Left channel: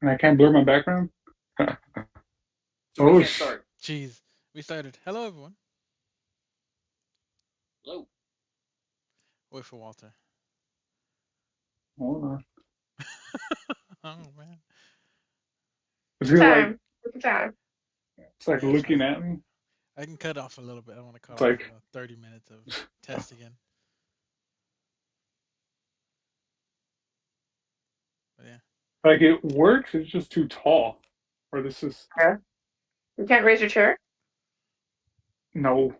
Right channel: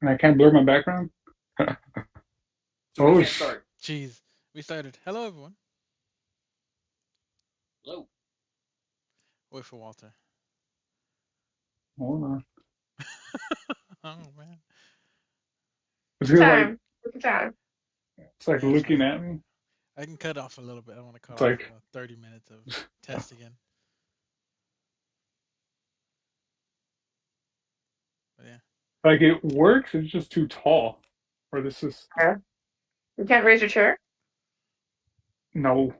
And I can't blur my background. So we Oh, can't start. Jeez, we started. Hello, everyone. Hello. Wait for Walter. hold on. Oh man. Is he like? Time. Look at time. It's like Yeah, it's looking fine. at me. I can cut off a little bit. I don't want to cut It's off like 30 minutes of test again. But yeah. like it works. It's just too tall. Or this is Yeah. You can't raise your chair. no.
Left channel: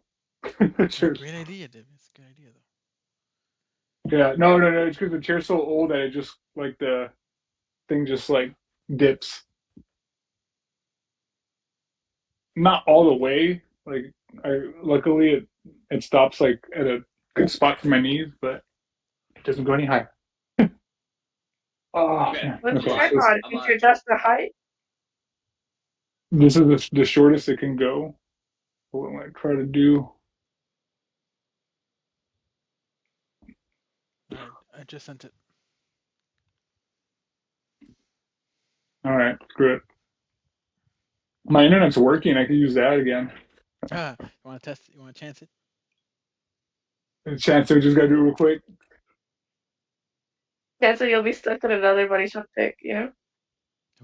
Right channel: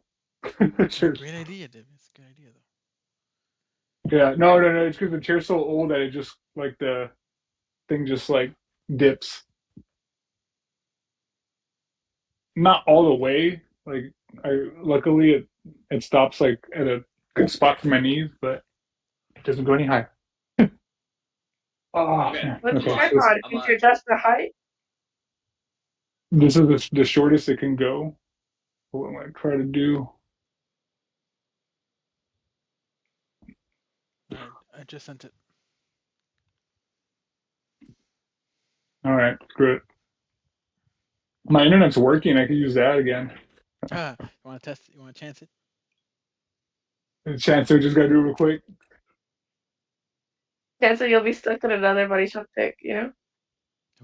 No, Cheers. great idea, David. It's a good idea though. Yeah, no. It's because the chair's so old that it just like the thing just like dips. Not all the way. Like I luckily it stops like at a good spot for my knees, but it doesn't go any higher. Oh Okay. man. What's I'm your Okay. on. tripod? I'm Did on. you adjust the height? This is the shortest it can go. What am I trying to do? All right, I just sent it. All right, good. My internet's working. I could use that again. You want to test? You want to chance it? Chance, I just gotta do it real quick. Yeah, so you'll be stuck in another body shop pick, It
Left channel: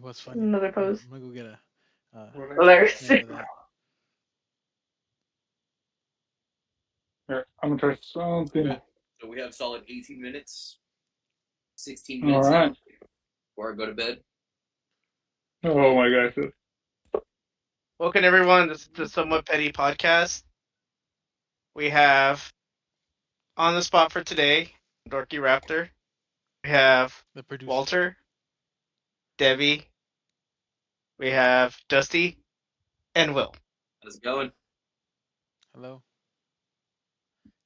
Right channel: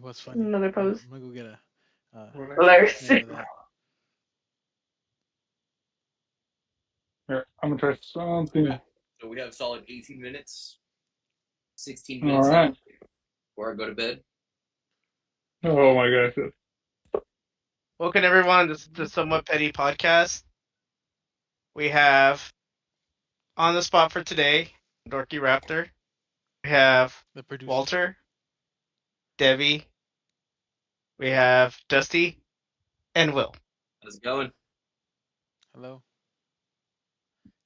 was funny. another pose. I'm gonna go get a Hilarious. snare of that. Here, I'm gonna try something. Okay. So we have solid 18 minutes, 16 All minutes right. now before I go to bed. Oh my gosh. Welcome everyone. This is the Somewhat Petty podcast. We have on the spot for today, Dorky Raptor. We have The producer. Walter, Debbie. We have Dusty, and Will. How's it going? Hello.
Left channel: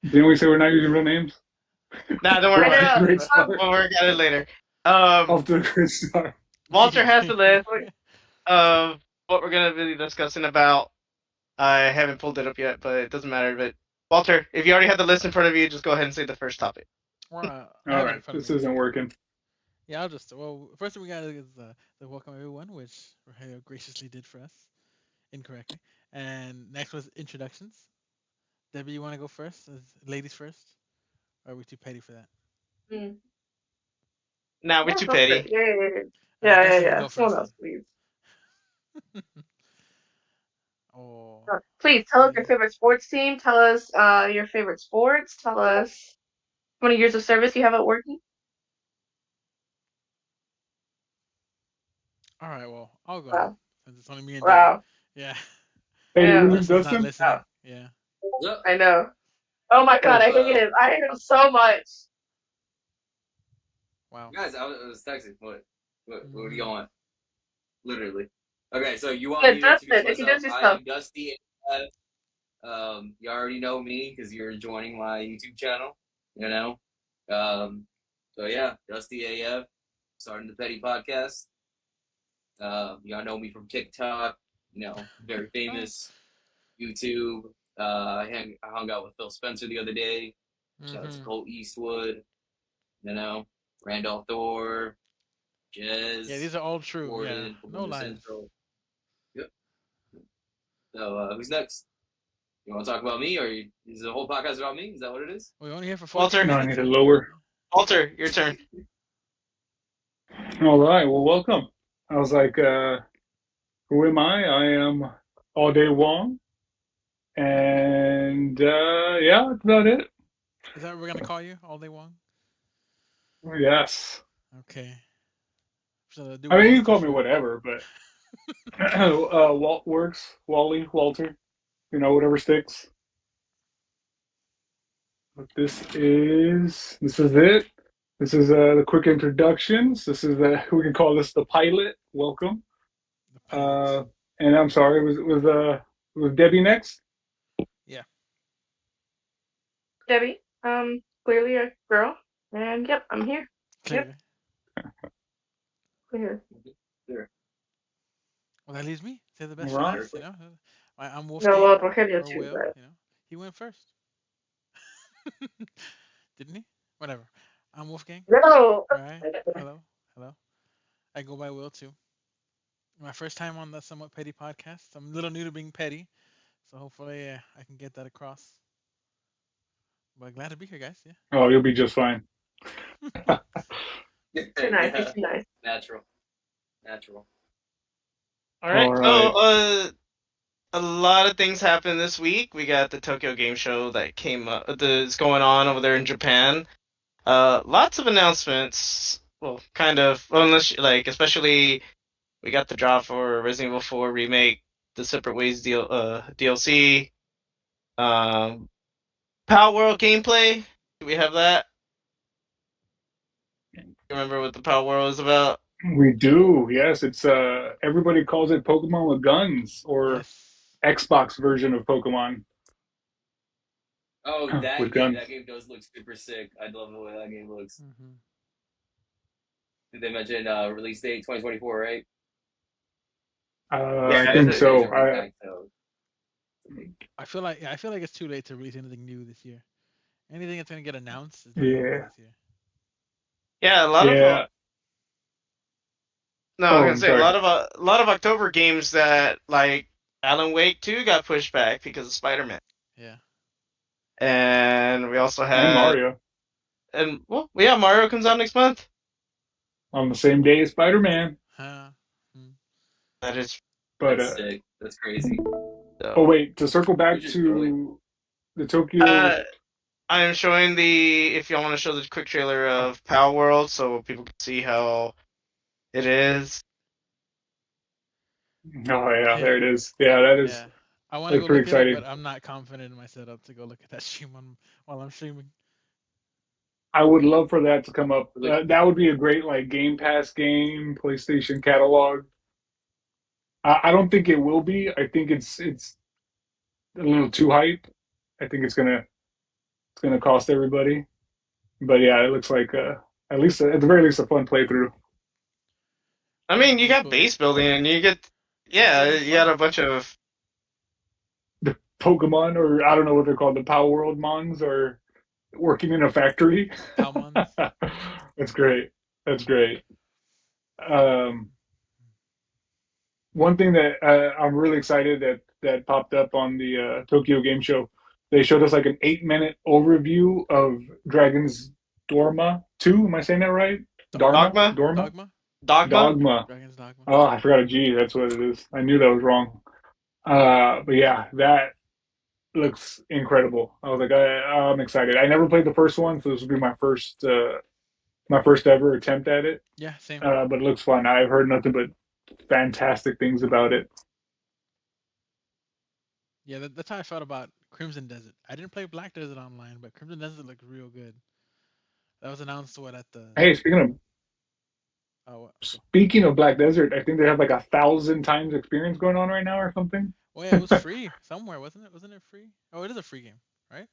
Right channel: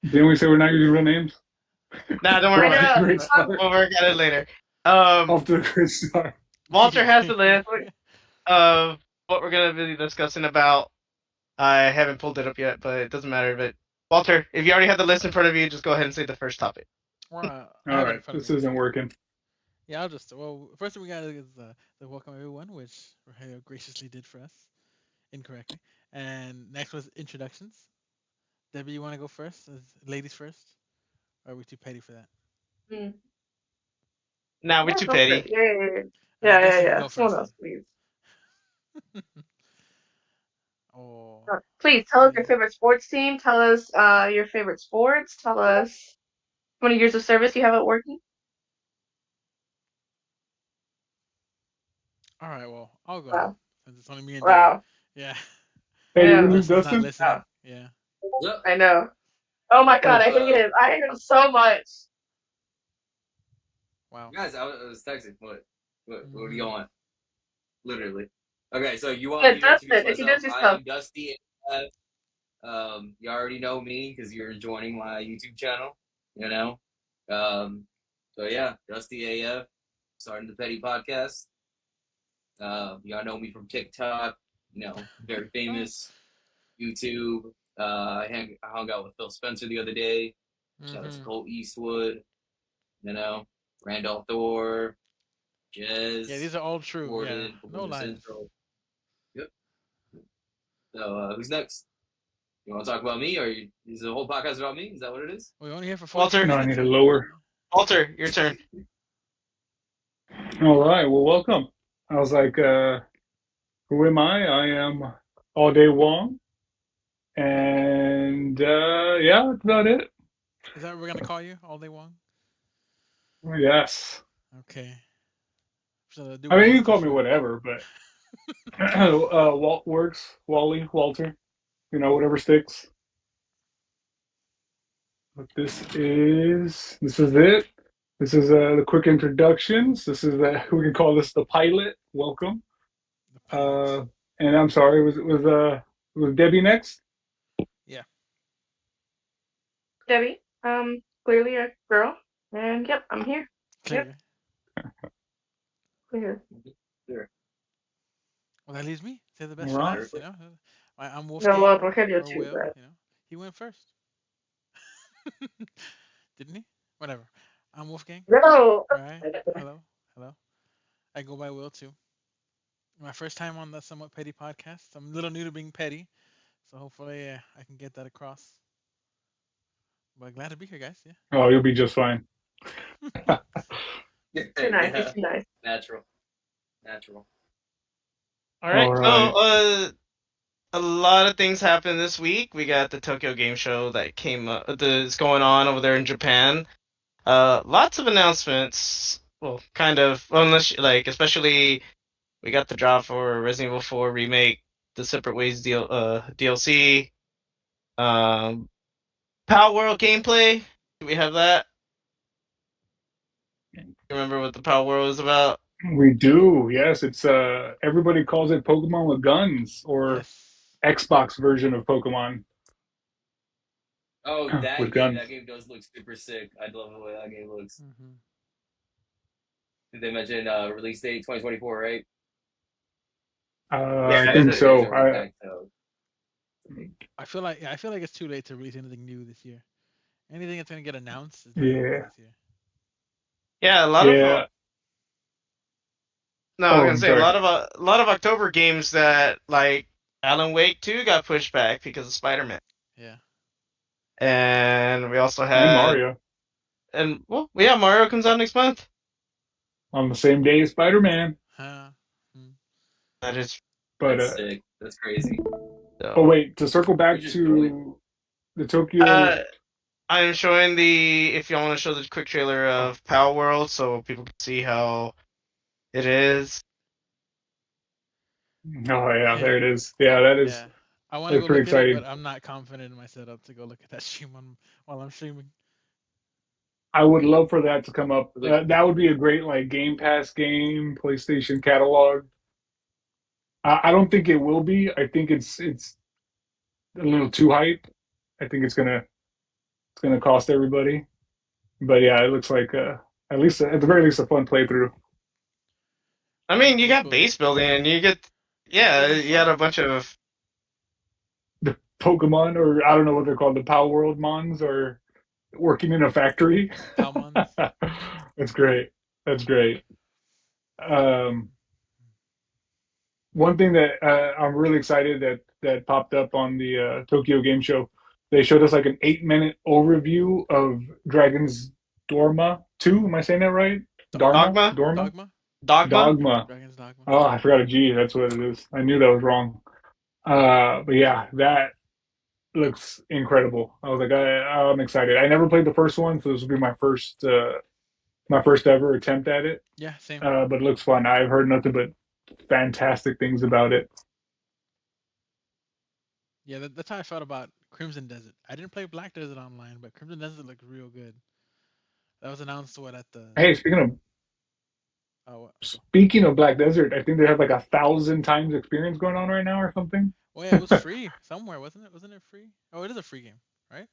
Didn't we say we're not using real names? Nah, don't I worry Off to about a know. it. great start. We'll work at it later. Off to a great start. Walter has the list of what we're gonna be discussing about. I haven't pulled it up yet, but it doesn't matter. But Walter, if you already have the list in front of you, just go ahead and say the first topic. I All have it in right, front of this me. isn't working. Yeah, I'll just. Well, first thing we got is the welcome everyone, which Rogelio graciously did for us incorrectly. And next was introductions. Debbie, you want to go first? As ladies first? Or are we too petty for that? Mm. Nah, we're Yeah, too go for it. petty. Yeah, yeah, yeah. All right, Yeah, yeah, Dusty can yeah. go Someone first else, please. then. Oh, Please tell us your yeah. favorite sports team. Tell us your favorite sports. Tell us how many years of service you have at working. All right, well, I'll go Wow. since it's only me and Debbie. Wow. Yeah. I Hey, know. Dustin's not Dustin. listening. Wow. Yeah. What's up? I know. Oh my god, Oh, I hate him. I hate him so much. Wow. Guys, I was texting. What do you Hmm. want? Literally. Okay, so you want Yeah, me to introduce Dustin, myself? introduce I yourself. am Dusty. You already know me because you're joining my YouTube channel. You know. Um, so yeah, Dusty AF, starting the Petty Podcast. Y'all know me from TikTok. Very famous. YouTube. I hung out with Phil Spencer the other day. Shout out to Hmm. Colt Eastwood. You know, Randolph Thor, Yeah, Jez, these are all true. Yeah, Gordon from no Winter lies. Central. Yep. So who's next? You want to talk about me, or is the whole podcast about me? Is that what it is? We're only here for 14 Walter, no, I need minutes, to man. lower. Walter, your turn. All right, well, welcome. I was like, who am I? I am All Day Wong. And yeah, that's about it. Is that what we're gonna call you all day long? Yes. Okay. So do I we mean, you vote can for call me sure? whatever, but Walt works. Wally, Walter, whatever sticks. But this is it. This is the quick introductions. This is we can call this the pilot. Welcome. The pilot. Uh, and I'm sorry, was Debbie next? Yeah. Debbie, clearly a girl. And yep, I'm here. Yep, Clearly. we're here. Sure. Well, that leaves me. Say the All best for right. last. I'm No, Wolfgang well, Rogelio or too, Will. but He went first, didn't he? Whatever. I'm Wolfgang. no. All right. Hello. Hello. I go by Will too. My first time on the Somewhat Petty podcast. I'm a little new to being petty, so hopefully I can get that across. But glad to be here, guys. Oh, you'll be just fine. Yeah. Too nice. He's Yeah, too nice. natural, natural. All right. All So, right. a lot of things happened this week. We got the Tokyo Game Show that came up, is going on over there in Japan. Lots of announcements. Well, kind of, well, unless like, especially we got the drop for Resident Evil 4 remake, the Separate Ways DLC. Power World gameplay. Do we have that? You remember what the Power World is about? We do. Yes, it's everybody calls it Pokemon with guns or Yes. Xbox version of Pokemon Oh, with that game. guns. That game does look super sick. I love the way that game looks. Hmm. Did they mention release date 2024, right? Yeah, I You guys think are, you guys so. are back, so I feel like it's too late to release anything new this year. Anything that's gonna get announced is not gonna be Yeah, this year. yeah, a lot of yeah. no, I was Oh, gonna I'm say sorry. a lot of October games that like Alan Wake 2 got pushed back because of Spider-Man, Yeah. and we also And had Mario and well, yeah, Mario comes out next month. on the same day as Spider-Man. Huh. Hmm. That is But that's sick. That's crazy. oh so. wait, to circle Which back is really to the Tokyo. Uh, I am showing the if y'all want to show the quick trailer of Power World so people can see how it is. Oh yeah, Yeah. there it is. Yeah, that is Yeah. I want to that's go pretty look at it, but exciting. I'm not confident in my setup to go look at that stream while I'm streaming. I would love for that to come up. look. That would be a great like Game Pass game, PlayStation catalog. I don't think it will be. I think it's a little too hype. I think it's gonna cost everybody. But yeah, it looks like at least at the very least a fun playthrough. I Yeah, mean, you base got building. base building and you get Base yeah, building's you got fun. a bunch of The Pokemon, or I don't know what they're called, the Power World Mons, are working in a factory. Palmons. That's great. That's great. Um, One thing that I'm really excited that popped up on the Tokyo Game Show, they showed us like an 8-minute overview of Dragon's Dorma 2. Am I saying that right? Dharma? Dogma, Dorma? Dogma. Dogma. Dogma. Dragon's Dogma. Oh, I forgot a G. That's what it is. I knew that was wrong. But yeah, that looks incredible. I was like, I'm excited. I never played the first one, so this will be my first ever attempt at it. Yeah, same. But it looks fun. I've heard nothing but fantastic things about it. Yeah, that's how I felt about Crimson Desert. I didn't play Black Desert online, but Crimson Desert looked real good. That was announced what at the Hey, speaking of oh what? Go. Speaking of Black Desert, I think they have like 1,000 times experience going on right now or something. Oh yeah, it was free somewhere, wasn't it? Wasn't it free? Oh, it is a free game, right?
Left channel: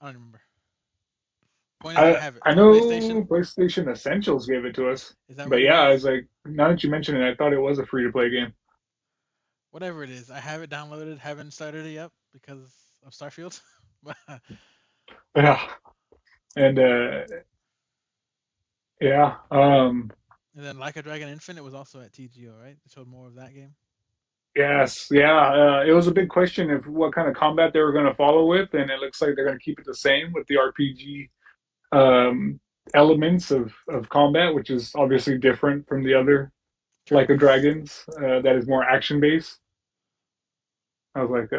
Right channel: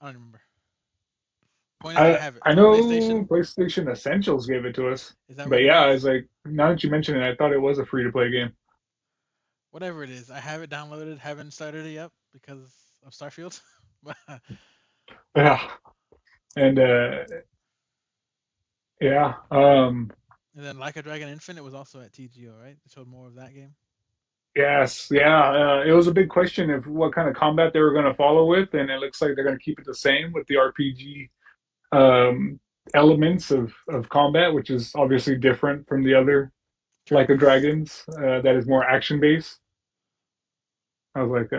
I don't remember. Point is, I I have it I on know PlayStation. PlayStation Essentials gave it to us, Is that but what it yeah, is? it's like now that you mention it, I thought it was a free to play game. Whatever it is, I have it downloaded. Haven't started it yet because of Starfield. But Yeah, and yeah, and then Like a Dragon Infinite was also at TGO, right? They showed more of that game. yes, yeah. It was a big question of what kind of combat they were going to follow with, and it looks like they're going to keep it the same with the RPG um, elements of combat, which is obviously different from the other Turn Like a based. Dragons that is more action based. I was like,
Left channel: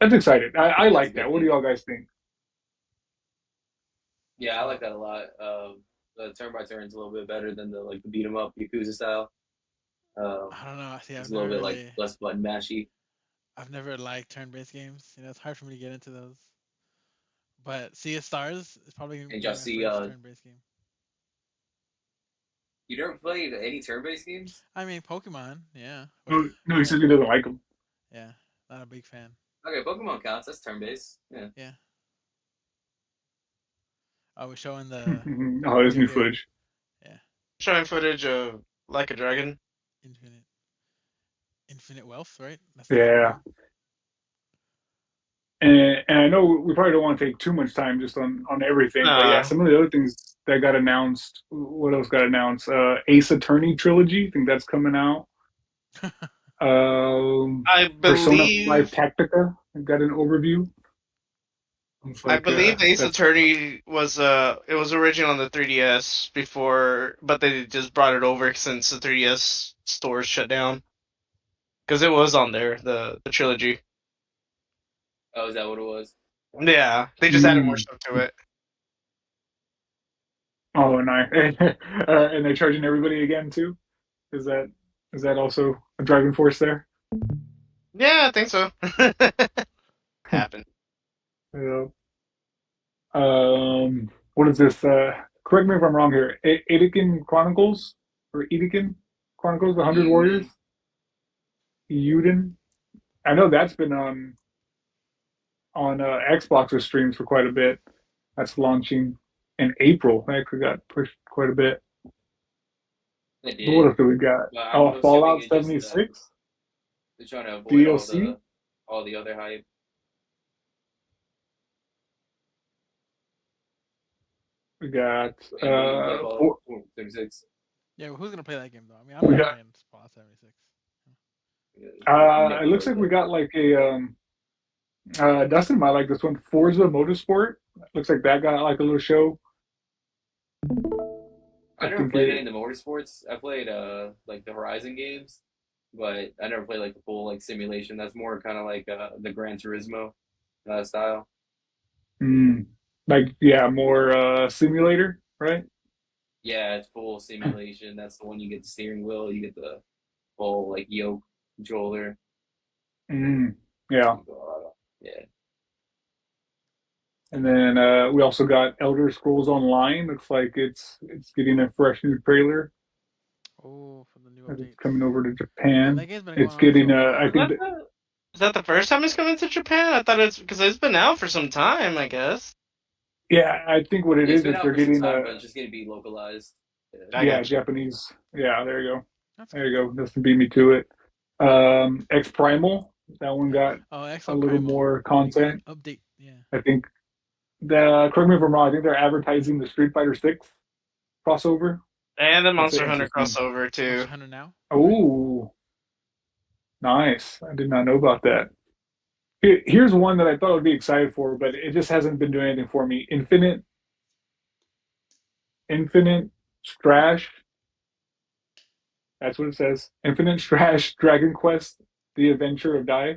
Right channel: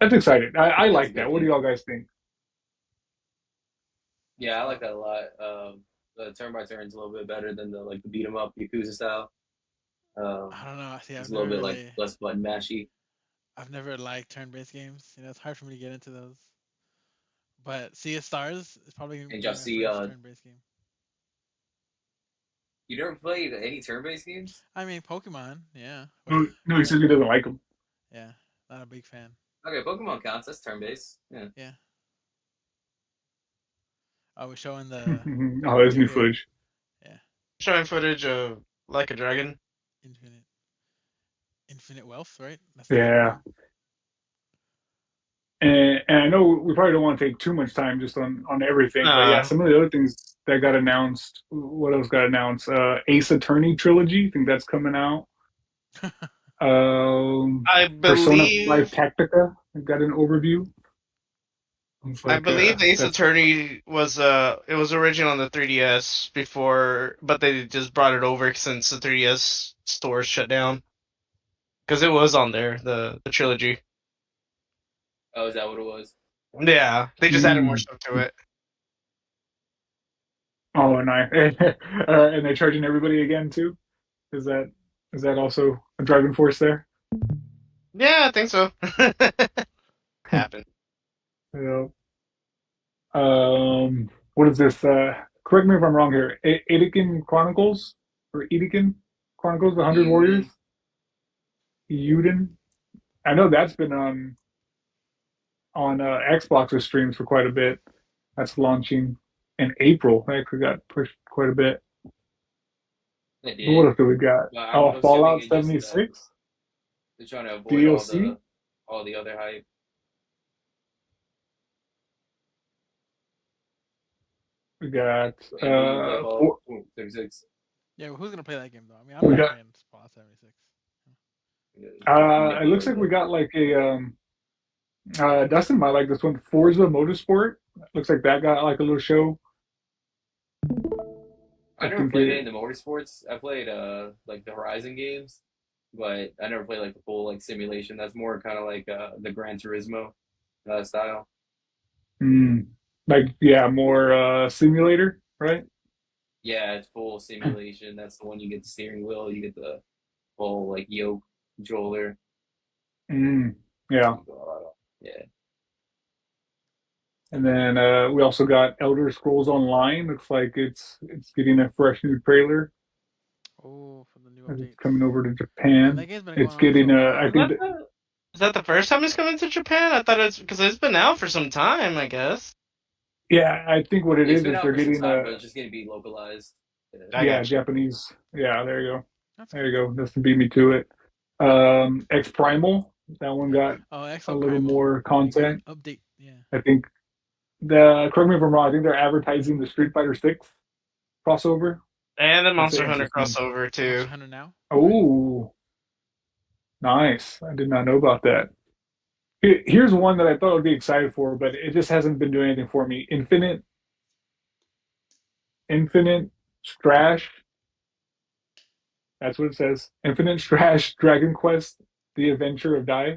that's excited. I That's a like that. good What do thing. y'all guys think? Yeah, I like So that a lot. The turn by turn is a little bit better than the beat 'em up Yakuza style. Um, I don't know. See, it's a little bit like less button mashy. I've never liked turn-based games. It's hard for me to get into those. But Sea of Stars is probably gonna And be just my see, first turn-based game. you never played any turn based games? I mean, Pokemon, yeah, No, no, he but says he doesn't like them. yeah, not a big fan. Okay, Pokemon counts. That's turn based. Yeah. Yeah. I was showing the Oh, there's new here. footage. Yeah, Showing footage of Like a Dragon. Infinite, Infinite Wealth, right? That's the full Yeah, name. And I know we probably don't want to take too much time just on everything, but yeah, No, some of the other things that got announced. What else got announced? Ace Attorney trilogy. I think that's coming out. I Persona 5 believe Tactica. I got an overview. It's I like believe Ace that's Attorney was it was original on the 3DS before, but they just brought it over since the 3DS stores shut down because it was on there the trilogy. Oh, is that what it was? Yeah, they just added more mm. stuff to it. Oh, and I and they're charging everybody again too. Is that is that also a driving force there? Yeah, I think so. Happened. Yeah. What is this? Correct me if I'm wrong here. Edekin Chronicles or Edekin Chronicles: The Hundred Warriors. Yuden. Yuden. I know that's been on Xbox or streams for quite a bit. That's launching in April. That actually got pushed quite a bit. They What did, else do we got? but I'm Oh, assuming Fallout it just 76 they're trying to avoid DLC. all the other hype. We got And who's gonna play Fallout 36? Yeah, well, who's gonna play that game though? I mean, I'm we not got. playing Fallout 76. You It never looks played like we that. got like a Dustin might like this one. Forza Motorsport. Looks like that got like a little show. I I never think played any it. of the motorsports. I played like the Horizon games, but I never played like the full like simulation. That's more kind of like the Gran Turismo style. Mm, like yeah, more simulator, right? Yeah, it's full simulation. That's the one you get the steering wheel, you get the full like yoke controller. Mm, yeah. Yeah, And then we also got Elder Scrolls Online. Looks like it's getting a fresh new trailer. Oh, for the new It's updates. coming over to Man, Japan. that game's been going It's on for getting a I Is while. think that that the is that the first time it's coming to Japan? I thought it's because it's been out for some time, I guess. yeah, I think what it it's been is out they're for some getting time, a but it's just gonna be localized. Yeah. I yeah, got you. Japanese. Yeah, there you go. That's There good. you go. Doesn't beat me to it. X Primal. That one got Oh, a Exo little Primal. more They got an content. update. Yeah. I think the correct me if I'm wrong. I think they're advertising the Street Fighter 6 crossover. And the That's Monster an Hunter interesting. crossover too. Monster Hunter now. Right. Oh, nice. I did not know about that. Here's one that I thought I would be excited for, but it just hasn't been doing anything for me. Infinite Strash. That's what it says. Infinite Strash Dragon Quest: The Adventure of Dai.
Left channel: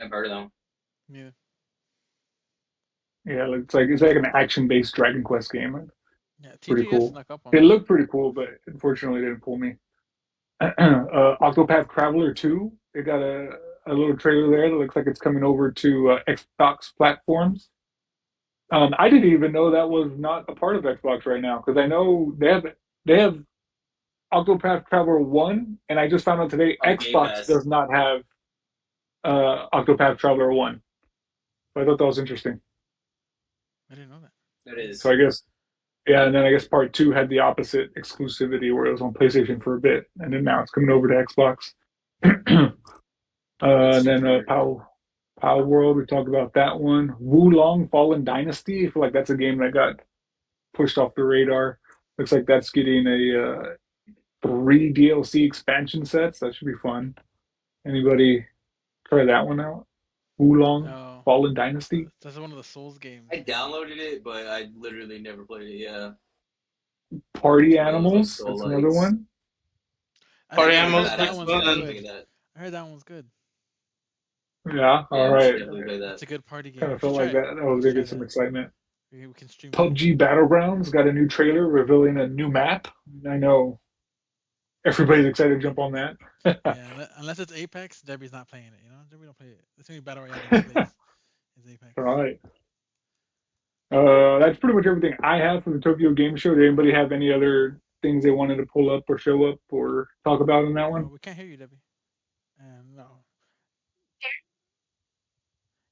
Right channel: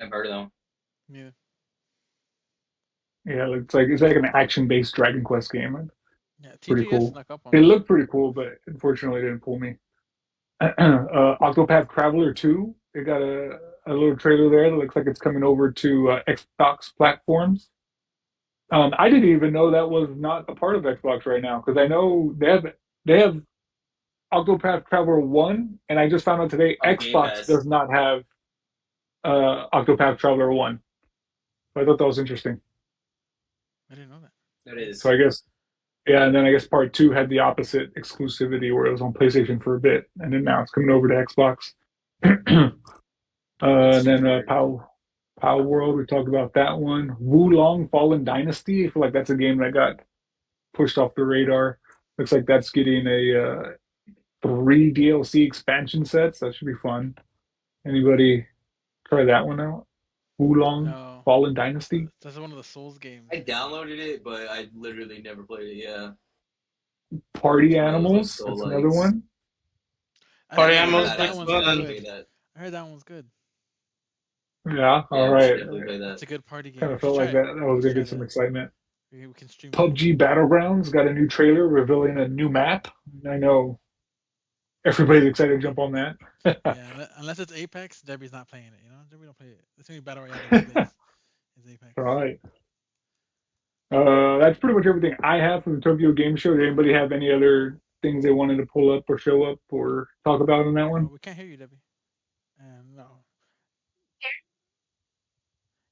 I've heard of them. Yeah. Yeah, it's like an action-based Dragon Quest game. Yeah. Pretty TGS cool. snuck up on It me. looked pretty cool, but unfortunately, it didn't pull me. Octopath Traveler 2. They got a little trailer there that looks like it's coming over to Xbox platforms. I didn't even know that was not a part of Xbox right now because I know they have Octopath Traveler 1, and I just found out today On Game Xbox Pass. does not have Octopath Traveler 1. So I thought that was interesting. I didn't know that. It So is. I guess yeah, and then I guess part two had the opposite exclusivity where it was on PlayStation for a bit, and then now it's coming over to Xbox. It's And then super weird. Pow World, we talked about that one. Wulong Fallen Dynasty, I feel like that's a game that got pushed off the radar. Looks like that's getting a three DLC expansion sets. That should be fun. Anybody try that one out? Wulong No. Fallen Dynasty? That's one of the Souls games, I I think. downloaded it, but I literally never played it. Yeah, Party it's one of those like Animals, soul that's another likes. one. Party I Animals heard That that looks actually, one's I should fun. play good. that. I heard that one's good. Yeah, all Yeah, we should right. definitely play It's that. a good party game. Kind We of should felt try like it. that was Let's gonna try get some that. excitement. We can stream that. PUBG Battlegrounds got a new trailer revealing a new map. I know everybody's excited to jump on that. Yeah, unless it's Apex, Debbie's not playing it. You know, Debbie don't play it. The only battle royale Debbie plays is Apex. All right. That's pretty much everything I have from the Tokyo Game Show. Did anybody have any other things they wanted to pull up or show up or talk about in that one? We can't hear you, Debbie. No.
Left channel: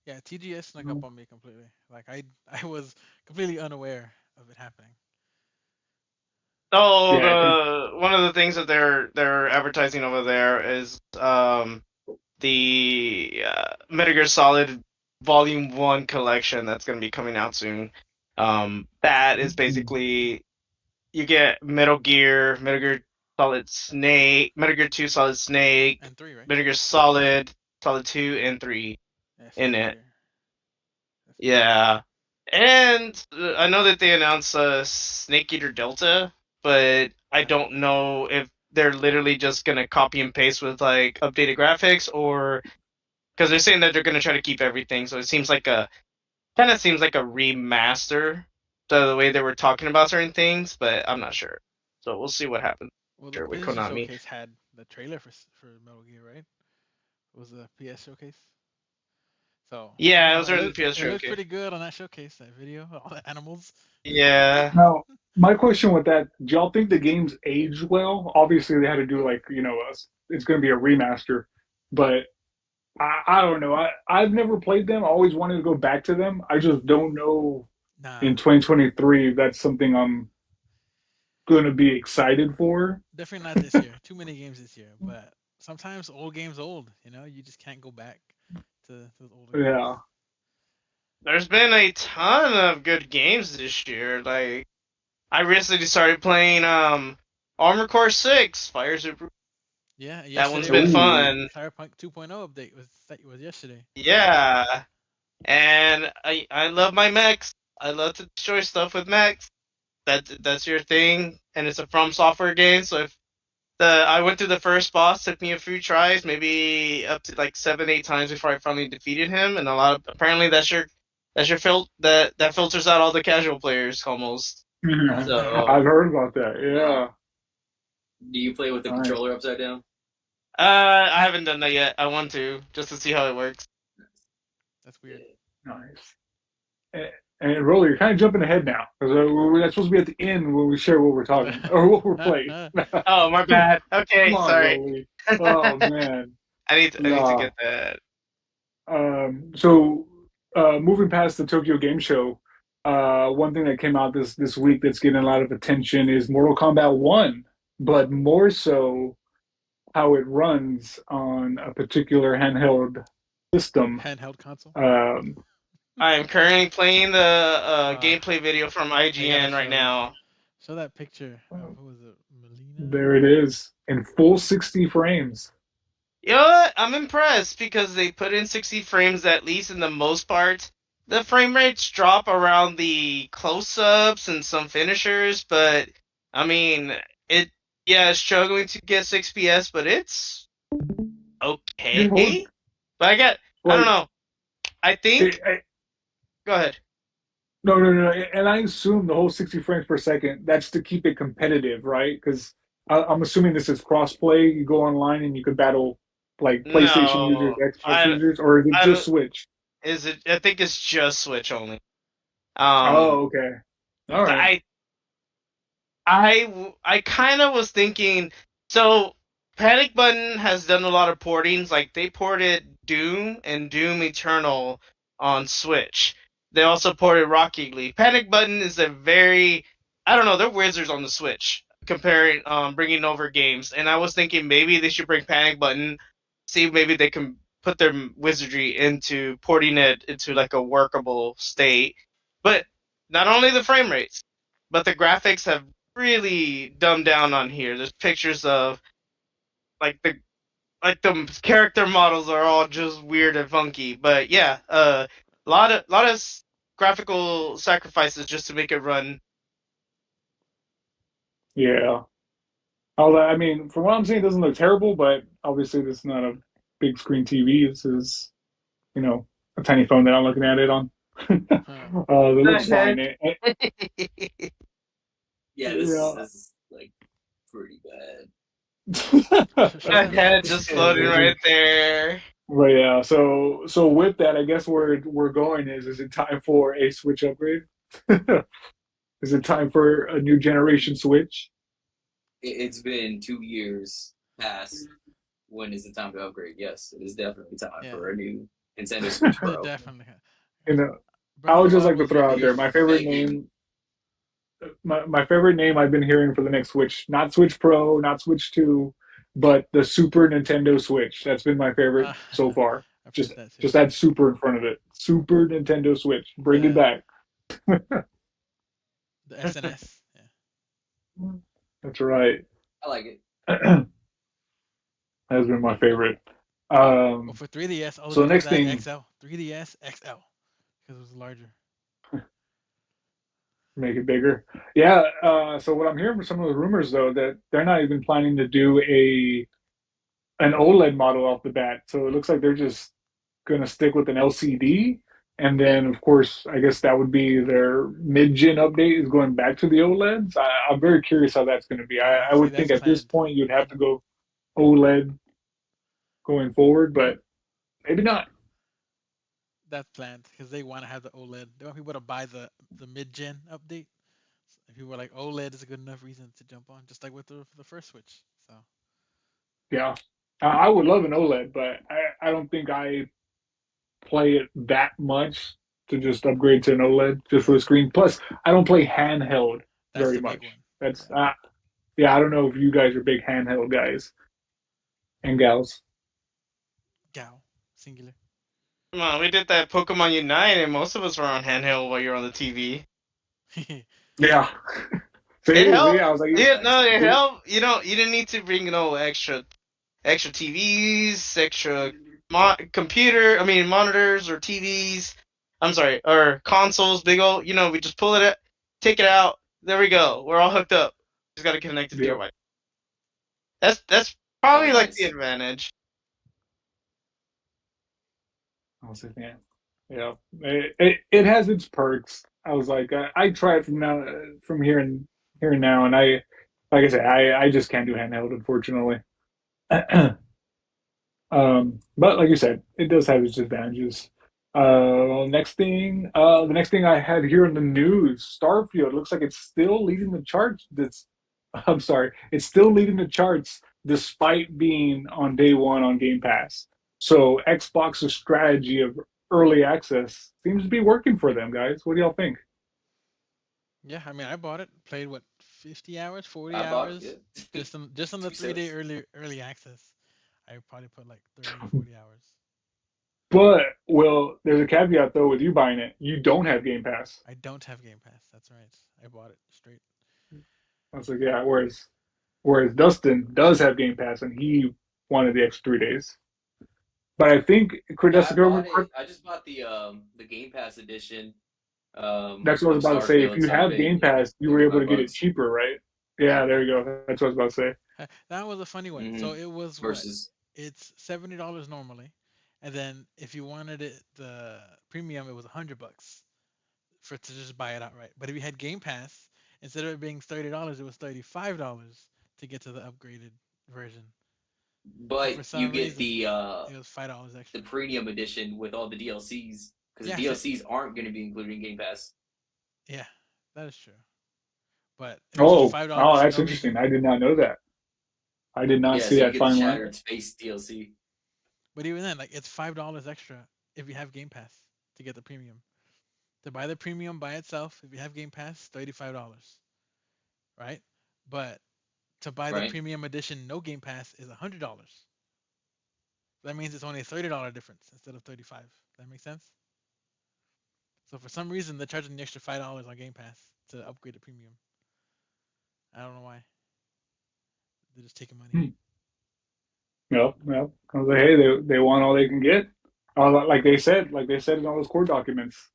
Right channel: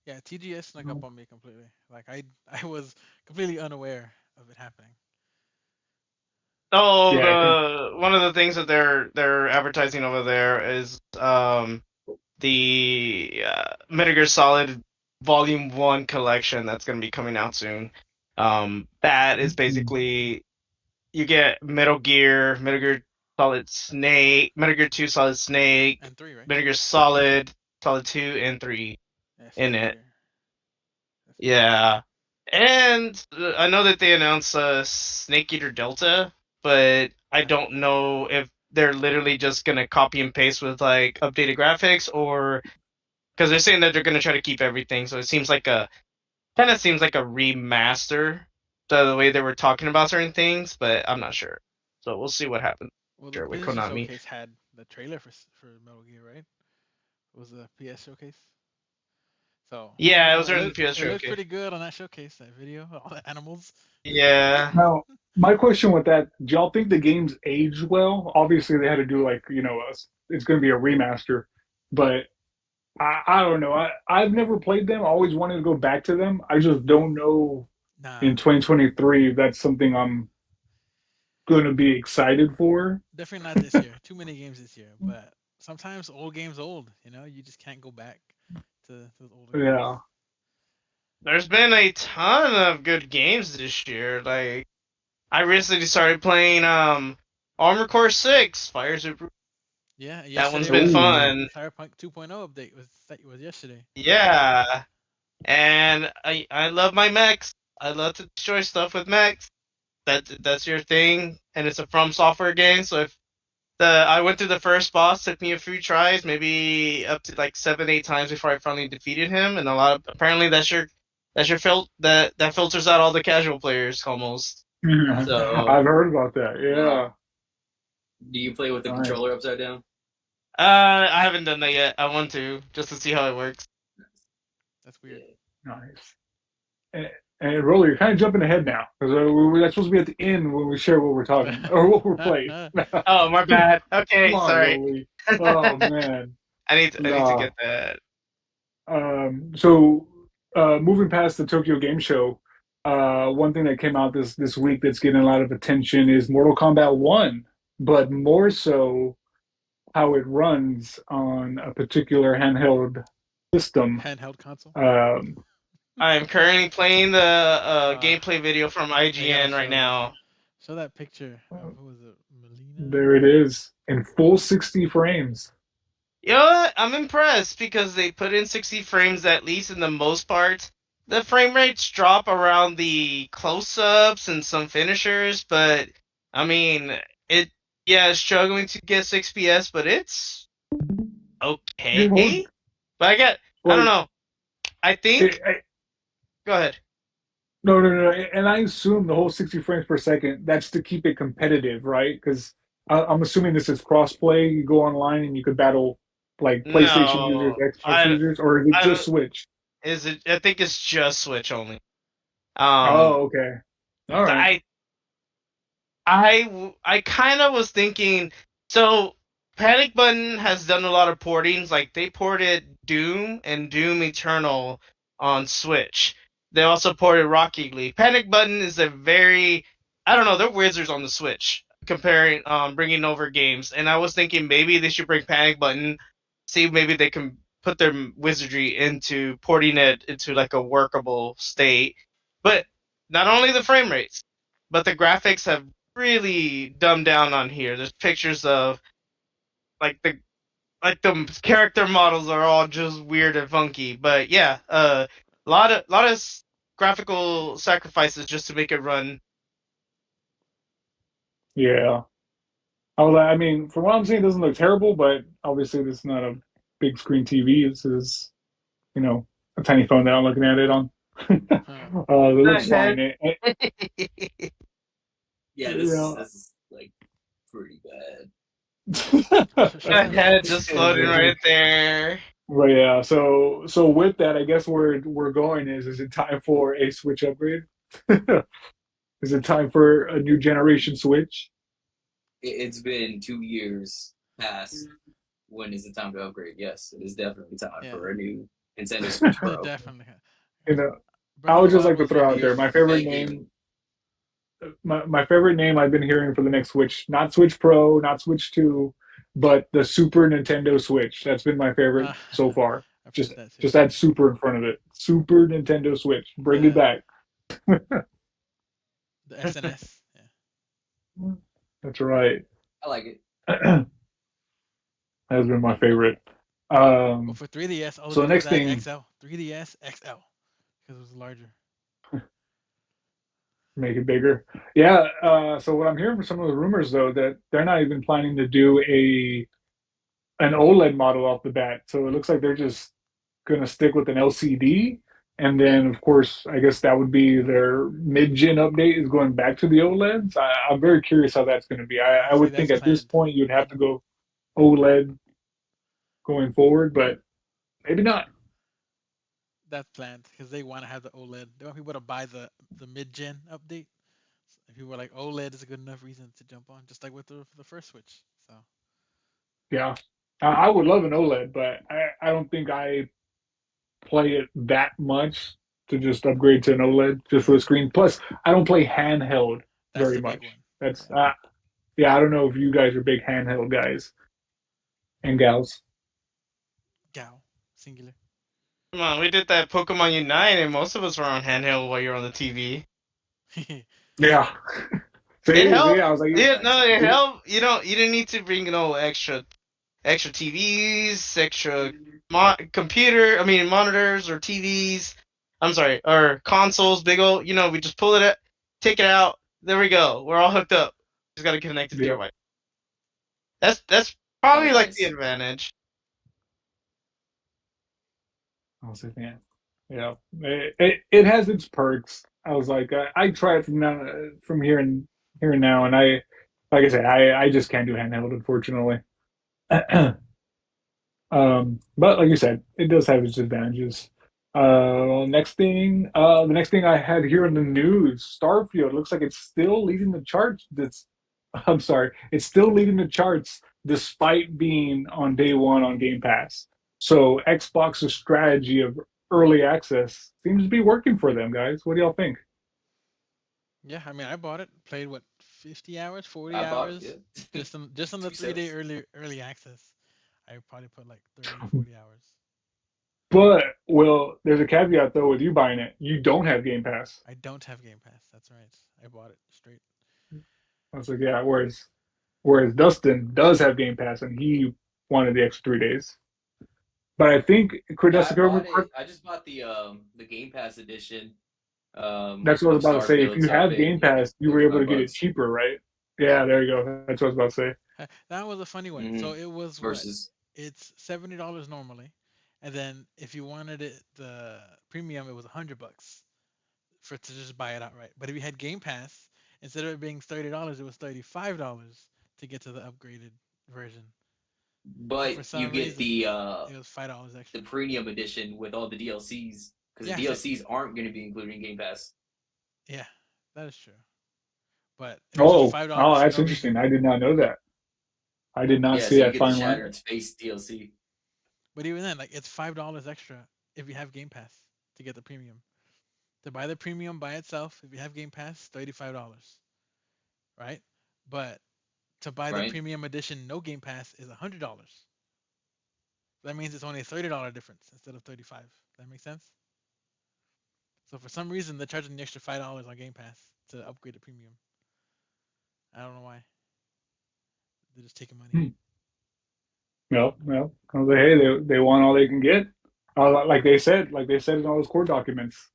Yeah, TGS snuck up on me completely. Like I was completely unaware of it happening. Oh, Yeah, I think. the one of the things that they're advertising over there is the Metal Gear Solid Volume 1 collection that's going to be coming out soon. That is basically you get Metal Gear Solid Snake, Metal Gear 2 Solid Snake, And 3, right? Metal Gear Solid, Solid 2 and 3 Yeah, in Snake it. Eater. That's cool. Yeah. And I know that they announced Snake Eater Delta, but I don't know if they're literally just gonna copy and paste with like updated graphics, or because they're saying that they're gonna try to keep everything. So it seems like a kind of seems like a remaster, the way they were talking about certain things, but I'm not sure. So we'll see what happens. Well, the Sure, with PlayStation Konami. Showcase had the trailer for Metal Gear, right? It was the PS Showcase. So you Yeah, it know, was during the PS it looked Showcase. pretty good on that showcase, that video, all the animals. Yeah. Now, my question with that, do y'all think the games aged well? Obviously, they had to do like, it's going to be a remaster, but I don't know. I've never played them. I always wanted to go back to them. I just don't know Nah, in 2023 if that's something I'm going to be excited for. definitely not this year. Too many games this year. But sometimes old games old. You know, you just can't go back to those older games. Yeah. There's been a ton of good games this year. Like I recently started playing Armor Core 6, Fires of Yeah, That one's yesterday been was Ooh. fun. Cyberpunk 2.0 update was yesterday. Yeah. And I love my mechs. I love to destroy stuff with mechs. That's your thing, and it's a From Software game. So if I went through the first boss, took me a few tries, maybe up to like 7, 8 times before I finally defeated him. And apparently that's your that filters out all the casual players almost. So I've heard about that. Wow. Yeah. Do you play with the Nice. controller upside down? I haven't done that yet. I want to just to see how it works. That's weird. Nice. And Rolly, you're kind of jumping ahead now because that's supposed to be at the end when we share what we're talking or what we're playing. Oh, my bad. Come Okay, on, sorry. Rolly. Oh man. I need to Nah. get that. So moving past the Tokyo Game Show, one thing that came out this week that's getting a lot of attention is Mortal Kombat 1, but more so how it runs on a particular handheld system. Handheld console. Um, I am currently playing the Uh, gameplay video from I gotta IGN right show this. now. Show that picture of who was it, Melina? there it is in full 60 frames. You know what? I'm impressed because they put in 60 frames at least in the most part. The frame rates drop around the close-ups and some finishers, but I mean, it yeah, it's struggling to get 6 PS, but it's It hold, okay. But I don't like know. I it, think go ahead. no, no, no, and I assume the whole 60 frames per second that's to keep it competitive, right? Because I'm assuming this is cross-play. You go online and you could battle like PlayStation users, No, Xbox users, or is it just I Switch? is it I think it's just Switch only. Oh, okay. All So right. I kind of was thinking. So Panic Button has done a lot of portings. Like they ported Doom and Doom Eternal on Switch. They also ported Rocket League. Panic Button is a very, I don't know, they're wizards on the Switch comparing bringing over games. And I was thinking maybe they should bring Panic Button, see if maybe they can put their wizardry into porting it into like a workable state. But not only the frame rates, but the graphics have really dumbed down on here. There's pictures of like the character models are all just weird and funky. But yeah, lot of graphical sacrifices just to make it run. Yeah. Although, I mean, from what I'm seeing, it doesn't look terrible, but obviously this is not a big screen TV. This is, a tiny phone that I'm looking at it on. Huh. It The looks fine. heck? Yeah, this is Yeah. this is like pretty bad. Show The that. head just floating right there. But yeah, so with that, I guess where we're going is it time for a Switch upgrade? Is it time for a new generation Switch? It's been 2 years past. When is the time to upgrade? Yes, it is definitely time Yeah. for a new Nintendo Switch Pro. Definitely. You know, I Breath of would the just Wild like to was throw out there released. my favorite Thank you. name. My favorite name I've been hearing for the next Switch, not Switch Pro, not Switch 2, but the Super Nintendo Switch. That's been my favorite Uh, so far. I've Just heard that too. just add Super in front of it. Super Nintendo Switch. Bring it The back. the SNS. Yeah. That's right. I like it. Has been my Well, favorite. well, Um, for 3DS, all so they the did was next add thing, XL. 3DS XL because it was larger. make it bigger. Yeah. So what I'm hearing from some of the rumors though that they're not even planning to do a an OLED model off the bat. So it looks like they're just gonna stick with an LCD. And Yep. then, of course, I guess that would be their mid-gen update is going back to the OLEDs. I'm very curious how that's going to be. Yeah, I see, would think that's at this planned. point you'd have Mid, to go OLED going forward, but maybe not. that's planned because they want to have the OLED. They want people to buy the mid-gen update. If people are like OLED is a good enough reason to jump on, just like with the first Switch. So Yeah, I would love an OLED, but I don't think I play it that much to just upgrade to an OLED just for yeah, the screen. Plus, I don't play handheld that's very the big much. one. That's Yeah, yeah. I don't know if you guys are big handheld guys and gals. Gal, singular. Come on, we did that Pokemon Unite, and most of us were on handheld while you're on the TV. Yeah. It See, helped. I was like, Yeah, no, it it, helped. You didn't need to bring no extra TVs, extra computer. I mean monitors or TVs. I'm sorry, or consoles. Big old. We just pull it, take it out. There we go. We're all hooked up. Just got to connect it to your yep. Wi. That's That probably was like the nice. advantage. I was like, man, yeah, it has its perks. I was like, I try it from here and now, and like I said, I just can't do handheld, unfortunately. But like you said, it does have its advantages. The next thing I had here in the news, Starfield looks like it's still leading the charts. I'm sorry, it's still leading the charts despite being on day one on Game Pass. So Xbox's strategy of early access seems to be working for them, guys. What do y'all think? Yeah, I mean, I bought it, played what 50 hours, 40 I bought hours, it. Yeah. just on the Two 3 day cents. early access. I probably put like 30, 40 hours. But well, there's a caveat though with you buying it. You don't have Game Pass. I don't have Game Pass. That's right. I bought it straight. I was like, yeah. Whereas Dustin does have Game Pass and he wanted the extra 3 days. But I think Yeah, I Dustin, bought it. I just bought the Game Pass edition that's what I was of about to say. If Starfield, you so I have paid Game Pass, you were able to get it 35 bucks. cheaper, right? Yeah, there you go. That's what I was about to say. That was a funny one. Mm-hmm. So it was what? Versus It's $70 normally, and then if you wanted it the premium, it was $100 for to just buy it outright. But if you had Game Pass, instead of it being $30, it was $35 to get to the upgraded version. But but for you some get reason, it was $5 the extra. premium edition with all the DLCs because the Yeah, DLCs aren't going to be included in Game Pass. yeah, that is true. But it was just Oh, $5 oh, for that's no interesting. reason. I did not know that. I did not Yeah, see so you that get the fine line. Shattered Space DLC. But even then, like it's $5 extra if you have Game Pass to get the premium. To buy the premium by itself, if you have Game Pass, $35, right? But to buy the Right? premium edition, no Game Pass, is $100. That means it's only a $30 difference instead of 35. That makes sense? So for some reason, they're charging the extra $5 on Game Pass to upgrade the premium. I don't know why. They're just taking money. Hmm. No, no. I was like, hey, they want all they can get. Like they said in all those court documents,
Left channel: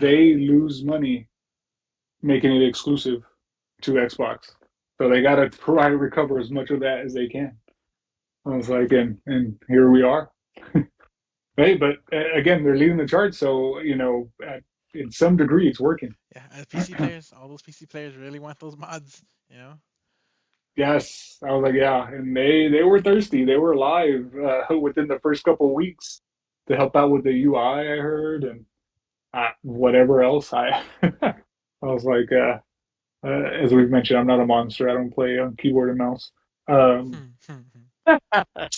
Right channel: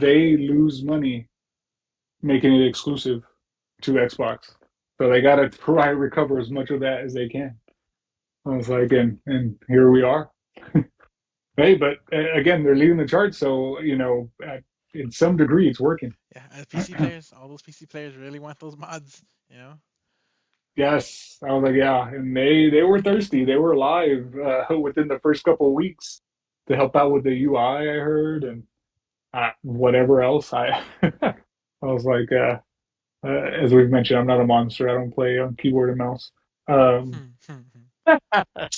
they lose money making it exclusive to Xbox. So they got to try to recover as much of that as they can. I was like, and here we are. Hey, but again, they're leading the charts, so in some degree, it's working. Yeah, as PC players, all those PC players really want those mods, you know? Yes, I was like, yeah, and they were thirsty. They were live within the first couple of weeks to help out with the UI. I heard, and whatever else. I was like, as we've mentioned, I'm not a monster. I don't play on keyboard and mouse. Um,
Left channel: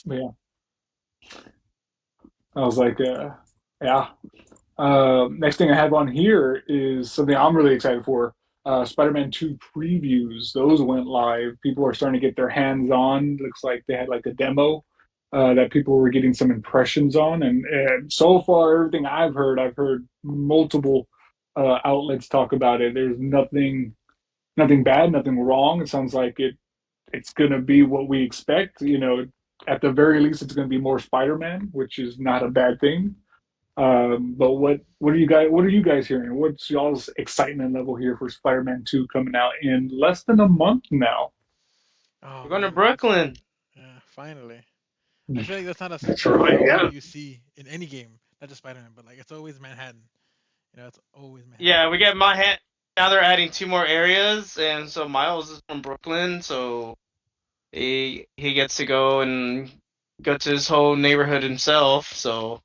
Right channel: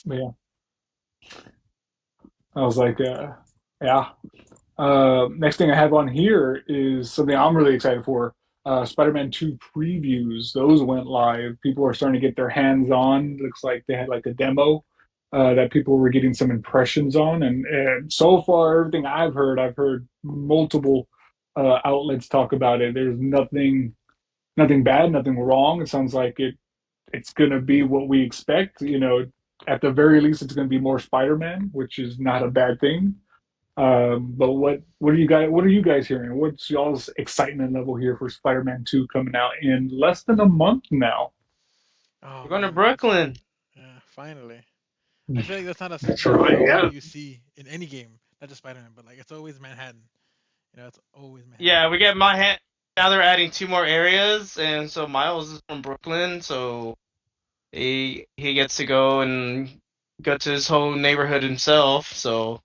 yeah, I was like, yeah. Next thing I have on here is something I'm really excited for. Spider-Man 2 previews. Those went live. People are starting to get their hands on. Looks like they had like a demo that people were getting some impressions on. And so far, everything I've heard multiple outlets talk about it. There's nothing bad, nothing wrong. It sounds like it's gonna be what we expect. You know, at the very least, it's gonna be more Spider-Man, which is not a bad thing. But what are you guys hearing? What's y'all's excitement level here for Spider-Man 2 coming out in less than a month now? Oh We're going to man, Brooklyn. yeah, finally. I feel like that's not That's a right, zone yeah. you see in any game, not just Spider-Man, but like it's always Manhattan. It's always Manhattan. Yeah, we get my hand. Now they're adding 2 more areas, and so Miles is from Brooklyn, so he gets to go and go to his whole neighborhood himself, so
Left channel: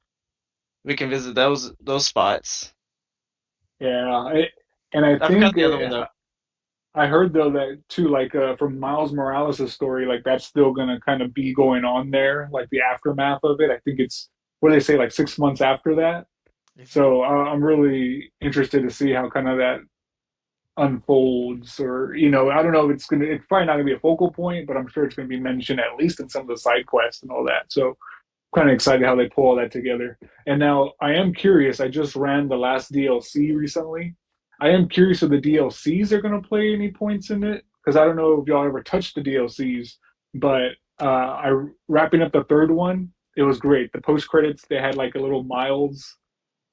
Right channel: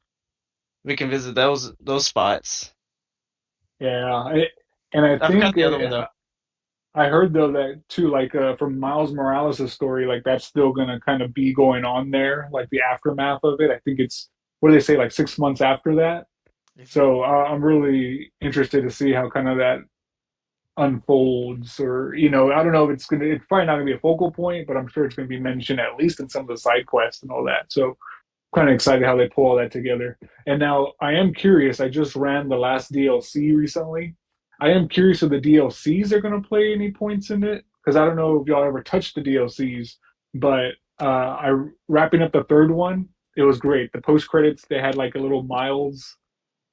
we can visit those spots. Yeah, and I I forgot think the other one though. I heard though that too, like from Miles Morales' story, like that's still gonna kind of be going on there, like the aftermath of it. I think it's what do they say, like 6 months after that. Is it? So I'm really interested to see how kind of that unfolds, or I don't know if it's probably not gonna be a focal point, but I'm sure it's gonna be mentioned at least in some of the side quests and all that. So kind of excited how they pull all that together. And now I am curious. I just ran the last DLC recently. I am curious if the DLCs are going to play any points in it because I don't know if y'all ever touched the DLCs, but I wrapping up the third one. It was great. The post credits they had like a little Miles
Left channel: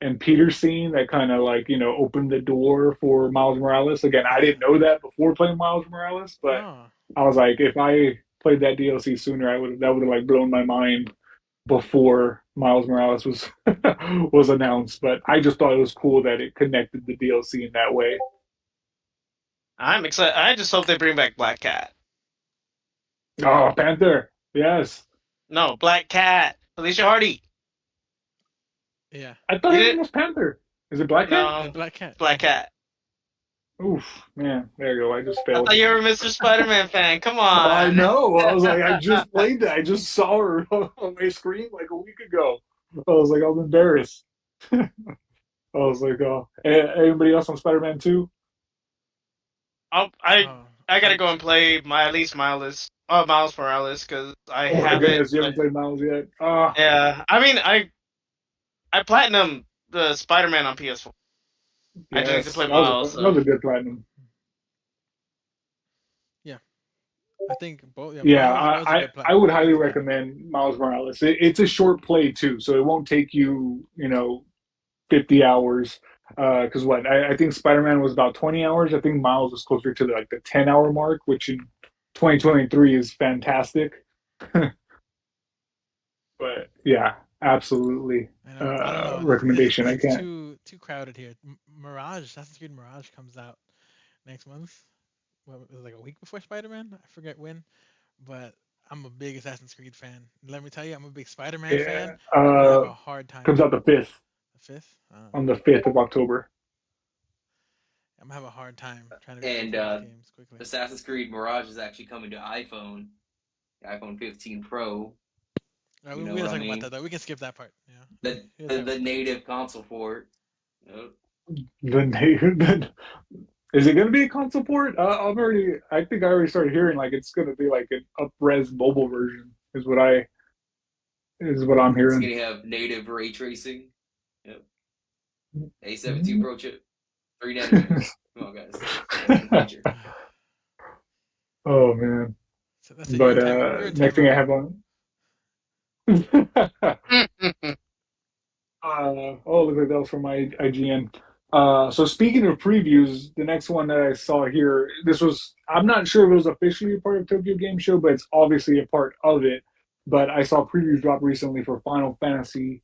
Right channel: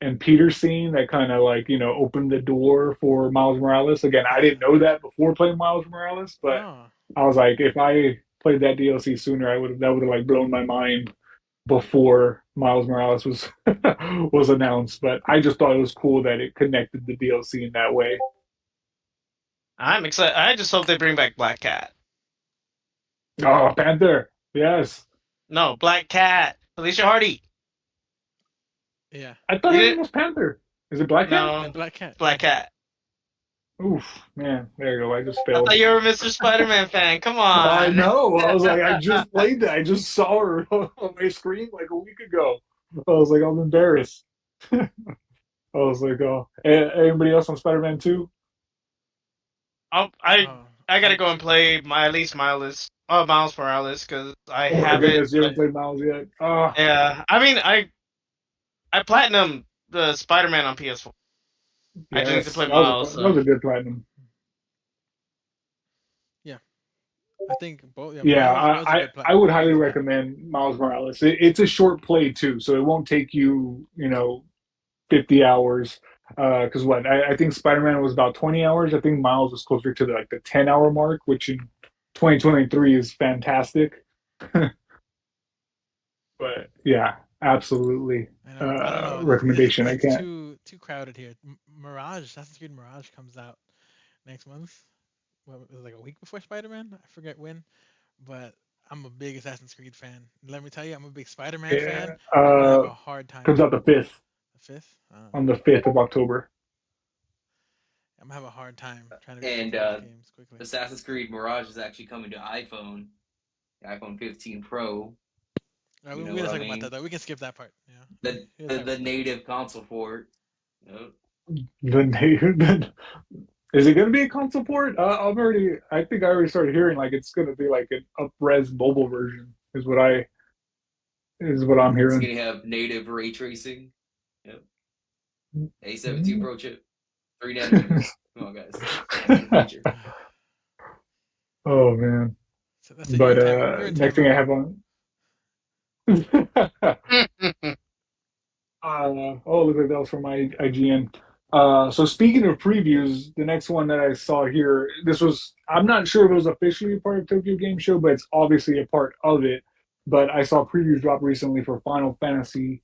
and Peter scene that kind of like opened the door for Miles Morales. Again, I Yeah. didn't know that before playing Miles Morales, but Oh, I was like, if I played that DLC sooner, I would that would have like blown my mind before Miles Morales was was announced, but I just thought it was cool that it connected the DLC in that way. I'm excited. I just hope they bring back Black Cat. Oh, Panther, yes. No, Black Cat. Alicia Hardy. yeah. I thought You her name didn't? was Panther. Is it Black Cat? The No, Black Cat. Black Yeah. Cat. Oof, man, there you go. I just I failed. thought you were a Mr. Spider-Man fan. Come I on. know. I was like, I just played that. I just saw her on my screen like a week ago. I was like, I'm embarrassed. I was like, oh, anybody else on Spider-Man 2? I'll, I Oh, I gotta I go and play my at least Miles Morales, because I Oh my haven't. goodness, you haven't played Miles yet? Ah, Yeah, I mean I platinum the Spider-Man on PS4. I just need to yes, play Miles. that So was a good platinum. yeah. I think both. Yeah, Yeah, Miles was a good I platinum. would highly Easy platinum. recommend Miles Morales. It's a short play too, so it won't take you, 50 hours. Because what I think Spider-Man was about 20 hours. I think Miles was closer to like the 10-hour mark, which in 2023 is fantastic. But yeah, absolutely. I know. I don't know. Recommendation. I It's can't. too crowded here. Mirage, Assassin's Creed Mirage comes out next month. Well, it was like a week before Spider-Man. I forget when, but I'm a big Assassin's Creed fan. Let me tell you, I'm a big Spider-Man fan. Yeah, I'm gonna have a hard time. comes out the 5th The fifth. on the 5th of October. I'm gonna have a hard time trying to get both And of those games quickly. Assassin's Creed Mirage is actually coming to iPhone, the iPhone 15 Pro. All right, You know we're what gonna I talk about that mean? though. We can skip that part. Yeah. The We're gonna the, talk the about that. native console port. Yep. The is it going to be a console port? I think I already started hearing like it's going to be like an up-res mobile version. Is what I'm It's hearing. gonna have native ray tracing. Yep. A17 Pro chip, 3 nanometers. Come on, guys. That's in the future. Oh man! So that's it. But You're in next time thing I mode. have on. Oh, look at that was from my IGN. So speaking of previews, the next one that I saw here, I'm not sure if it was officially a part of Tokyo Game Show, but it's obviously a part of it. But I saw previews drop recently for Final Fantasy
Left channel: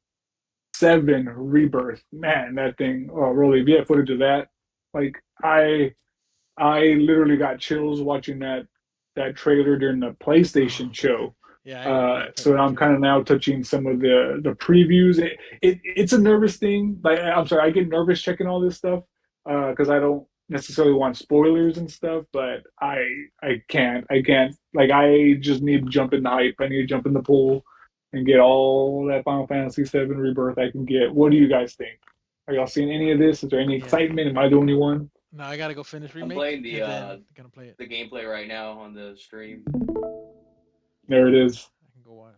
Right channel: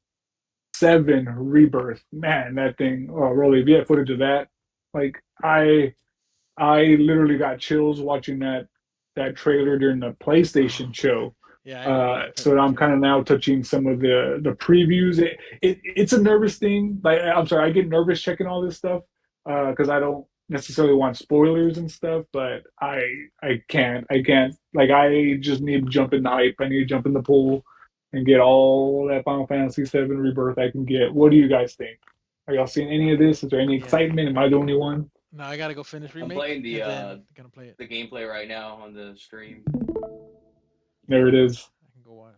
VII Rebirth. Man, that thing, oh, really, if you have footage of that, like I literally got chills watching that trailer during the Oh PlayStation man. show. Yeah, I agree. That So trailer I'm killed kind it. of now touching some of the previews. It's a nervous thing. Like I'm sorry, I get nervous checking all this stuff because I don't necessarily want spoilers and stuff. But I can't. Like I just need to jump in the hype. I need to jump in the pool and get all that Final Fantasy VII Rebirth I can get. What do you guys think? Are y'all seeing any of this? Is there any Yeah. excitement? Am I the only one? No, I gotta go finish I'm remake playing and then gonna play it. the gameplay right now on the stream. There it is. I can go watch.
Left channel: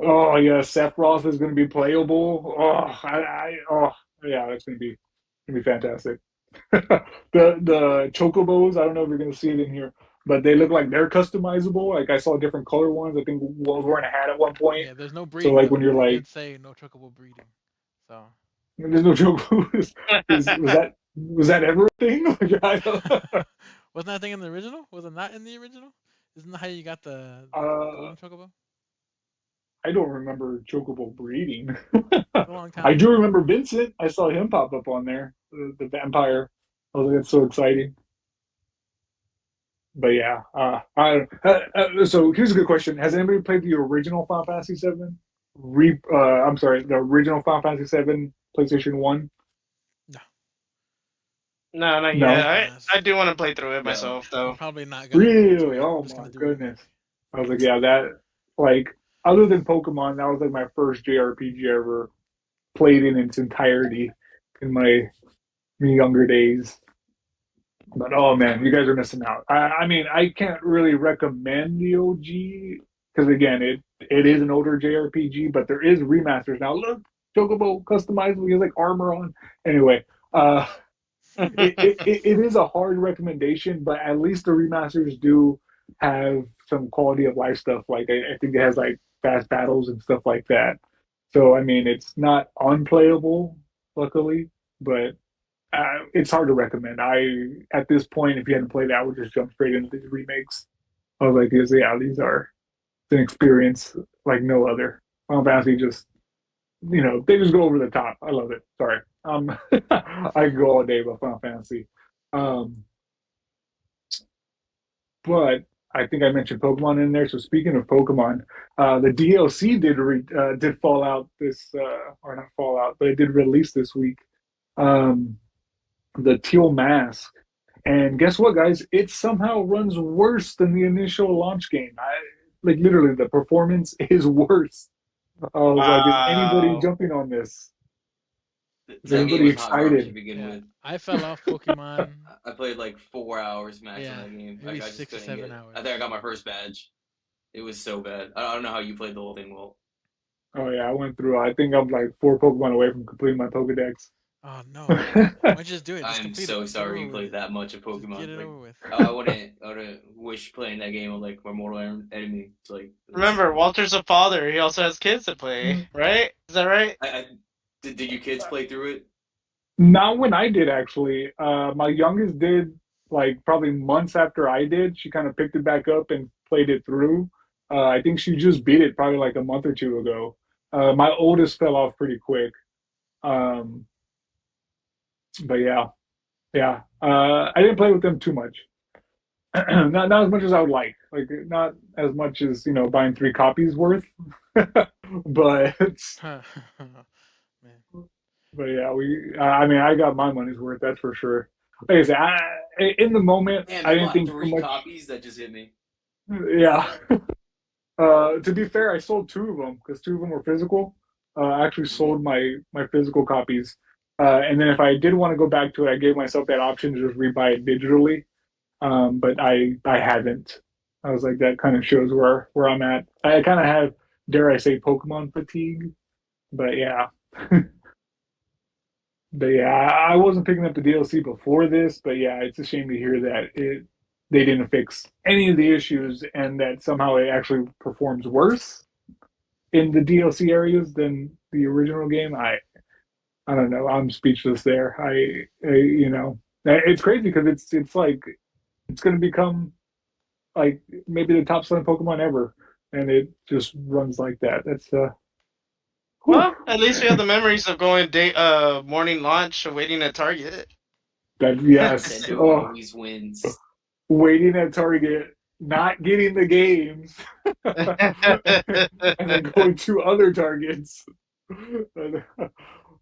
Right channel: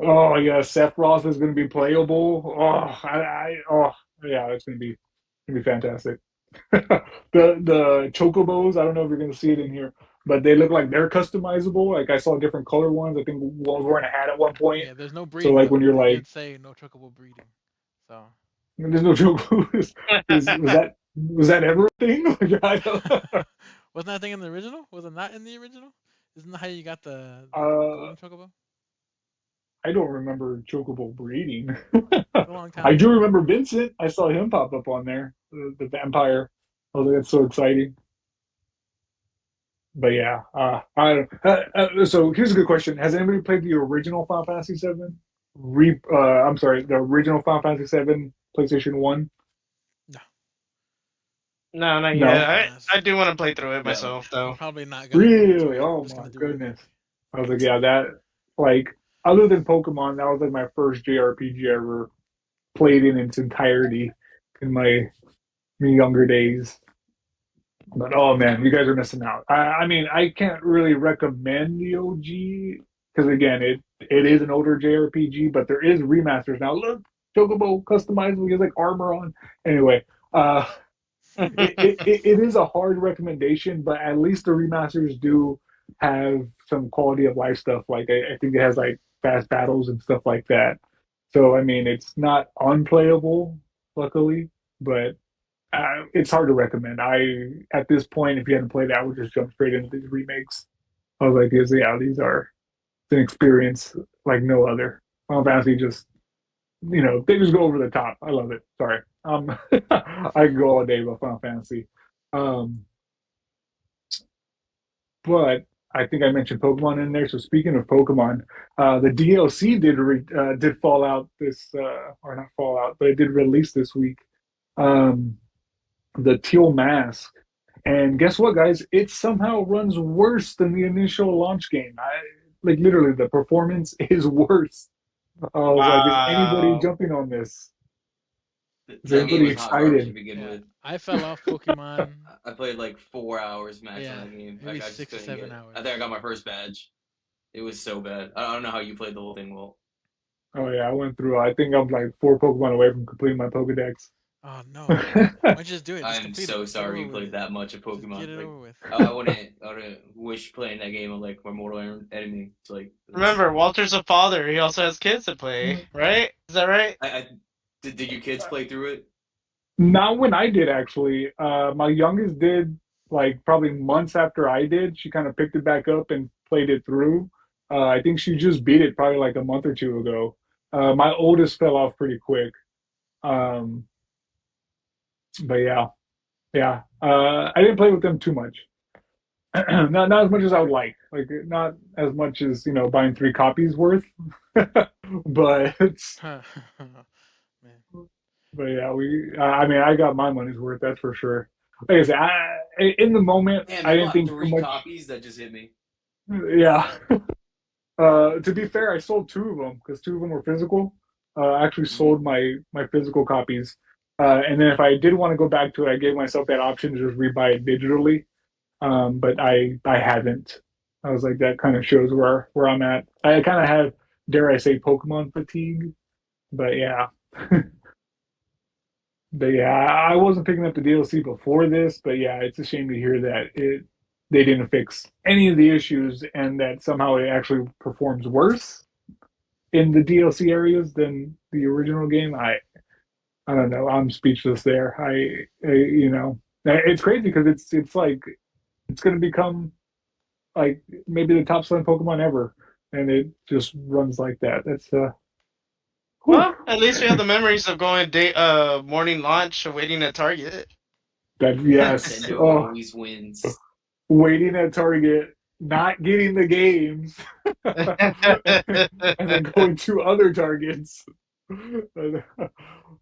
Go. Oh yeah, Sephiroth is going to be playable. Oh yeah, that's going to be fantastic. The chocobos, I don't know if you're going to see it in here, but they look like they're customizable. Like I saw different color ones. I think one was wearing a hat at one point. Yeah, there's no So breeding like though. when you're They like, did say no chocobo breeding. So there's no chocobos. Was that ever a thing? Like, I don't, wasn't that thing in the original? Was it not in the original? Isn't that how you got the uh, golden chocobo? I don't remember chocobo breeding. A long time I do ago. remember Vincent. I saw him pop up on there, the vampire. I was like, that's so exciting. But yeah, so here's a good question: has anybody played the original Final Fantasy Seven? I'm sorry, the original Final Fantasy Seven PlayStation One. No, No, not I'm yet. gonna No, pass. I do want to play through it No. myself I'm though. probably not gonna go into really. it. I'm Oh just my gonna do a remake. goodness. I was like, yeah, that like other than Pokemon, that was like my first JRPG I ever played in its entirety in my younger days. But oh man, you guys are missing out. I mean, I can't really recommend the OG because again, it is an older JRPG, but there is remasters now. Look, Chocobo customizable, he has like armor on. Anyway, uh, it is a hard recommendation, but at least the remasters do have some quality of life stuff. Like I think it has like fast battles and stuff like that. So I mean, it's not unplayable, luckily, but it's hard to recommend. At this point, if you hadn't played it, I would just jump straight into these remakes. I was like, these are an experience like no other. Final Fantasy just, they just go over the top. I love it. Sorry, I could go all day about Final Fantasy, um, but I think I mentioned Pokemon in there. So speaking of Pokemon, the DLC did fall out this or not fall out, but it did release this week. Um, the Teal Mask. And guess what, guys? It somehow runs worse than the initial launch game. Like literally, the performance is worse. I was like, is anybody Wow. jumping on this? Is That game anybody was hot garbage to excited? begin Yeah, with. I fell off Pokemon. I played like 4 hours max on Yeah, that game. maybe I just six or couldn't get seven it. hours. I think I got my first badge. It was so bad. I don't know how you played the whole thing well. Oh yeah, I went through. I think I'm like four Pokemon away from completing my Pokedex. Oh no! Why don't you just do it? Just I'm complete it. so Get sorry over you with played it. that much of Just get Pokemon. it Like, over with. I wouldn't wish playing that game with like my mortal enemy. It's like, Remember, Walter's a father. He also has kids to play, right? Is that right? I did you kids play through it? Not when I did actually. My youngest did like probably months after I did. She kind of picked it back up and played it through. I think she just beat it probably like a month or two ago. My oldest fell off pretty quick. Um, but yeah, yeah. I didn't play with them too much. Not as much as I would like. Like not as much as buying three copies worth. but Man. but yeah, I mean, I got my money's worth. That's for sure. Like I said, in the moment, Damn, I you didn't bought think too three much. copies? That just hit me. Yeah. To be fair, I sold two of them because two of them were physical. I actually Hmm. sold my physical copies, and then if I did want to go back to it, I gave myself that option to just rebuy it digitally. But I haven't. I was like, that kind of shows where I'm at. I kind of have, dare I say, Pokemon fatigue. But yeah, but yeah, I wasn't picking up the DLC before this. But yeah, it's a shame to hear that they didn't fix any of the issues and that somehow it actually performs worse in the DLC areas than the original game. I don't know. I'm speechless there. It's crazy because it's like it's going to become like maybe the top selling Pokemon ever, and it just runs like that. That's whew. Well, at least we have the memories of going morning launch, waiting at Target. That yes. Nintendo Oh, always wins. waiting at Target, not getting the games, and then going to other Targets.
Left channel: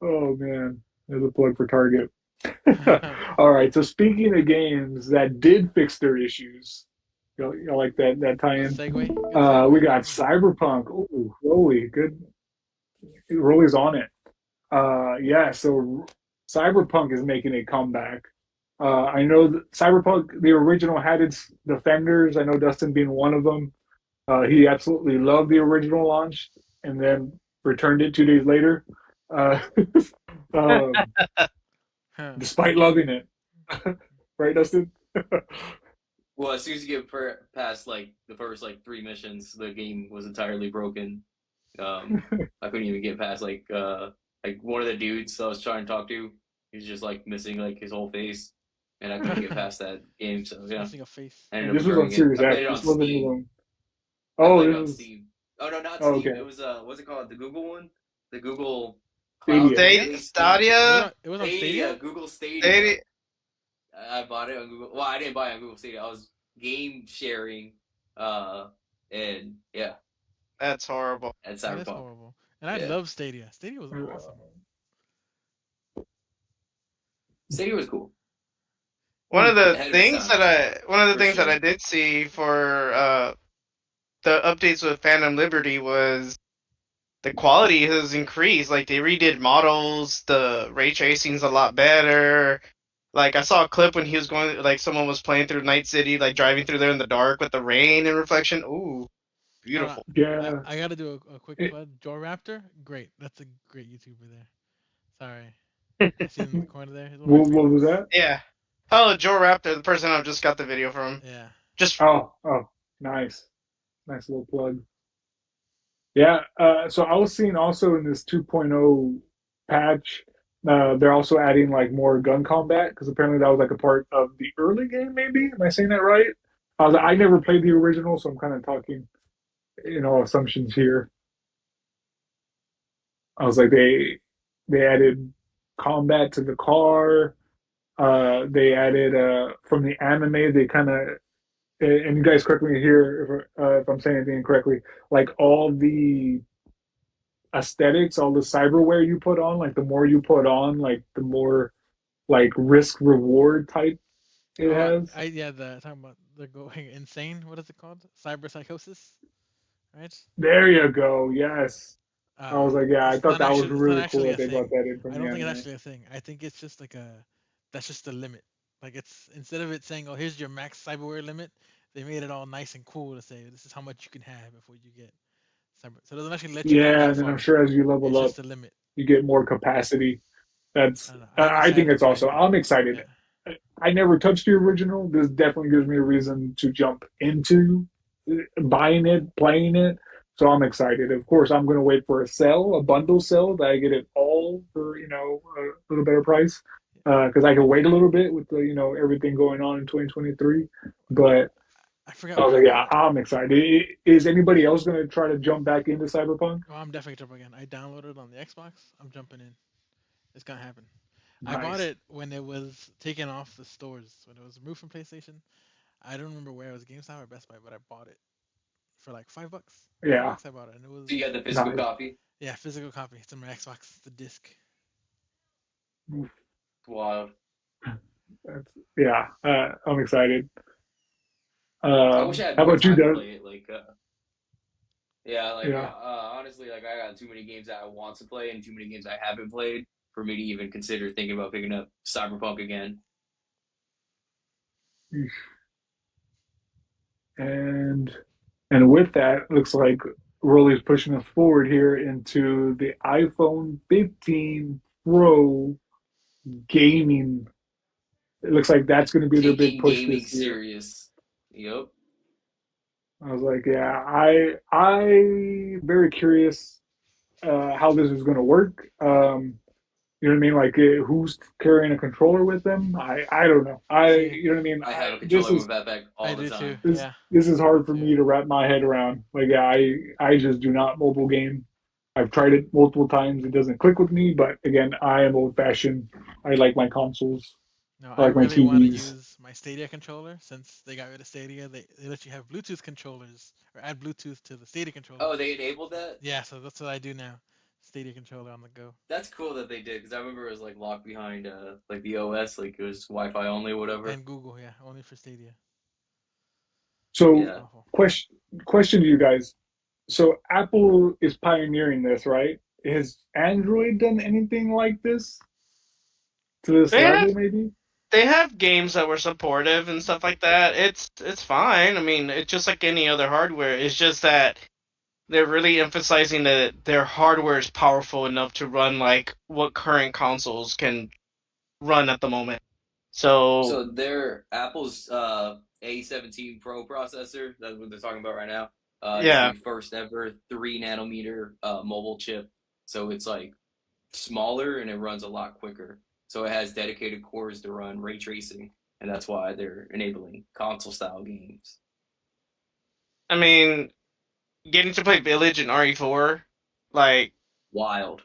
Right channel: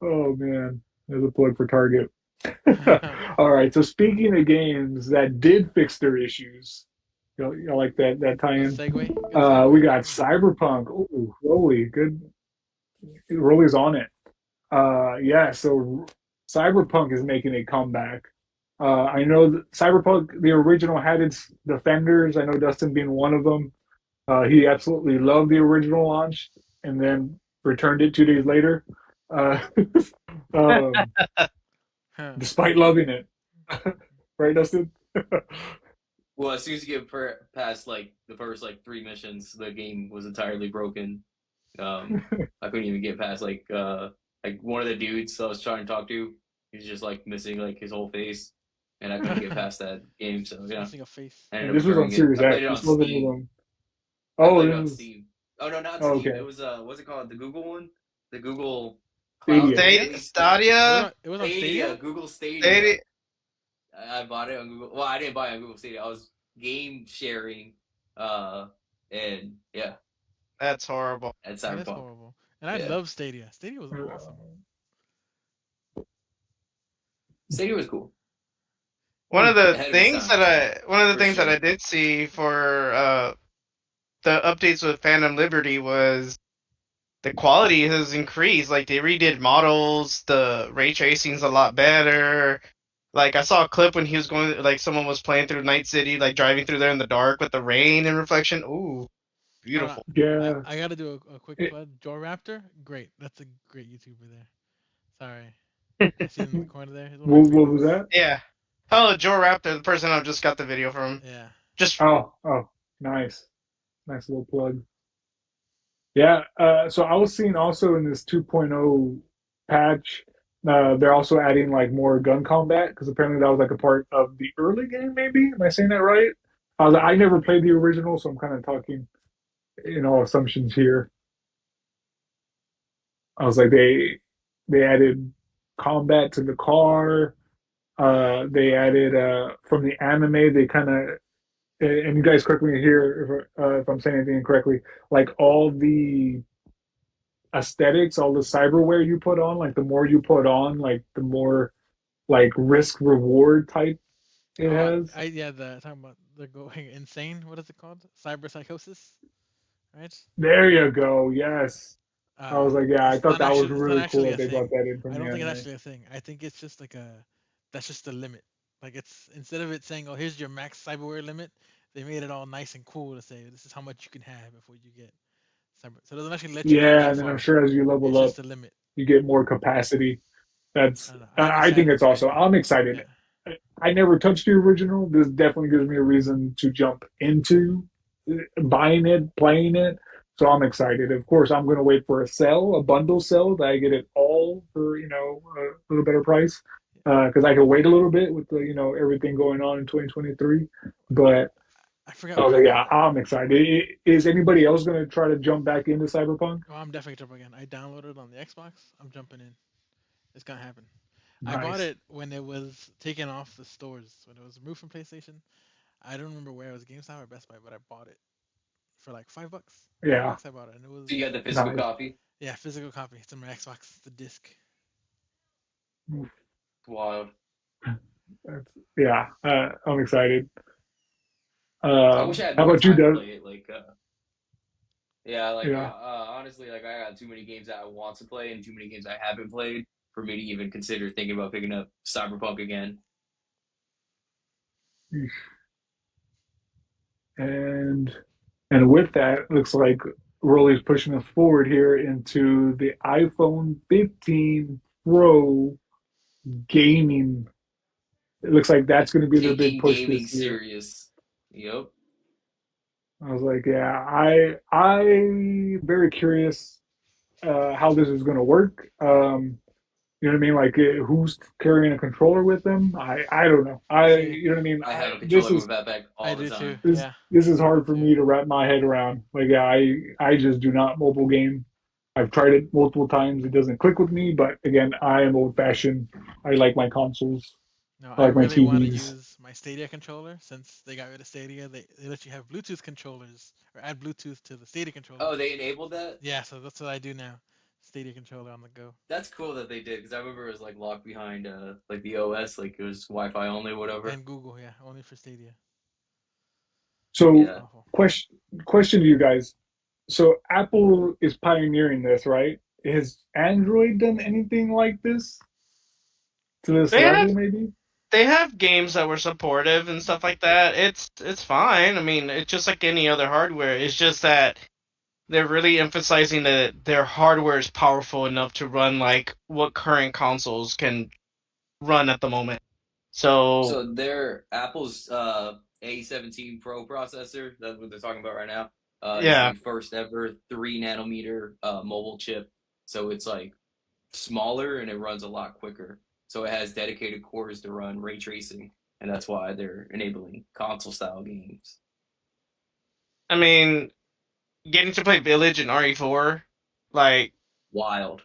Oh man, there's a plug for Target. All right. So speaking of games that did fix their issues, you like that Good tie-in? segue. Good We segue. got Yeah. Cyberpunk. Ooh, Rolly, good. Rolly's on it. Yeah. So Cyberpunk is making a comeback. I know that Cyberpunk, the original, had its defenders. I know Dustin being one of them. He absolutely loved the original launch and then returned it 2 days later, uh, um, Huh. despite loving it. Right, Dustin? Well, as soon as you get past like the first like three missions, the game was entirely broken. I couldn't even get past like one of the dudes I was trying to talk to. He's just like missing like his whole face, and I couldn't get past that game. So Just yeah, missing a face. I ended And up this was on returning it. Series I played X. it This on wasn't Steam. even. I Oh, played this it on was. Steam. Oh no, not Oh, Steam. It okay. was what's it called? The Google one, the Google Cloud Stadia. Stadia, Stadia? based thing. Was it Stadia, on? It was on Stadia, Stadia. Google Stadia. Stadia. I bought it on Google. Well, I didn't buy it on Google Stadia. I was game sharing, uh, and yeah, That's horrible. at That is Cyberpunk. horrible. And I Yeah, love Stadia. Stadia was awesome. Stadia was cool. Ahead of its time, One of the for things that sure. I did see for the updates with Phantom Liberty was the quality has increased. Like they redid models, the ray tracing's a lot better. Like I saw a clip when he was going, like someone was playing through Night City, like driving through there in the dark with the rain and reflection. Ooh, Hold on. beautiful. Yeah. I gotta do a quick It, plug. Joe Raptor, great. That's a great YouTuber there. Sorry. I see him in the corner there. He's one of my what was favorites. that? Yeah. Oh, Joe Raptor, the person I just got the video from. Yeah. Just Oh, nice. Nice little plug. Yeah. So I was seeing also in this 2.0 patch, they're also adding like more gun combat because apparently that was like a part of the early game, maybe. Am I saying that right? I never played the original, so I'm kind of talking, assumptions here. I was like, they added combat to the car. They added from the anime. They kind of and you guys correct me here if I'm saying anything incorrectly. Like all the aesthetics, all the cyberware you put on, like the more you put on, like the more like risk reward type it Oh, has. I yeah. The talking about they're going insane. What is it called? Cyber psychosis, right? There you go. Yes. I was like, yeah, I It's thought not that was actually. It's not really cool actually that a they brought thing. that in from I the don't think it's anime. actually a thing. I think it's just like a. That's just the limit. Like it's instead of it saying, "Oh, here's your max cyberware limit," they made it all nice and cool to say, "This is how much you can have before you get cyber." So it doesn't actually let you go Yeah, that and then I'm far. sure as you It's level up, just a limit. you get more capacity. I That's don't know. I'm I think excited to it's play also it. I'm excited. Yeah. I never touched the original. This definitely gives me a reason to jump into buying it, playing it. So I'm excited. Of course, I'm going to wait for a bundle sale that I get it all for a little better price. Because I can wait a little bit with the everything going on in 2023. But I forgot oh what yeah, I'm excited. Is anybody else going to try to jump back into Cyberpunk? oh, I'm definitely jumping again. I downloaded it on the Xbox. I'm jumping in. It's gonna happen. I bought Nice. it when it was taken off the stores, when it was removed from PlayStation. I don't remember where it was, GameStop or Best Buy, but I bought it for like $5. Five Yeah, bucks I bought it, and it was So you got the physical nice. copy. yeah, physical copy. It's in my Xbox, the disc. Wow. That's, yeah, I'm excited. I wish I had How more about you, time to Doug? play it. Yeah, Yeah, honestly, like I got too many games that I want to play and too many games I haven't played for me to even consider thinking about picking up Cyberpunk again. and and with that, looks like Rolly's pushing us forward here into the iPhone 15 Pro gaming. It looks like that's going to be their big Taking push gaming this year. serious. Yep. I was like, yeah, I very curious how this is going to work. You know what I mean? Like, who's carrying a controller with them? I don't know. See, You know what I mean? I have a This controller is with that back I all the do time. too. this Yeah, this is I do hard for too. me to wrap my head around. Like, yeah, I just do not mobile game. I've tried it multiple times. It doesn't click with me. But again, I am old fashioned. I like my consoles. No, I I like my really want to TVs. use my Stadia controller since they got rid of Stadia. They let you have Bluetooth controllers or add Bluetooth to the Stadia controller. Oh, they enabled So that? yeah, so that's what I do now. Stadia controller on the go That's cool that they did because I remember it was like locked behind like the OS, like it was Wi-Fi only, whatever. and Google, yeah, only for Stadia. It's So Yeah. awful. question to you guys. So Apple is pioneering this, right? Has Android done anything like this to this they had level, maybe? they have games that were supportive and stuff like that. It's fine. I mean, it's just like any other hardware. It's just that they're really emphasizing that their hardware is powerful enough to run like what current consoles can run at the moment. So So their Apple's A17 Pro processor, that's what they're talking about right now, is yeah, the first ever 3 nanometer mobile chip. So it's like smaller and it runs a lot quicker. So it has dedicated cores to run ray tracing, and that's why they're enabling console style games. I mean, getting to play Village and RE4, like Wild.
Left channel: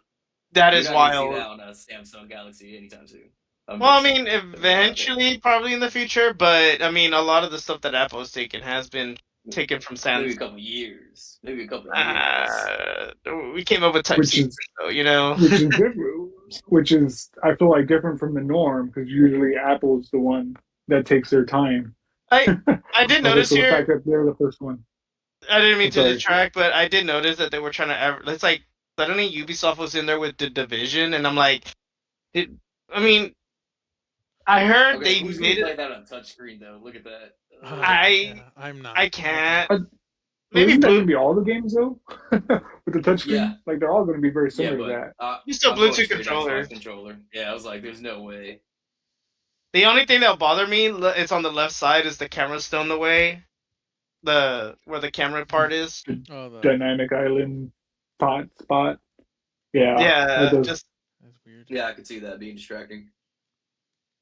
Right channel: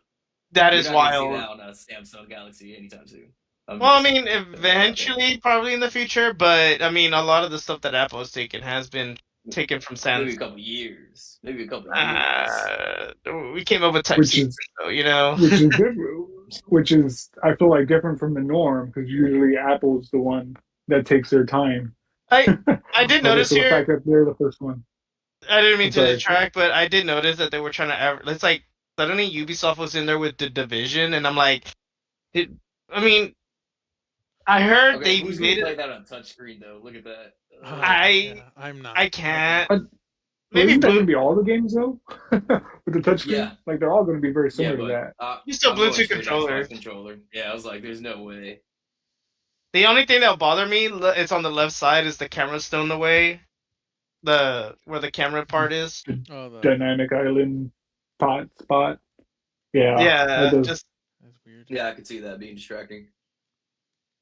that You're is not gonna see wild. that on a Samsung Galaxy anytime soon. I'm Well, I just mean, putting that out there. eventually, probably in the future, but I mean, a lot of the stuff that Apple has taken has been taken from Maybe Samsung. a couple years. Maybe a couple years. We came up with Type which C, is so you know. different. Which is I feel like different from the norm because usually Apple's the one that takes their time. I I did Okay, notice so the here. fact that they're the first one. I didn't mean I'm to sorry. detract, but I did notice that they were trying to. It's like suddenly Ubisoft was in there with the Division, and I'm like, it, I mean, I heard Okay, they who's gonna made play it. that on touchscreen though? Look at that. I Yeah, I'm not. I No go. can't. But, well, Maybe isn't that Blue. going to be all the games though? With the Yeah, touchscreen, like they're all going to be very yeah, similar to but that. You still I'm going Bluetooth straight controller. Xbox controller. Yeah, I was like, there's no way. The only thing that'll bother me is on the left side is the camera's still in the way. The where the camera part is. The Oh, the dynamic island spot. Yeah, that Yeah, does just. that's weird. Yeah, I could see that being distracting.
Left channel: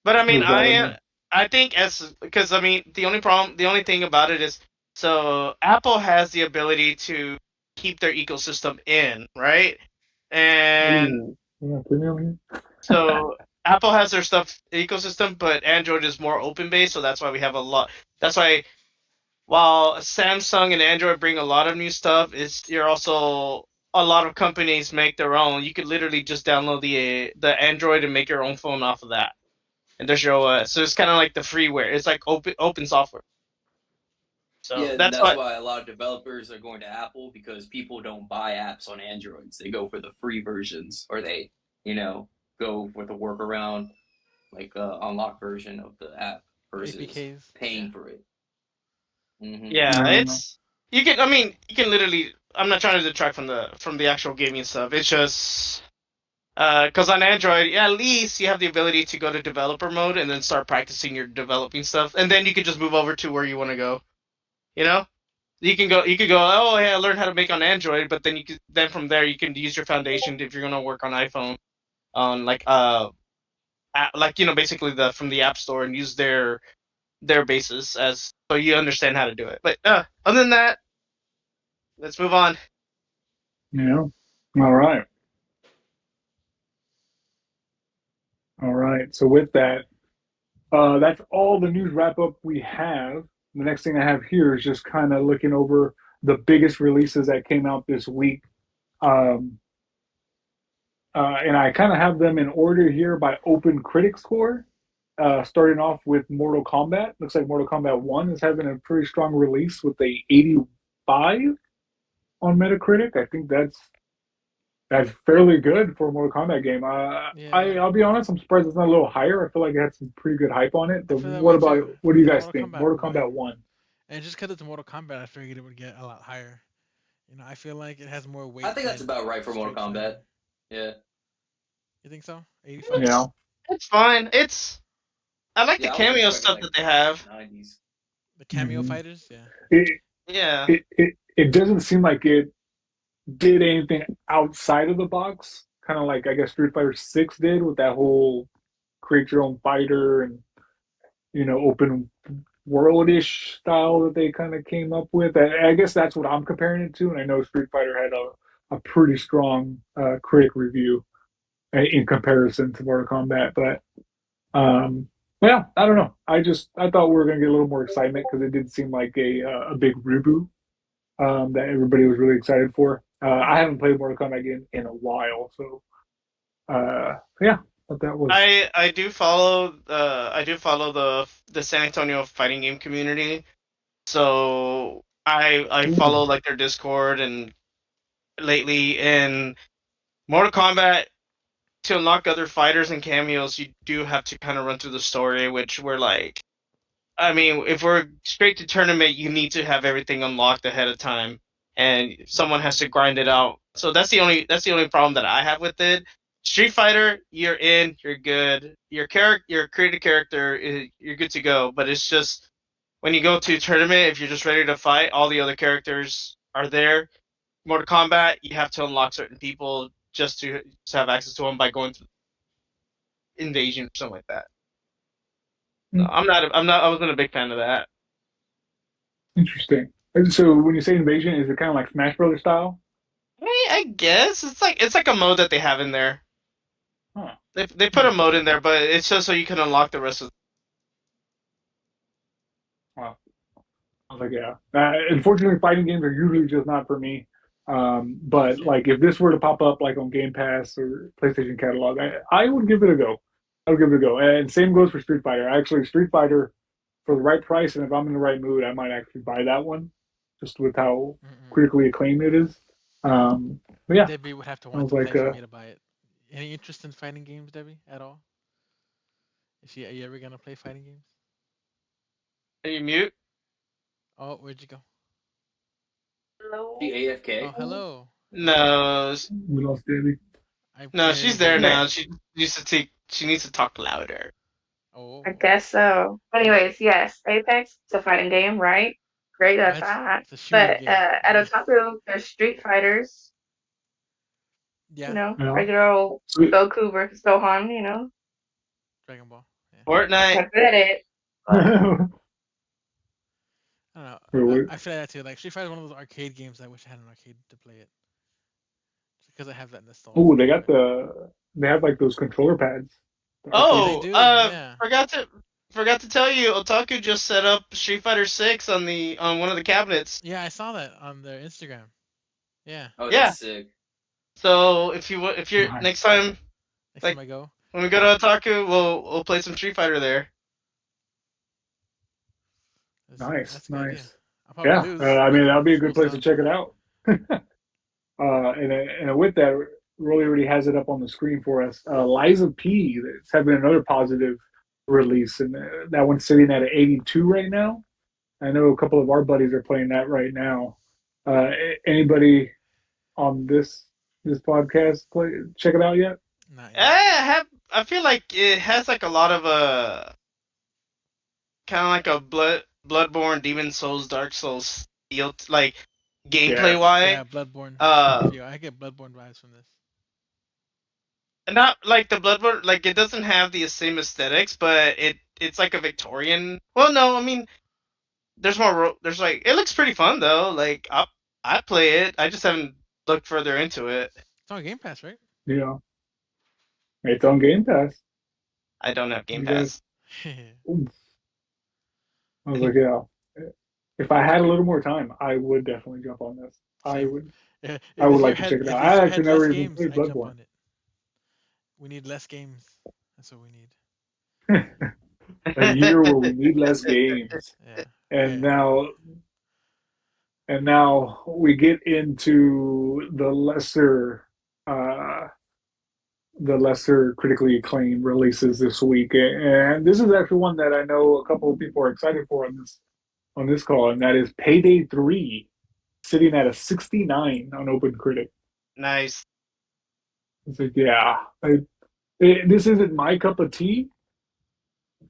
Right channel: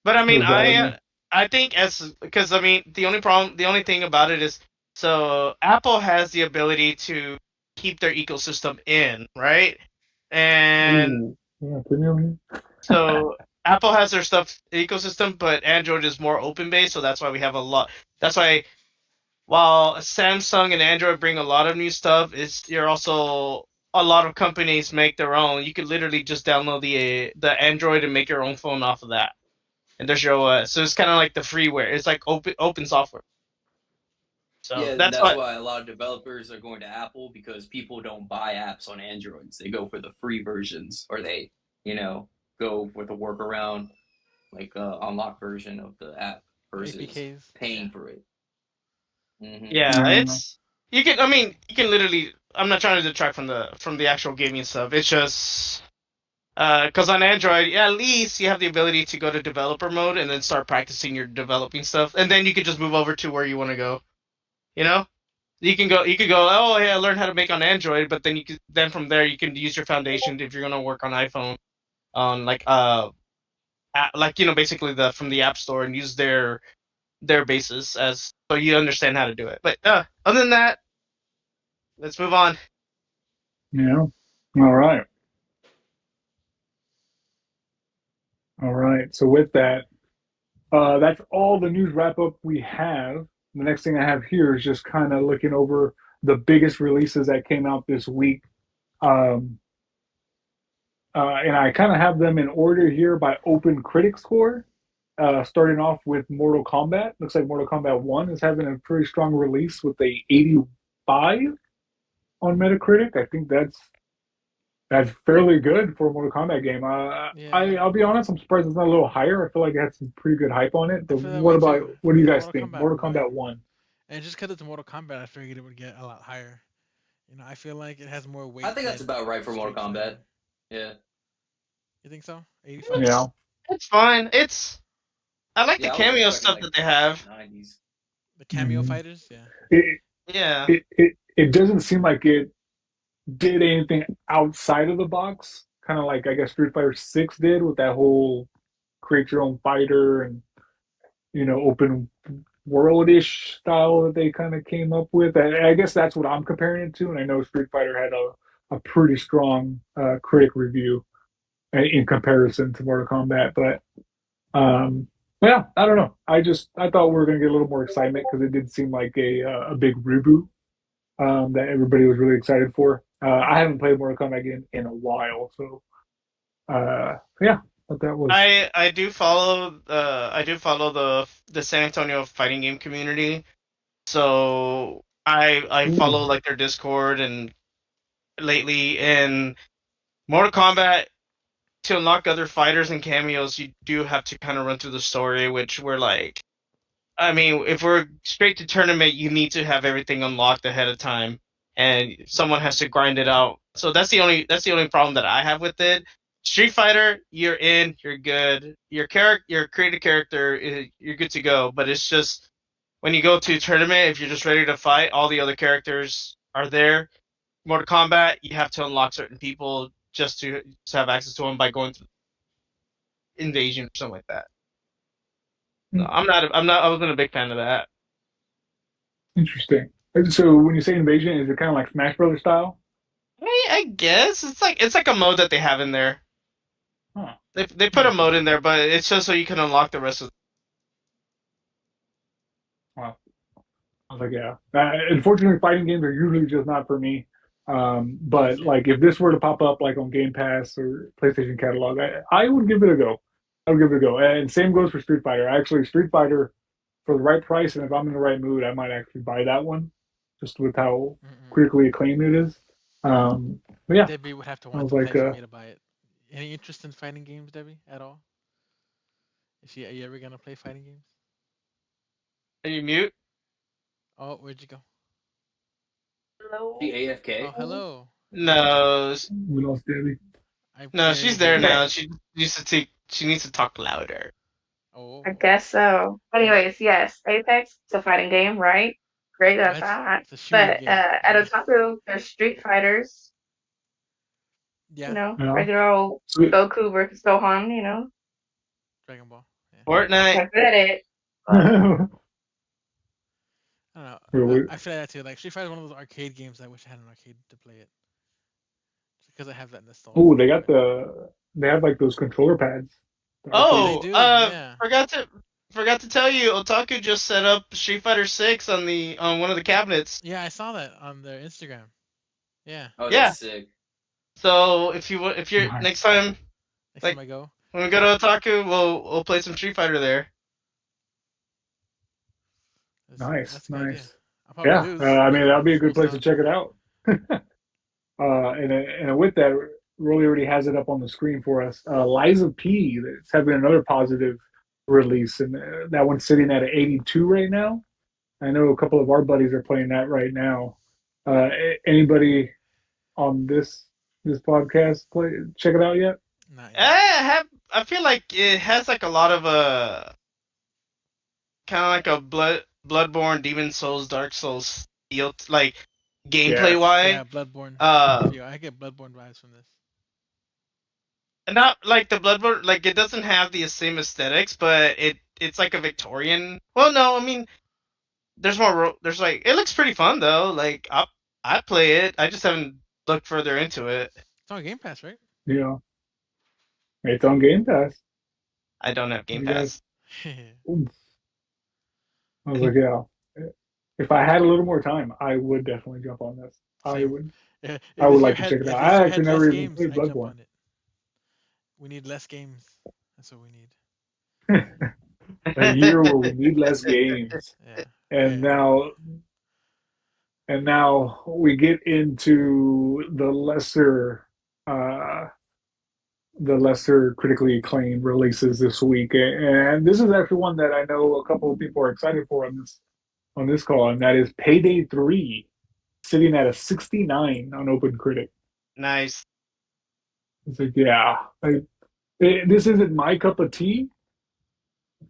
But I mean, does bother me. I think as because I mean the only thing about it is so Apple has the ability to keep their ecosystem in, right? And Ooh, yeah, put me over here. so Apple has their stuff ecosystem, but Android is more open based, so that's why we have a lot. That's why while Samsung and Android bring a lot of new stuff, it's you're also a lot of companies make their own. You could literally just download the Android and make your own phone off of that, and there's your OS. So it's kind of like the freeware. It's like open software. So Yeah, that's that's what. why a lot of developers are going to Apple because people don't buy apps on Androids. They go for the free versions, or they, you know, go with a workaround like unlock version of the app The versus APKs. Yeah. paying for it. Yeah, No, it's you can. I mean, you can literally. I'm not trying to detract from the actual gaming stuff. It's just because on Android, yeah, at least you have the ability to go to developer mode and then start practicing your developing stuff, and then you can just move over to where you want to go. You know, you could go. Oh, hey, I learned how to make on Android, but then then from there you can use your foundation if you're gonna work on iPhone on like like basically the from the App Store and use their basis as so you understand how to do it. But other than that, let's move on. yeah. All right. All right. So with that, that's all the news wrap up we have. The next thing I have here is just kind of looking over the biggest releases that came out this week. Um, and I kind of have them in order here by open critic score. Starting off with Mortal Kombat. Looks like Mortal Kombat 1 is having a pretty strong release with a 85 on Metacritic. I think that's fairly good for a Mortal Kombat game. Yeah. I'll be honest, I'm surprised it's not a little higher. I feel like it had some pretty good hype on it. I But feel that way too. what do you It's guys Mortal think? Kombat Mortal 1. Kombat 1. And just because it's Mortal Kombat, I figured it would get a lot higher. I feel like it has more I weight think that's than about right for Mortal Street Kombat. Fighter. Yeah, You think so? 85? Yeah. It's fine. I like the yeah, I was cameo expecting stuff like that they have. 90s. The cameo Hmm. fighters? Yeah. It, Yeah. it doesn't seem like it did anything outside of the box. Kind of like I guess Street Fighter 6 did with that whole create your own fighter and open world-ish style that they kind of came up with. I guess that's what I'm comparing it to, and I know Street Fighter had a pretty strong critic review in comparison to Mortal Kombat. But yeah, I don't know. I thought we were going to get a little more excitement because it did seem like a big reboot that everybody was really excited for. I haven't played Mortal Kombat in a while, so yeah, but that was. I do follow the San Antonio fighting game community. So I follow Ooh. like their Discord and lately in Mortal Kombat to unlock other fighters and cameos, you do have to kind of run through the story, which we're like, I mean, if we're straight to tournament, you need to have everything unlocked ahead of time, and someone has to grind it out. So that's the only problem that I have with it. Street Fighter, you're in, you're good. Your created character, you're good to go. But it's just when you go to a tournament, if you're just ready to fight, all the other characters are there. Mortal Kombat, you have to unlock certain people just to have access to them by going through invasion or something like that. So Hmm, I wasn't a big fan of that. interesting. And so when you say invasion, is it kind of like Smash Brothers style? I guess it's like a mode that they have in there. Huh. They put a Interesting. mode in there, but it's just so you can unlock the rest of. Wow. I was like, yeah. Unfortunately, fighting games are usually just not for me. But Understand. like, if this were to pop up like on Game Pass or PlayStation Catalog, I would give it a go. I would give it a go. And same goes for Street Fighter. Actually, Street Fighter for the right price, and if I'm in the right mood, I might actually buy that one, just with how Mm-mm. critically acclaimed it is. But yeah, Debbie would have to I want was to play like, for me to buy it. Any interest in fighting games, Debbie, at all? Are you ever gonna play fighting games? Can you mute? Oh, where'd you go? The Hello. Oh, AFK. hello. Hello. No, we lost Debbie. I no, barely she's hear there you. Okay. now. She needs to talk louder. I Oh. guess so. Well, Anyways, yes, Apex, it's a fighting game, right? Great, well, that's that. it's a shooting But game. at Otaku, there's Street Fighters, Yeah, Yeah, regular old sweet. Goku versus Gohan, Dragon Ball. Yeah. Fortnite. not good at it. But Wait, I don't know. wait. I feel like that too. Like Street Fighter is one of those arcade games I wish I had an arcade to play it because I have that nostalgia Oh, for it. they have like those controller pads, the arcade. They Oh, do. Yeah. forgot to tell you, Otaku just set up Street Fighter 6 on one of the cabinets. Yeah, I saw that on their Instagram. Yeah. Oh, Yeah. that's sick. So if you're Nice. next time, Next like time I go. when we go to Otaku, we'll play some Street Fighter there. Nice, That's a good idea. nice. I'll probably Yeah, lose, I but mean that'll be a good cool place to stuff. check it out. And with that, Rolly already has it up on the screen for us. Liza P. That's having another positive release, and that one's sitting at 82 right now. I know a couple of our buddies are playing that right now. Anybody on this podcast check it out yet? Not yet. I feel like it has like a lot of kind of like a Bloodborne, Demon Souls, Dark Souls feel, like gameplay Yes. wise. Yeah, Bloodborne. Uh, I get Bloodborne vibes from this. not like the Bloodborne, like it doesn't have the same aesthetics, but it's like a Victorian. Well, no, I mean there's like it looks pretty fun though. Like I play it. I just haven't looked further into it. It's on Game Pass, right? Yeah, it's on Game Pass. I don't have Game You guys, Pass. I was like, yeah. If I had a little more time, I would definitely jump on this. I Same. would. Yeah, I if would this year like to had check it if out. this I year actually had less never even games, played I'd jump Bloodborne. on it. We need less games. That's what we need. A year where we need less games, Yeah. and Okay. now we get into uh, the lesser critically acclaimed releases this week, and this is actually one that I know a couple of people are excited for on this call, and that is Payday 3, sitting at a 69 on OpenCritic. Nice. It's like, yeah, this isn't my cup of tea,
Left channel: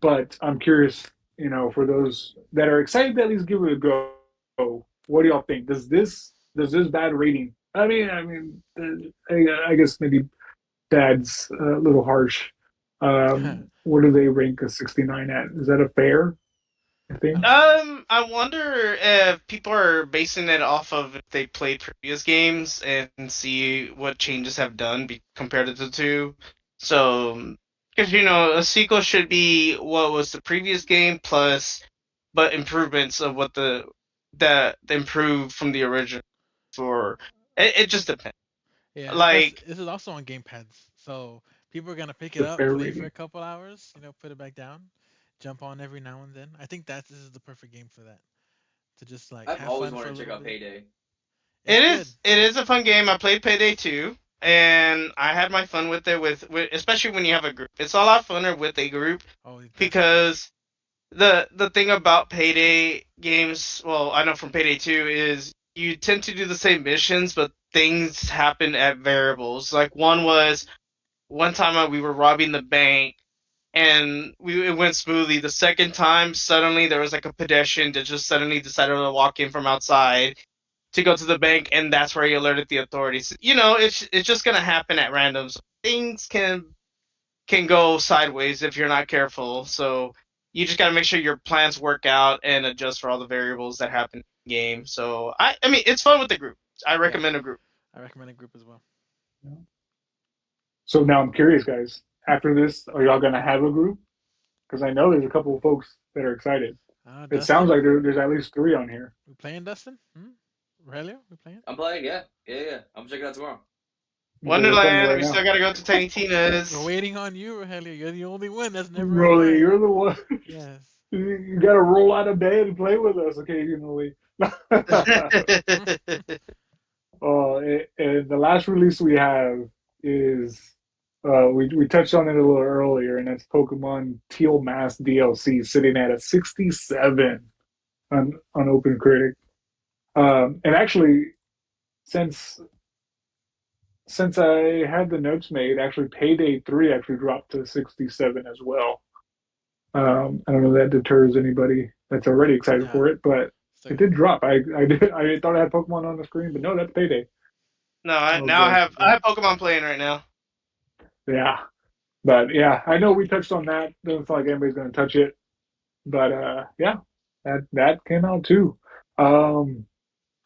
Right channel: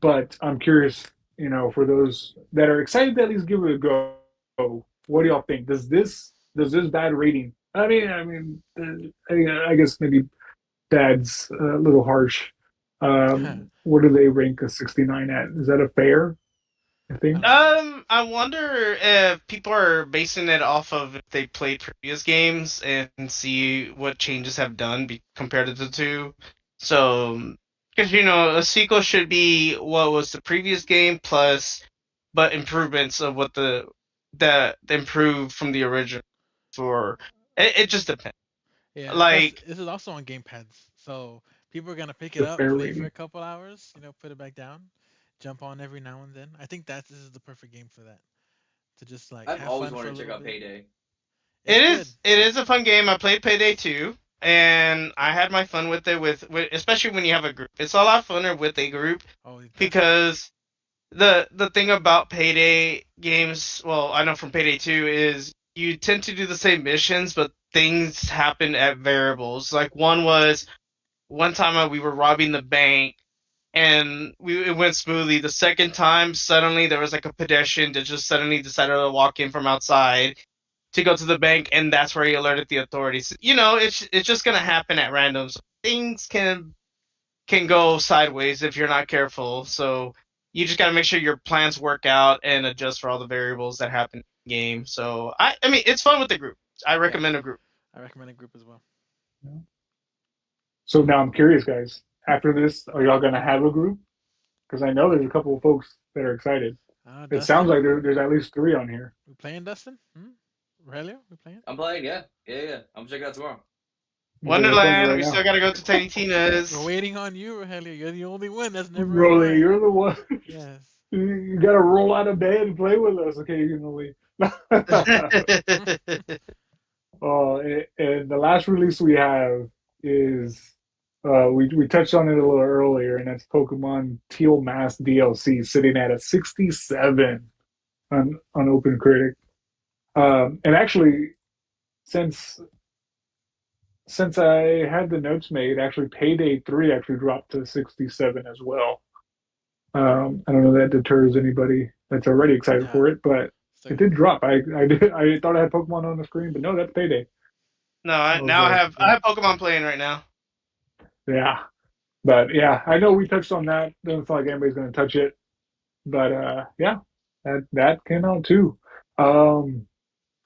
but I'm curious, for those that are excited to at least give it a go. What do y'all think? Does this bad rating? I guess maybe bad's a little harsh. What do they rank a 69 at? Is that a fair thing? I wonder if people are basing it off of if they played previous games and see what changes have done compared to the two. So, because a sequel should be what was the previous game plus, but improvements of what that improved from the original. For it just depends. Yeah. Plus, Like, this is also on Game Pads, so people are gonna pick it The up, fair play for a rating. couple hours, put it back down, jump on every now and then. I think this is the perfect game for that. To just like I've have always fun for wanted a to check little out bit. Payday. It's good. it is a fun game. I played Payday 2. and I had my fun with it. With especially when you have a group, it's a lot funner with a group Oh, definitely. because the thing about Payday games, well, I know from Payday 2 is you tend to do the same missions, but things happen at variables. Like one time we were robbing the bank and it went smoothly. The second time, suddenly there was like a pedestrian that just suddenly decided to walk in from outside to go to the bank, and that's where he alerted the authorities. It's just gonna happen at random. So things can go sideways if you're not careful. So you just gotta make sure your plans work out and adjust for all the variables that happen in the game. So I mean it's fun with the group. I Yeah, recommend a group. I recommend a group as well. So now I'm curious, guys. After this, are y'all gonna have a group? Because I know there's a couple of folks that are excited. It sounds Dustin, like there's at least three on here. we playing Dustin? Hmm? Aurelio, we playing? I'm playing. Yeah, yeah, yeah. I'm checking out tomorrow. Okay, what time is it Wonderland, right we still now? gotta go to Tiny We're Tina's. waiting on you, Aurelio. You're the only one that's never Rolly, online. you're the one. Yes. You gotta roll out of bed and play with us occasionally. And the last release we have is we touched on it a little earlier, and that's Pokemon Teal Mask DLC, sitting at a 67 on OpenCritic. And actually, since since I had the notes made, actually Payday 3 actually dropped to 67 as well. I don't know if that deters anybody that's already excited Yeah. for it, but So it did drop. I thought I had Pokemon on the screen, but no, that's Payday. No, I was now like, I have Pokemon playing right now. yeah, but yeah, I know we touched on that. Doesn't feel like anybody's going to touch it, but yeah, that came out too. Um,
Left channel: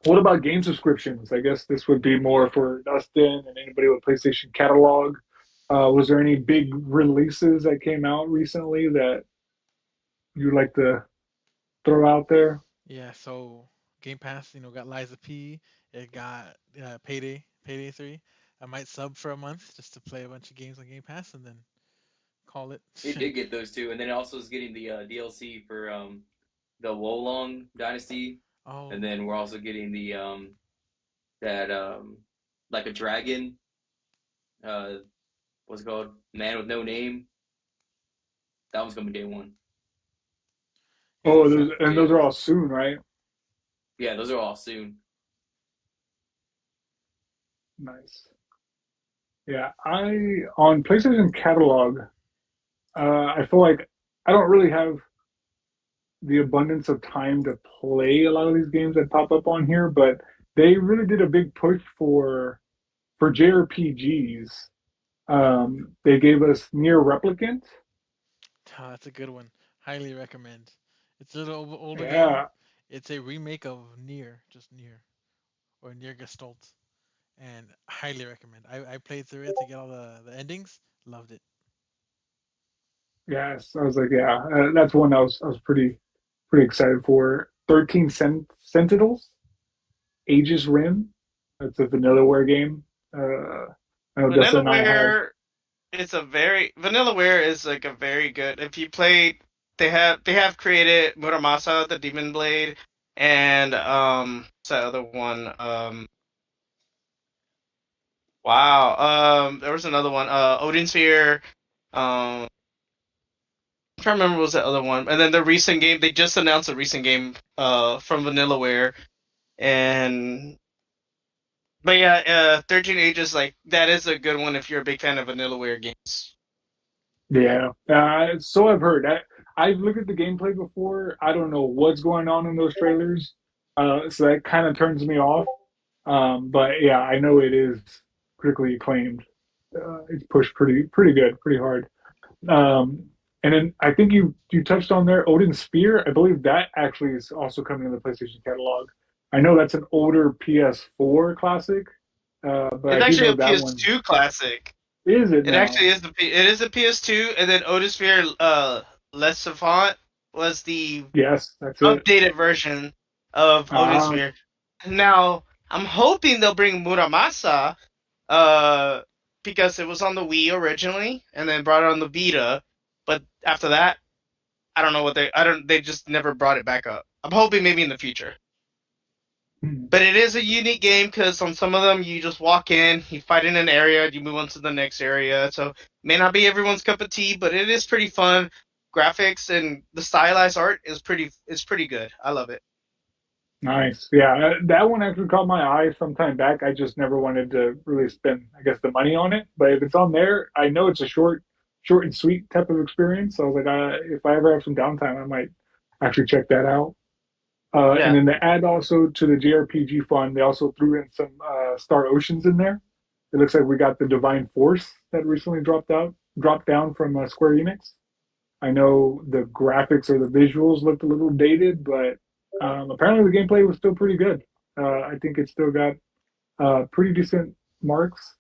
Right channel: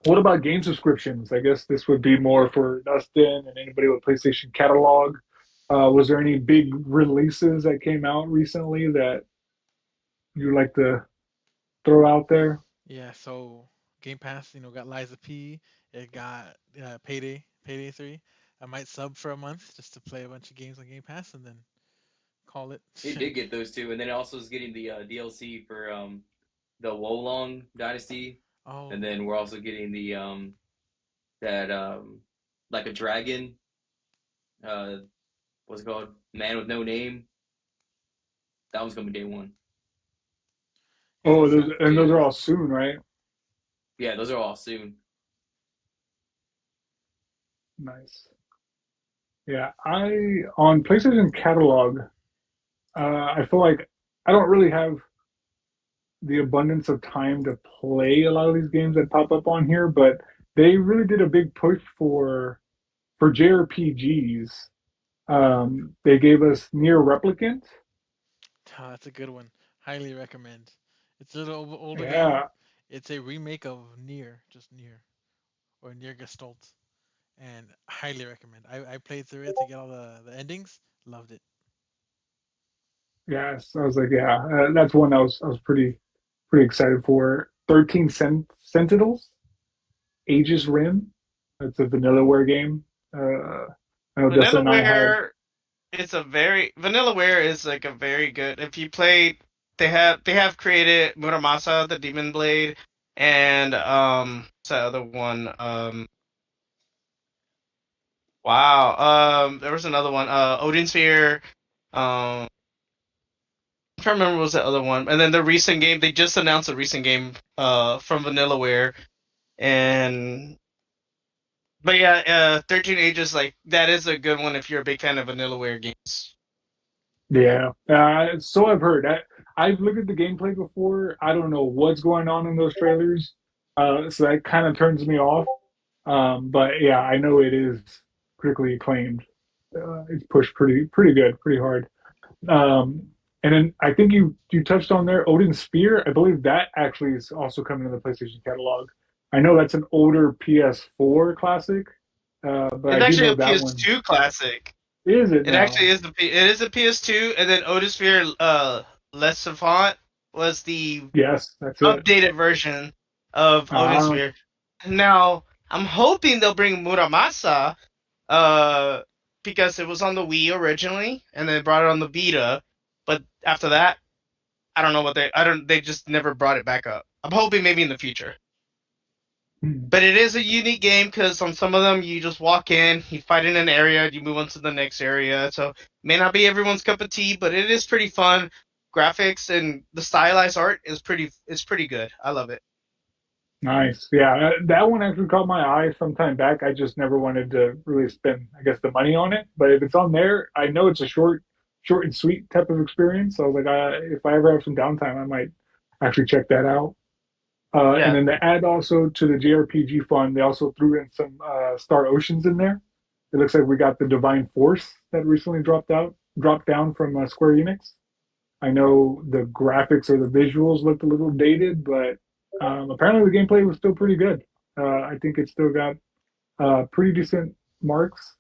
what about game subscriptions? I guess this would be more for Dustin and anybody with PlayStation catalog. Was there any big releases that came out recently that you'd like to throw out there? yeah, so Game Pass, got Liza P. It got Payday 3. I might sub for a month just to play a bunch of games on Game Pass and then call it. It did get those two, and then it also is getting the DLC for the Wolong Dynasty, and Oh, then we're also getting the that like a dragon. What's it called? Man with no name. That one's gonna be day one. yeah, Oh, so So those yeah, are all soon, right? yeah, those are all soon. Nice. Yeah, I on PlayStation catalog, I feel like I don't really have the abundance of time to play a lot of these games that pop up on here, but they really did a big push for JRPGs. They gave us Near Replicant. that's a good one. Highly recommend. It's a little older game. Yeah, It's a remake of Nier, just Nier, or Nier Gestalt, and highly recommend. I played through it to get all the endings. Loved it. yes. I was like, yeah, that's one I was pretty excited for. 13 Sentinels, Aegis Rim. That's a Vanillaware game. I know Dustin and I have. Vanillaware Vanillaware is like a very good. If you play, they have created Muramasa the Demon Blade and what's that other one? Wow. There was another one. Odin Sphere. I'm trying to remember what was that other one. And then the recent game, they just announced a recent game from Vanillaware. And but yeah, 13 Ages, like that is a good one if you're a big fan of Vanillaware games. Yeah, so I've heard. I've looked at the gameplay before. I don't know what's going on in those trailers, so that kind of turns me off. But yeah, I know it is critically acclaimed. It's pushed pretty good, pretty hard. Um, and then I think you touched on there Odin Spear. I believe that actually is also coming in the PlayStation catalog. I know that's an older PS4 classic, but I It's do actually know a that one. PS2 classic. Is it It actually now? is it is a PS2, and then Odosphere Les Savant was the Yes, that's it. updated version of Ah, Odosphere. Now I'm hoping they'll bring Muramasa, uh, because it was on the Wii originally, and then brought it on the Vita. But after that, I don't know what they just never brought it back up. I'm hoping maybe in the future. Hmm. But it is a unique game because on some of them you just walk in, you fight in an area, you move on to the next area. So may not be everyone's cup of tea, but it is pretty fun. Graphics and the stylized art is pretty good. I love it. Nice. Yeah, that one actually caught my eye some time back. I just never wanted to really spend, I guess, the money on it. But if it's on there, I know it's a short and sweet type of experience. So I was like, if I ever have some downtime, I might actually check that out. And Yeah. then to add also to the JRPG fun, they also threw in some Star Oceans in there. It looks like we got the Divine Force that recently dropped down from Square Enix. I know the graphics or the visuals looked a little dated, but apparently the gameplay was still pretty good. I think it still got pretty decent marks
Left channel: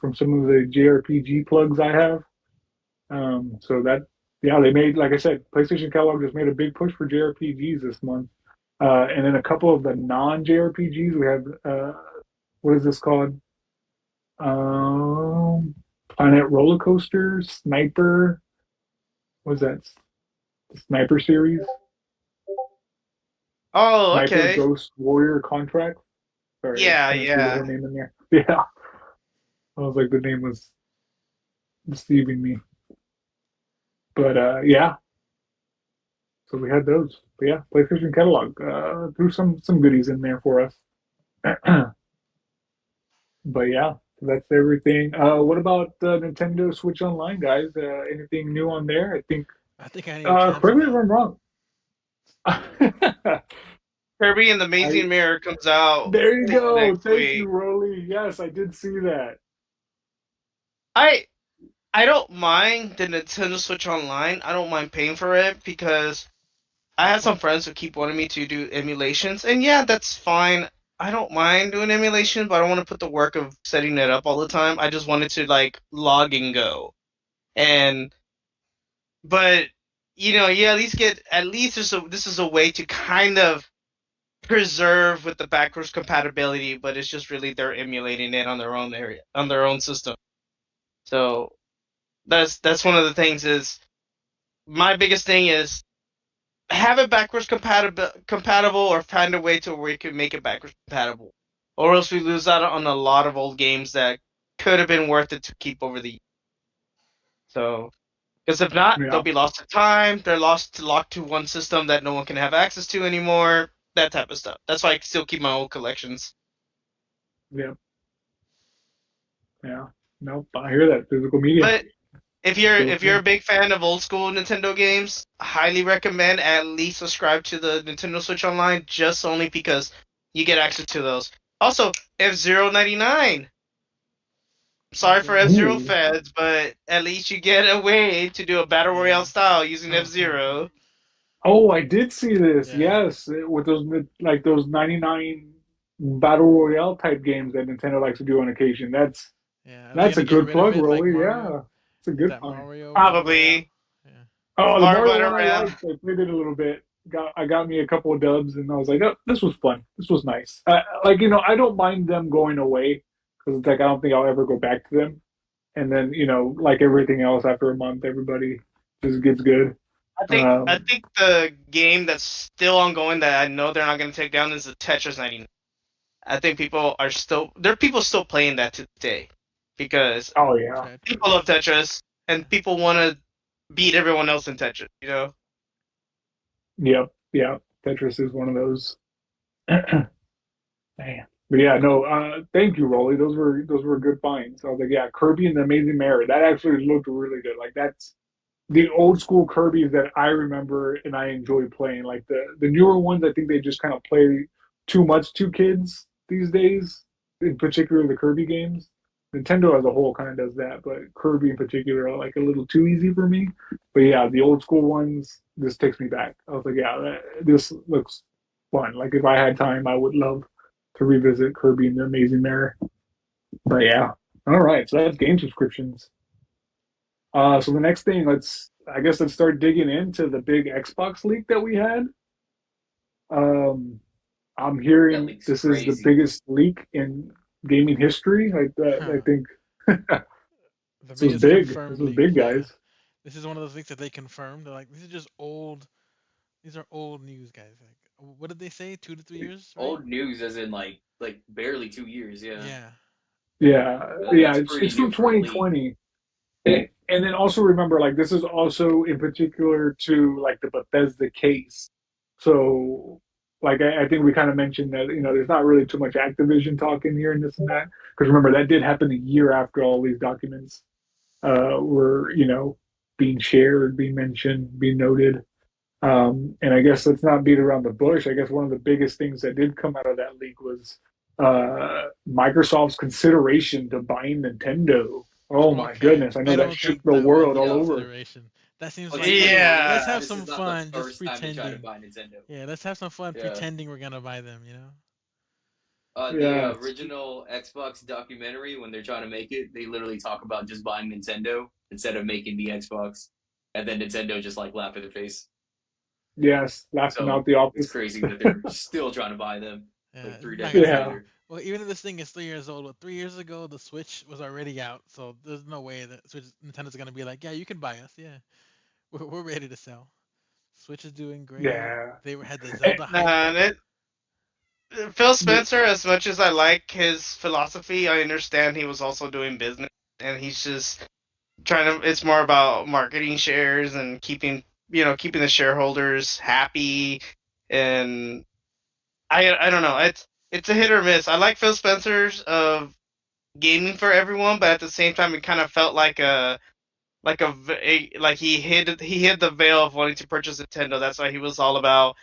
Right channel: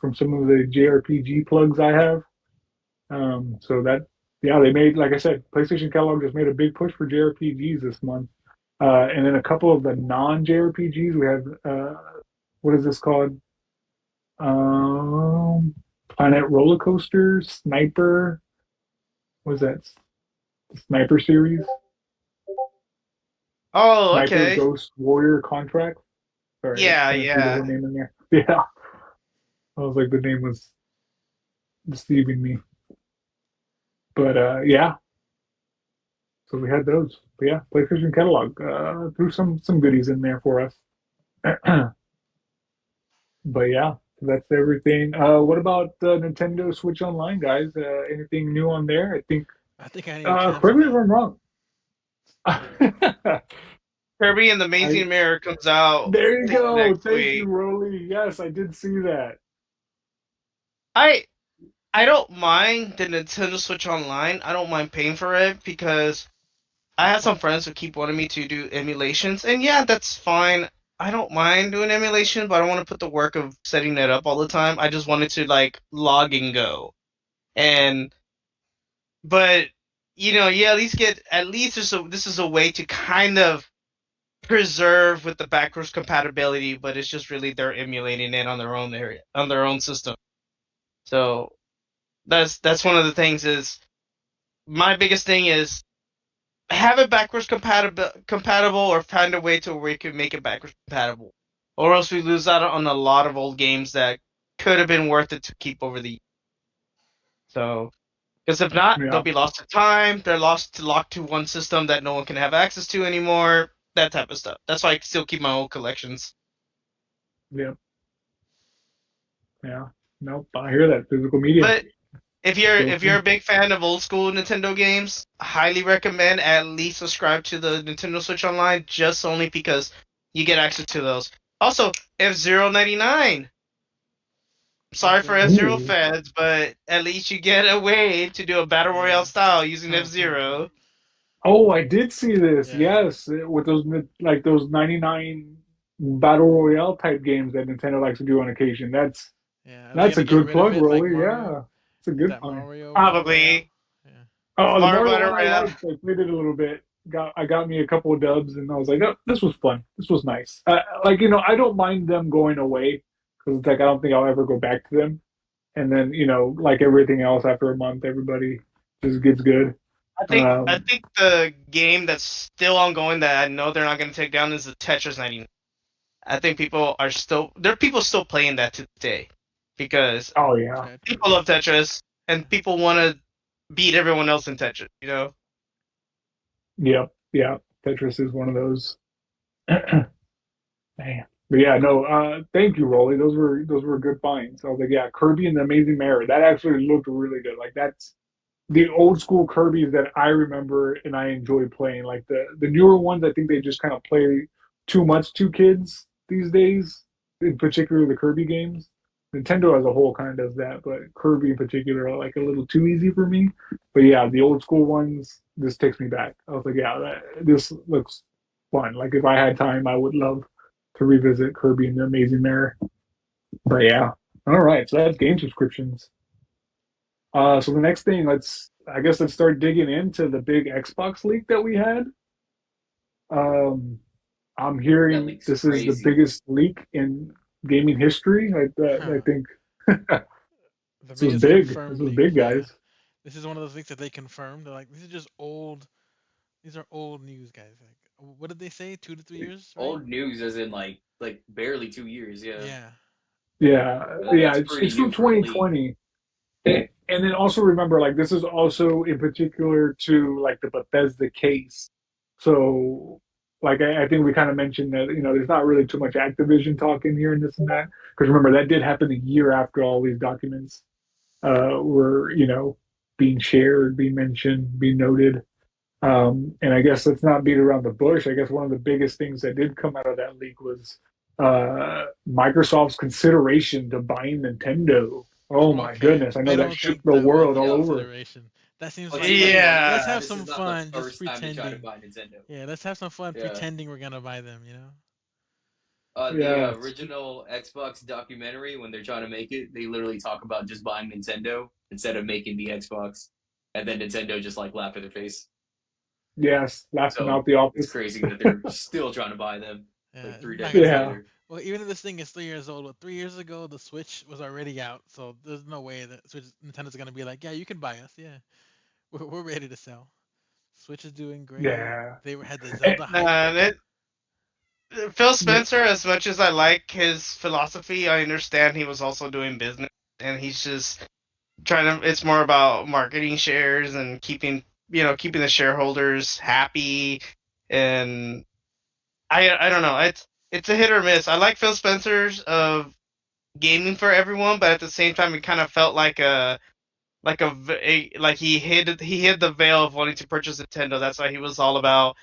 from some of the JRPG plugs I have. So that, yeah, they made, like I said, PlayStation Catalog just made a big push for JRPGs this month. And then a couple of the non-JRPGs, we have, what is this called? Um, Planet Roller Coaster, Sniper, what is that? The Sniper series? Oh, Sniper okay. Ghost Warrior Contract. Sorry, I Yeah, kind of threw the whole yeah. name in there. Yeah, I was like, the name was deceiving me. But yeah, so we had those. But yeah, PlayStation Catalog threw some goodies in there for us. But yeah, so that's everything. What about Nintendo Switch Online, guys? Anything new on there? I think. I think I need to cancel Correct me if that. I'm wrong. Kirby and the I Amazing Mirror comes out there you this go. next Thank you, week. Rolly. Yes, I did see that. I I don't mind the Nintendo Switch Online. I don't mind paying for it because I have some friends who keep wanting me to do emulations, and yeah, that's fine. I don't mind doing emulation, but I don't want to put the work of setting it up all the time. I just wanted to like log and go. And but you at least this is a way to kind of preserve with the backwards compatibility, but it's just really they're emulating it on their own area, on their own system. So that's one of the things is my biggest thing is have it backwards compatible or find a way to where we can make it backwards compatible. Or else we lose out on a lot of old games that could have been worth it to keep over the so because if not, they'll Yeah, be lost to time. They're locked to one system that no one can have access to anymore. That type of stuff. That's why I still keep my old collections. yeah, yeah. Nope, I hear that physical media. But Still if you're true. a big fan of old school Nintendo games, I highly recommend at least subscribe to the Nintendo Switch Online just only because you get access to those. Also, F-Zero 99. Sorry for F-Zero. F-Zero Ooh. fans, but at least you get a way to do a battle royale Yeah. style using F-Zero. Oh, I did see this. Yeah. Yes, with those like those 99 battle royale type games that Nintendo likes to do on occasion. Yeah. Are they That's a gonna get good rid of plug, it like Rolly. Mario? Yeah, it's a Like good that find. Mario Battle Royale? Probably. Yeah. Oh, the Mario Mario Battle one I Royale. liked. I played it a little bit. I got me a couple of dubs, and I was like, oh, this was fun. This was nice. Like I don't mind them going away because it's like I don't think I'll ever go back to them. And then like everything else, after a month, everybody just gets good. I Um, think the game that's still ongoing that I know they're not going to take down is the Tetris 99. I think there are people still playing that today because oh yeah, people Tetris. love Tetris and people want to beat everyone else in Tetris. yep, yeah. Tetris is one of those. Man. But yeah, no, thank you, Rolly. Those were good finds. I was like, yeah, Kirby and the Amazing Mirror. That actually looked really good. Like that's the old school Kirby's that I remember and I enjoy playing. Like the newer ones, I think they just kind of play too much to kids these days. In particular, the Kirby games. Nintendo as a whole kind of does that, but Kirby in particular are like a little too easy for me. But yeah, the old school ones, this takes me back. I was like, yeah, this looks fun. Like if I had time, I would love to revisit Kirby and the Amazing Mirror. But yeah, all right. So that's game subscriptions. So the next thing, let's start digging into the big Xbox leak that we had. Um, I'm That hearing leak's this is the crazy. biggest leak in gaming history. I Huh. think The this was biggest big. This confirmed was leak. big, Yeah. guys. This is one of those leaks that they confirmed. They're like, these are just old. These are old news, guys. Like what did they say? 2 to 3 years, right? Old news, as in like barely 2 years. Yeah, Yeah. Yeah, yeah, that's it's pretty from new for a league. 2020. And then also remember, like this is also in particular to like the Bethesda case. So, like I think we kind of mentioned that there's not really too much Activision talk in here and this and that because remember that did happen a year after all these documents were being shared, being mentioned, being noted. And I guess let's not beat around the bush. I guess one of the biggest things that did come out of that leak was Microsoft's consideration to buying Nintendo. Oh my Okay. goodness. I I know that don't shook think the that was world a all Yeah. over. consideration. That seems Well, like, see, let me hey, tell you, let's Yeah. have this some is not the fun, just first time they tried to pretending. buy Nintendo. Yeah, let's have some fun Yeah. pretending we're gonna buy them. The Yes. original Xbox documentary, when they're trying to make it, they literally talk about just buying Nintendo instead of making the Xbox, and then Nintendo just like laugh in their face. Yes. Laughing So out the it's office. crazy that they're still trying to buy them Yeah, like it's three not decades gonna happen. Yeah. later. Well, even if this thing is 3 years old, 3 years ago the Switch was already out, so there's no way that Nintendo's gonna be like, yeah, you can buy us. Yeah, we're ready to sell. Switch is doing great. Yeah. They had the Eh, Zelda hype. And Phil the- Spencer, as much as I like his philosophy, I understand he was also doing business, and he's just trying to. It's more about marketing shares and keeping the shareholders happy. And I don't know. It's a hit or miss. I like Phil Spencer's of gaming for everyone, but at the same time, it kind of felt like he hid the veil of wanting to purchase Nintendo. That's why he was all about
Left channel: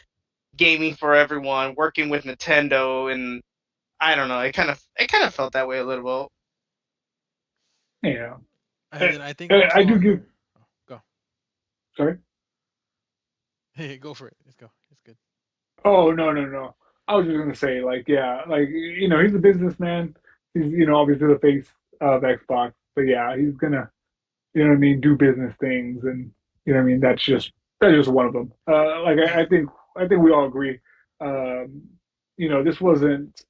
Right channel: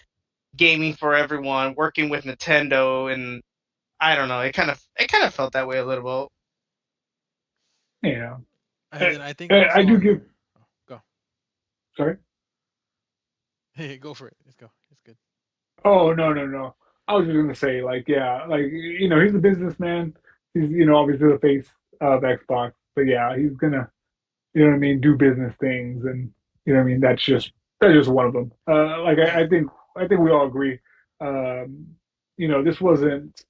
gaming for everyone, working with Nintendo, and I don't know. It kind of felt that way a little yeah. And Eh, then I think also I do on. give, Oh, go. sorry. Hey, go for it. Let's go. It's good. Oh, no, no, no. I was just gonna say, like, yeah, like he's a businessman. He's obviously the face of Xbox, but yeah, he's gonna what I mean, do business things, and what I mean. That's just one of them. Like Yeah. I think we all agree. This wasn't.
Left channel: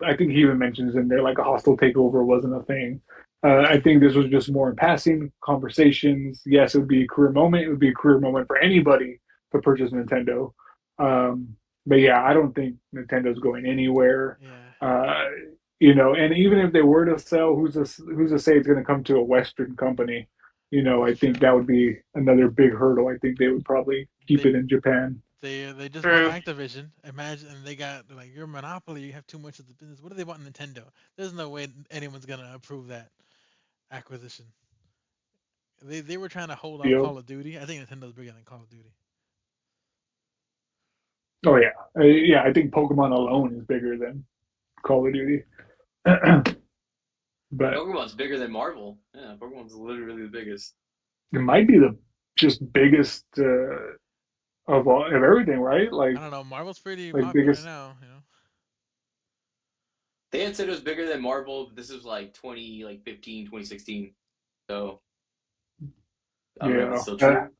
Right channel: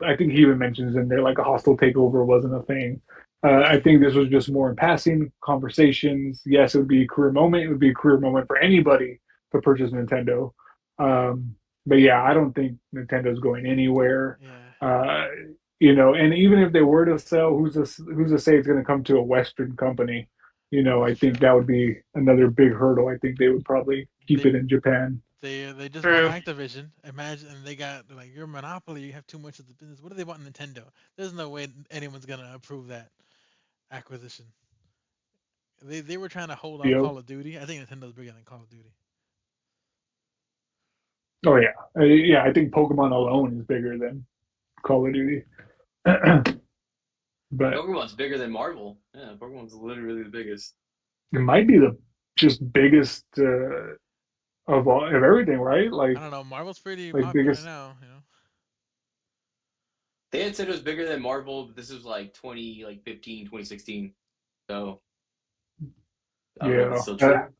I think he even mentions in there like a hostile takeover wasn't a thing. I Yeah. think this was just more in passing conversations. Yes, it would be a career moment. It would be a career moment for anybody to purchase Nintendo. But yeah, I don't think Nintendo's going anywhere. Yeah. Uh, and even if they were to sell, who's to say it's going to come to a Western company? I That's think true. that would be another big hurdle. I think they would probably keep They it in Japan. they just bought true. Activision. Imagine, and they're like, you're a monopoly. You have too much of the business. What do they want Nintendo? There's no way anyone's gonna approve that acquisition. They were trying to hold off Feel. Call of Duty. I think Nintendo's bigger than Call of Duty. Oh yeah, yeah. I think Pokemon alone is bigger than Call of Duty. But Pokemon's bigger than Marvel. Yeah, Pokemon's literally the biggest. it might be the just biggest of everything, right? I don't know. Marvel's pretty Like popular biggest. now. They had said it was bigger than Marvel, but this was like 15, 2016. So I don't know if it's Yeah, still true.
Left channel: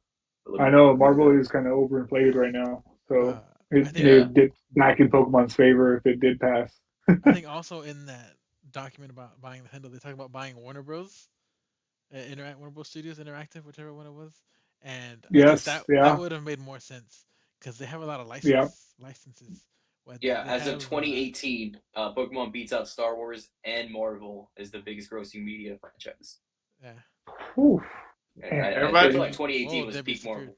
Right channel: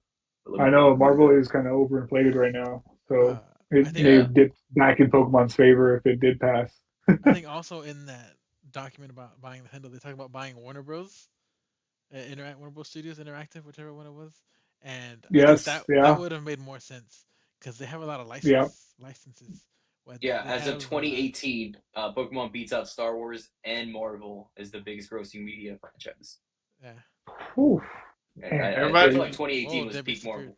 But let I me know look it Marvel up. is kind of overinflated right now, so I it think may Yeah, dip back in Pokemon's favor if it did pass. I think also in that document about buying Nintendo, they talk about buying Warner Bros. Warner Bros. Studios Interactive, whichever one it was, and I think Yes, that yeah, would have made more sense because they have a lot of yeah. licenses. What yeah. they As of have, 2018, Pokemon beats out Star Wars and Marvel as the biggest grossing media franchise. yeah. Whew, And man, I Everybody, feel like Debbie, 2018 whoa, was Debbie peak disappeared. Marvel.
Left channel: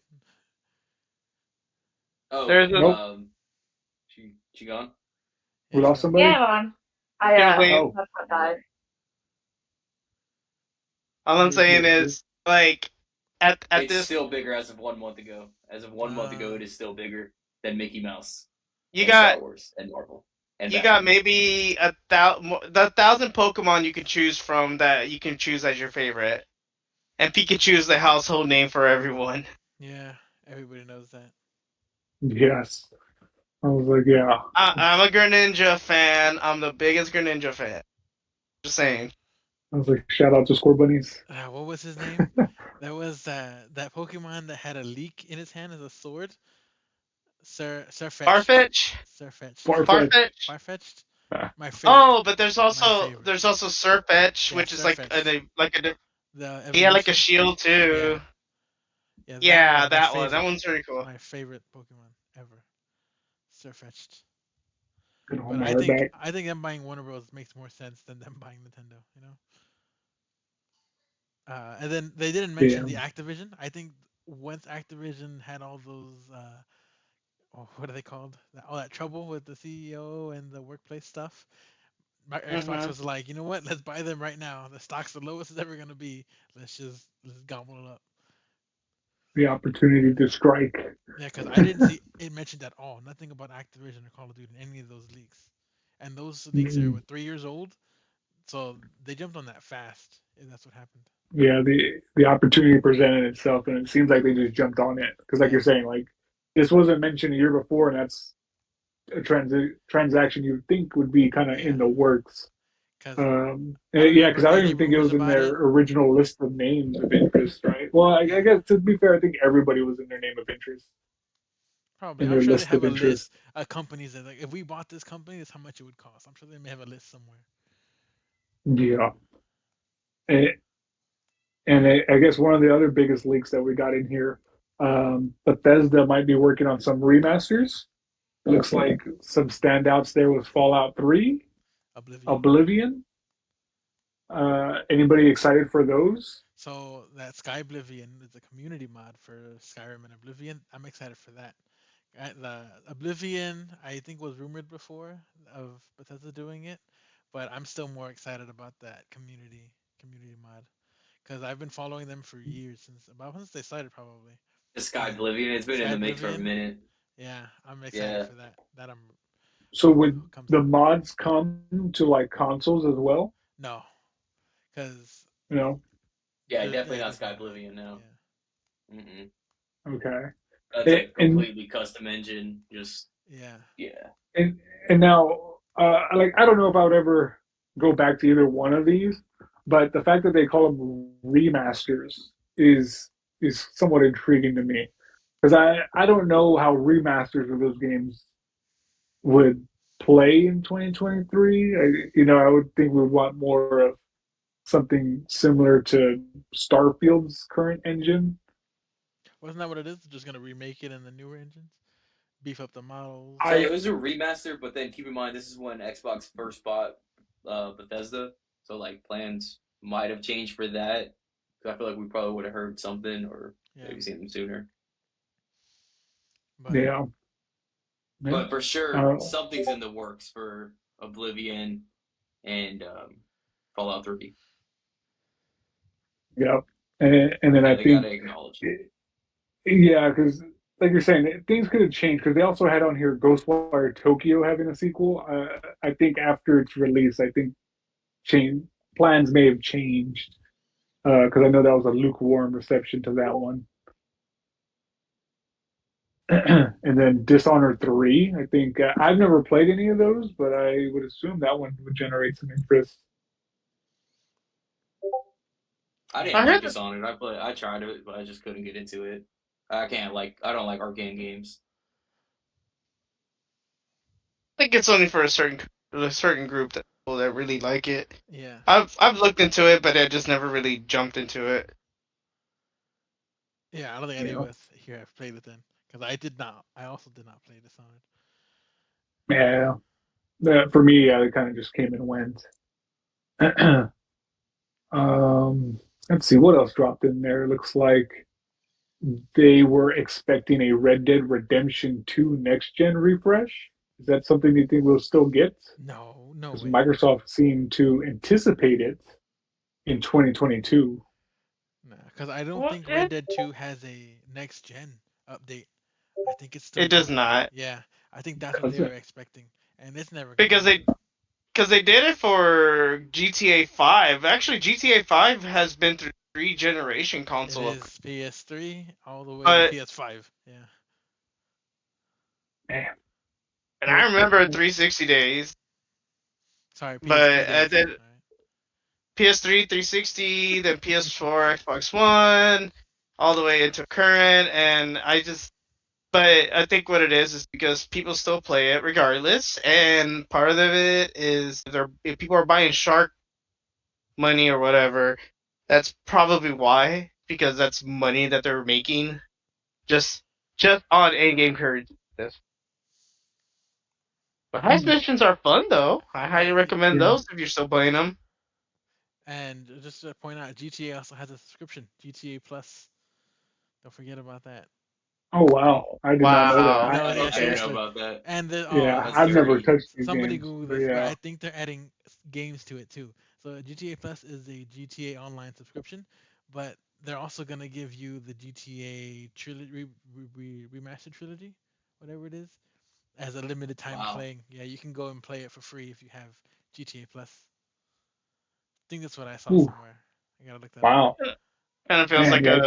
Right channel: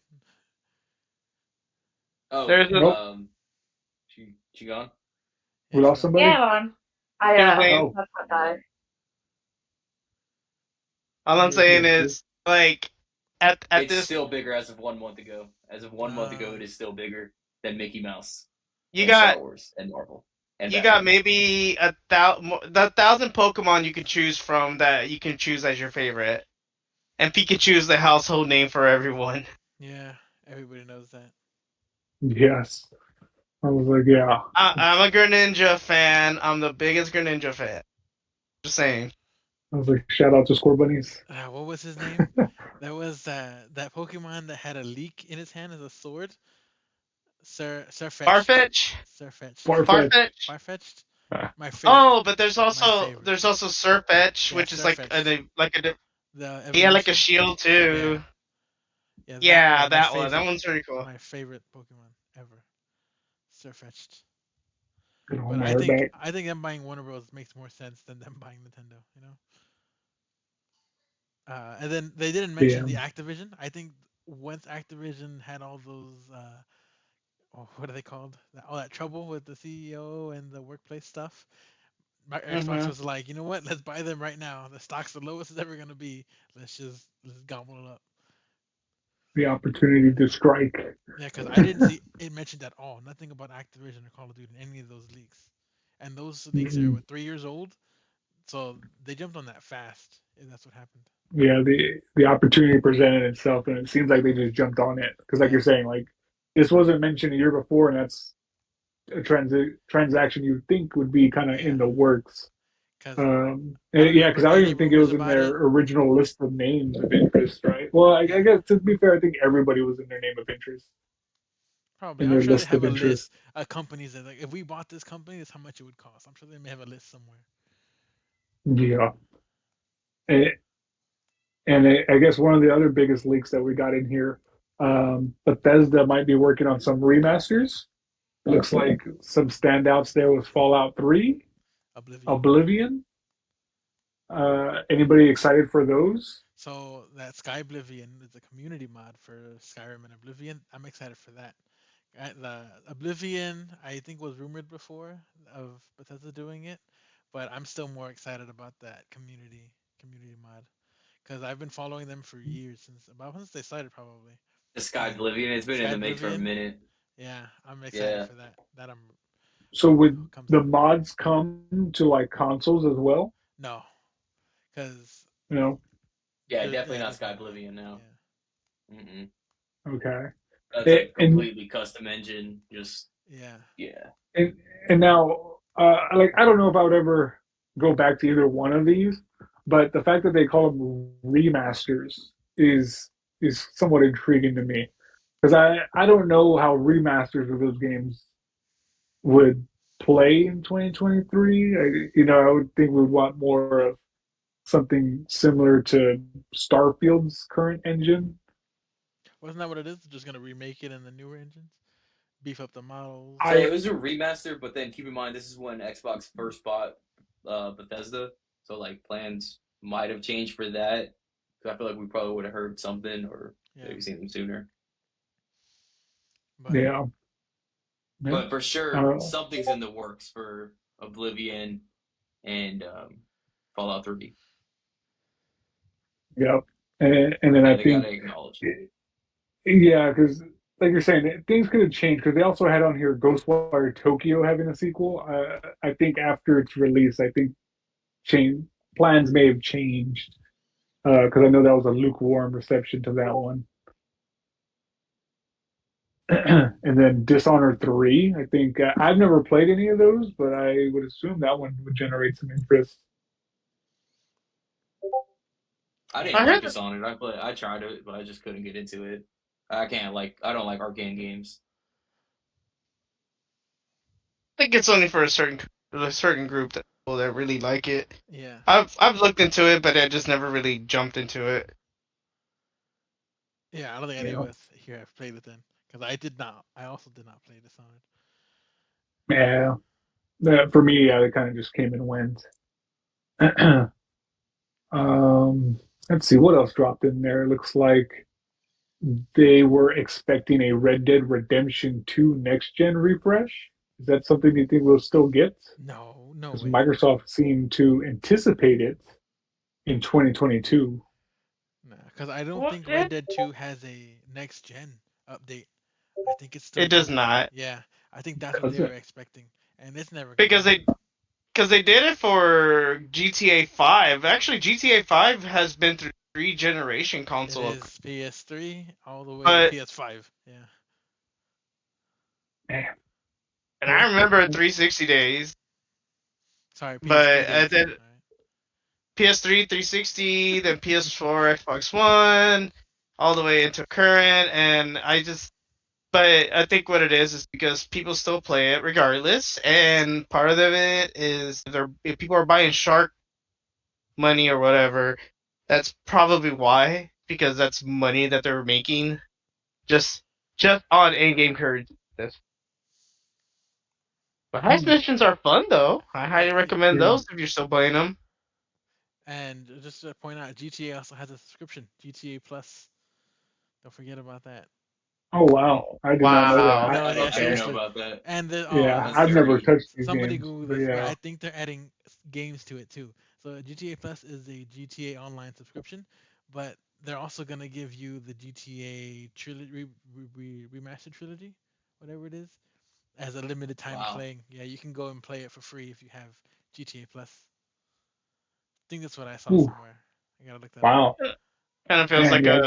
Oh, there's a nope, she gone? Yeah, we she lost gone. somebody. Yeah, I'm on. I Here's Lane. Oh, that's what died. All I'm here's saying Lexi. is like at It's this still bigger as of 1 month ago. As of 1 month ago, Uh, it is still bigger than Mickey Mouse you and Star got Wars and Marvel and you got Batman. maybe the 1,000 Pokemon you can choose from that you can choose as your favorite, and Pikachu is the household name for everyone. yeah, everybody knows that. Yes, I was like, yeah, I'm it's. a Greninja fan. I'm the biggest Greninja fan. Just saying. I was like, shout out to Score Bunnies. What was his name? That was that Pokemon that had a leak in his hand as a sword. Surfetched. Farfetch, Surfetched. Farfetch. Farfetch. Farfetched. Ah, My favorite. Oh, but there's My also favorite. there's also Surfetch, Yeah, which is like Surfetched. The he had like a evolution. shield Yeah. too. Yeah, that Yeah, was my that one. That favorite. one's pretty cool. My favorite Pokemon ever. far-fetched. Gonna hold But my I hair think back. I think them buying Warner Bros. Makes more sense than them buying Nintendo. You know. And then they didn't mention Yeah. the Activision. I think once Activision had all those, oh, what are they called? All that trouble with the CEO and the workplace stuff. My Xbox Mm-hmm. was like, you know what? Let's buy them right now. The stock's the lowest it's ever gonna be. Let's gobble it up. The opportunity to strike. Yeah, because I didn't see it mentioned at all. Nothing about Activision or Call of Duty in any of those leaks. And those leaks are Mm, what 3 years old, so they jumped on that fast. If that's what happened. yeah, the opportunity presented itself, and it seems like they just jumped on it. Because, like Yeah, you're saying, like this wasn't mentioned a year before, and that's a transaction you'd think would be kind of yeah. in the works. Because I don't Yeah, remember because I don't any even think it rumors was in about their it. original list of names of interest, right? Well, I Yeah, guess to be fair, I think everybody was in their name of interest probably. in I'm their sure they list have of a interest. list of companies that like if we bought this company, this is how much it would cost. I'm sure they may have a list somewhere. Yeah, and, I guess one of the other biggest leaks that we got in here, Bethesda might be working on some remasters. Looks like some standouts there was Fallout 3, Oblivion. Oblivion. Anybody excited for those? So that Sky Oblivion is a community mod for Skyrim and Oblivion. I'm excited for that. The Oblivion, I think, was rumored before of Bethesda doing it, but I'm still more excited about that community mod because I've been following them for years since they started probably. The Sky And Oblivion, it's been in Sky the make for a Oblivion, minute. yeah, I'm excited Yeah. for that. That I'm So when would it comes the out. mods come to like consoles as well? No, because You know? Yeah, definitely not there's Sky no way. Oblivion now. Yeah, Mm-mm. Okay. That's a And completely custom engine. Just yeah. yeah. and now, like I don't know if I would ever go back to either one of these, but the fact that they call them remasters is somewhat intriguing to me because I don't know how remasters of those games would play in 2023. I would think we would want more of something similar to Starfield's current engine. Wasn't that what it is? Just gonna remake it in the newer engines, beef up the models. So it I was a remaster, but then keep in mind this is when Xbox first bought Bethesda. So like plans might have changed for that. I feel like we probably would have heard something or Yeah, maybe seen them sooner. but yeah, yeah. But for sure, Uh, something's in the works for Oblivion and Fallout 3. yeah. And then Yeah, I they gotta think, acknowledge. yeah, because like you're saying, things could have changed because they also had on here Ghostwire Tokyo having a sequel. I think after its release, I think change plans may have changed because I know that was a lukewarm reception to that one. And then Dishonored 3, I think I've never played any of those, but I would assume that one would generate some interest. I I didn't like heard that Dishonored. I tried it, but I just couldn't get into it. I don't like arcane games. I think it's only for a certain group that people that really like it. yeah, I've looked into it, but I just never really jumped into it. yeah. I don't think any of Yeah, us here have played it then, because I did not. I also did not play Dishonored. yeah. For me, it kind of just came and went. um, let's see what else dropped in there. It looks like they were expecting a Red Dead Redemption 2 next gen refresh. Is that something you think we'll still get? No, no Because way. Microsoft seemed to anticipate it in 2022. Nah, because I don't What? think Red Dead 2 has a next gen update. I think it's still It does gonna be, not yeah. I think that's what they Does were it? expecting, and it's never gonna because they happen. because they did it for GTA 5. Actually, GTA 5 has been through three generation It console upgrades, is PS3 all the way to but PS5. Yeah. Man. and I remember 360 days, Sorry, PS3 but days. then All right. PS3, 360, then PS4, Xbox One, all the way into current, and but I think what it is because people still play it regardless, and part of it is if people are buying Shark money or whatever, that's probably why, because that's money that they're making just just on in-game currency. But heist missions are fun though. I highly recommend Yeah. those if you're still playing them. And just to point out, GTA also has a subscription, GTA Plus. Don't forget about that. Oh wow, I did not know that. Wow. No, yeah, I didn't Okay. know seriously. about that. And the Yeah, oh, That's I've never dirty. touched these somebody games, Google but this, but yeah. I think they're adding games to it too. So GTA Plus is a GTA Online subscription, but they're also gonna give you the GTA trilogy remastered trilogy, whatever it is, as a limited time Wow. playing. Yeah, you can go and play it for free if you have GTA Plus. I think that's what I saw Ooh, somewhere. I gotta look that up. wow, Kind of feels man, like yeah. a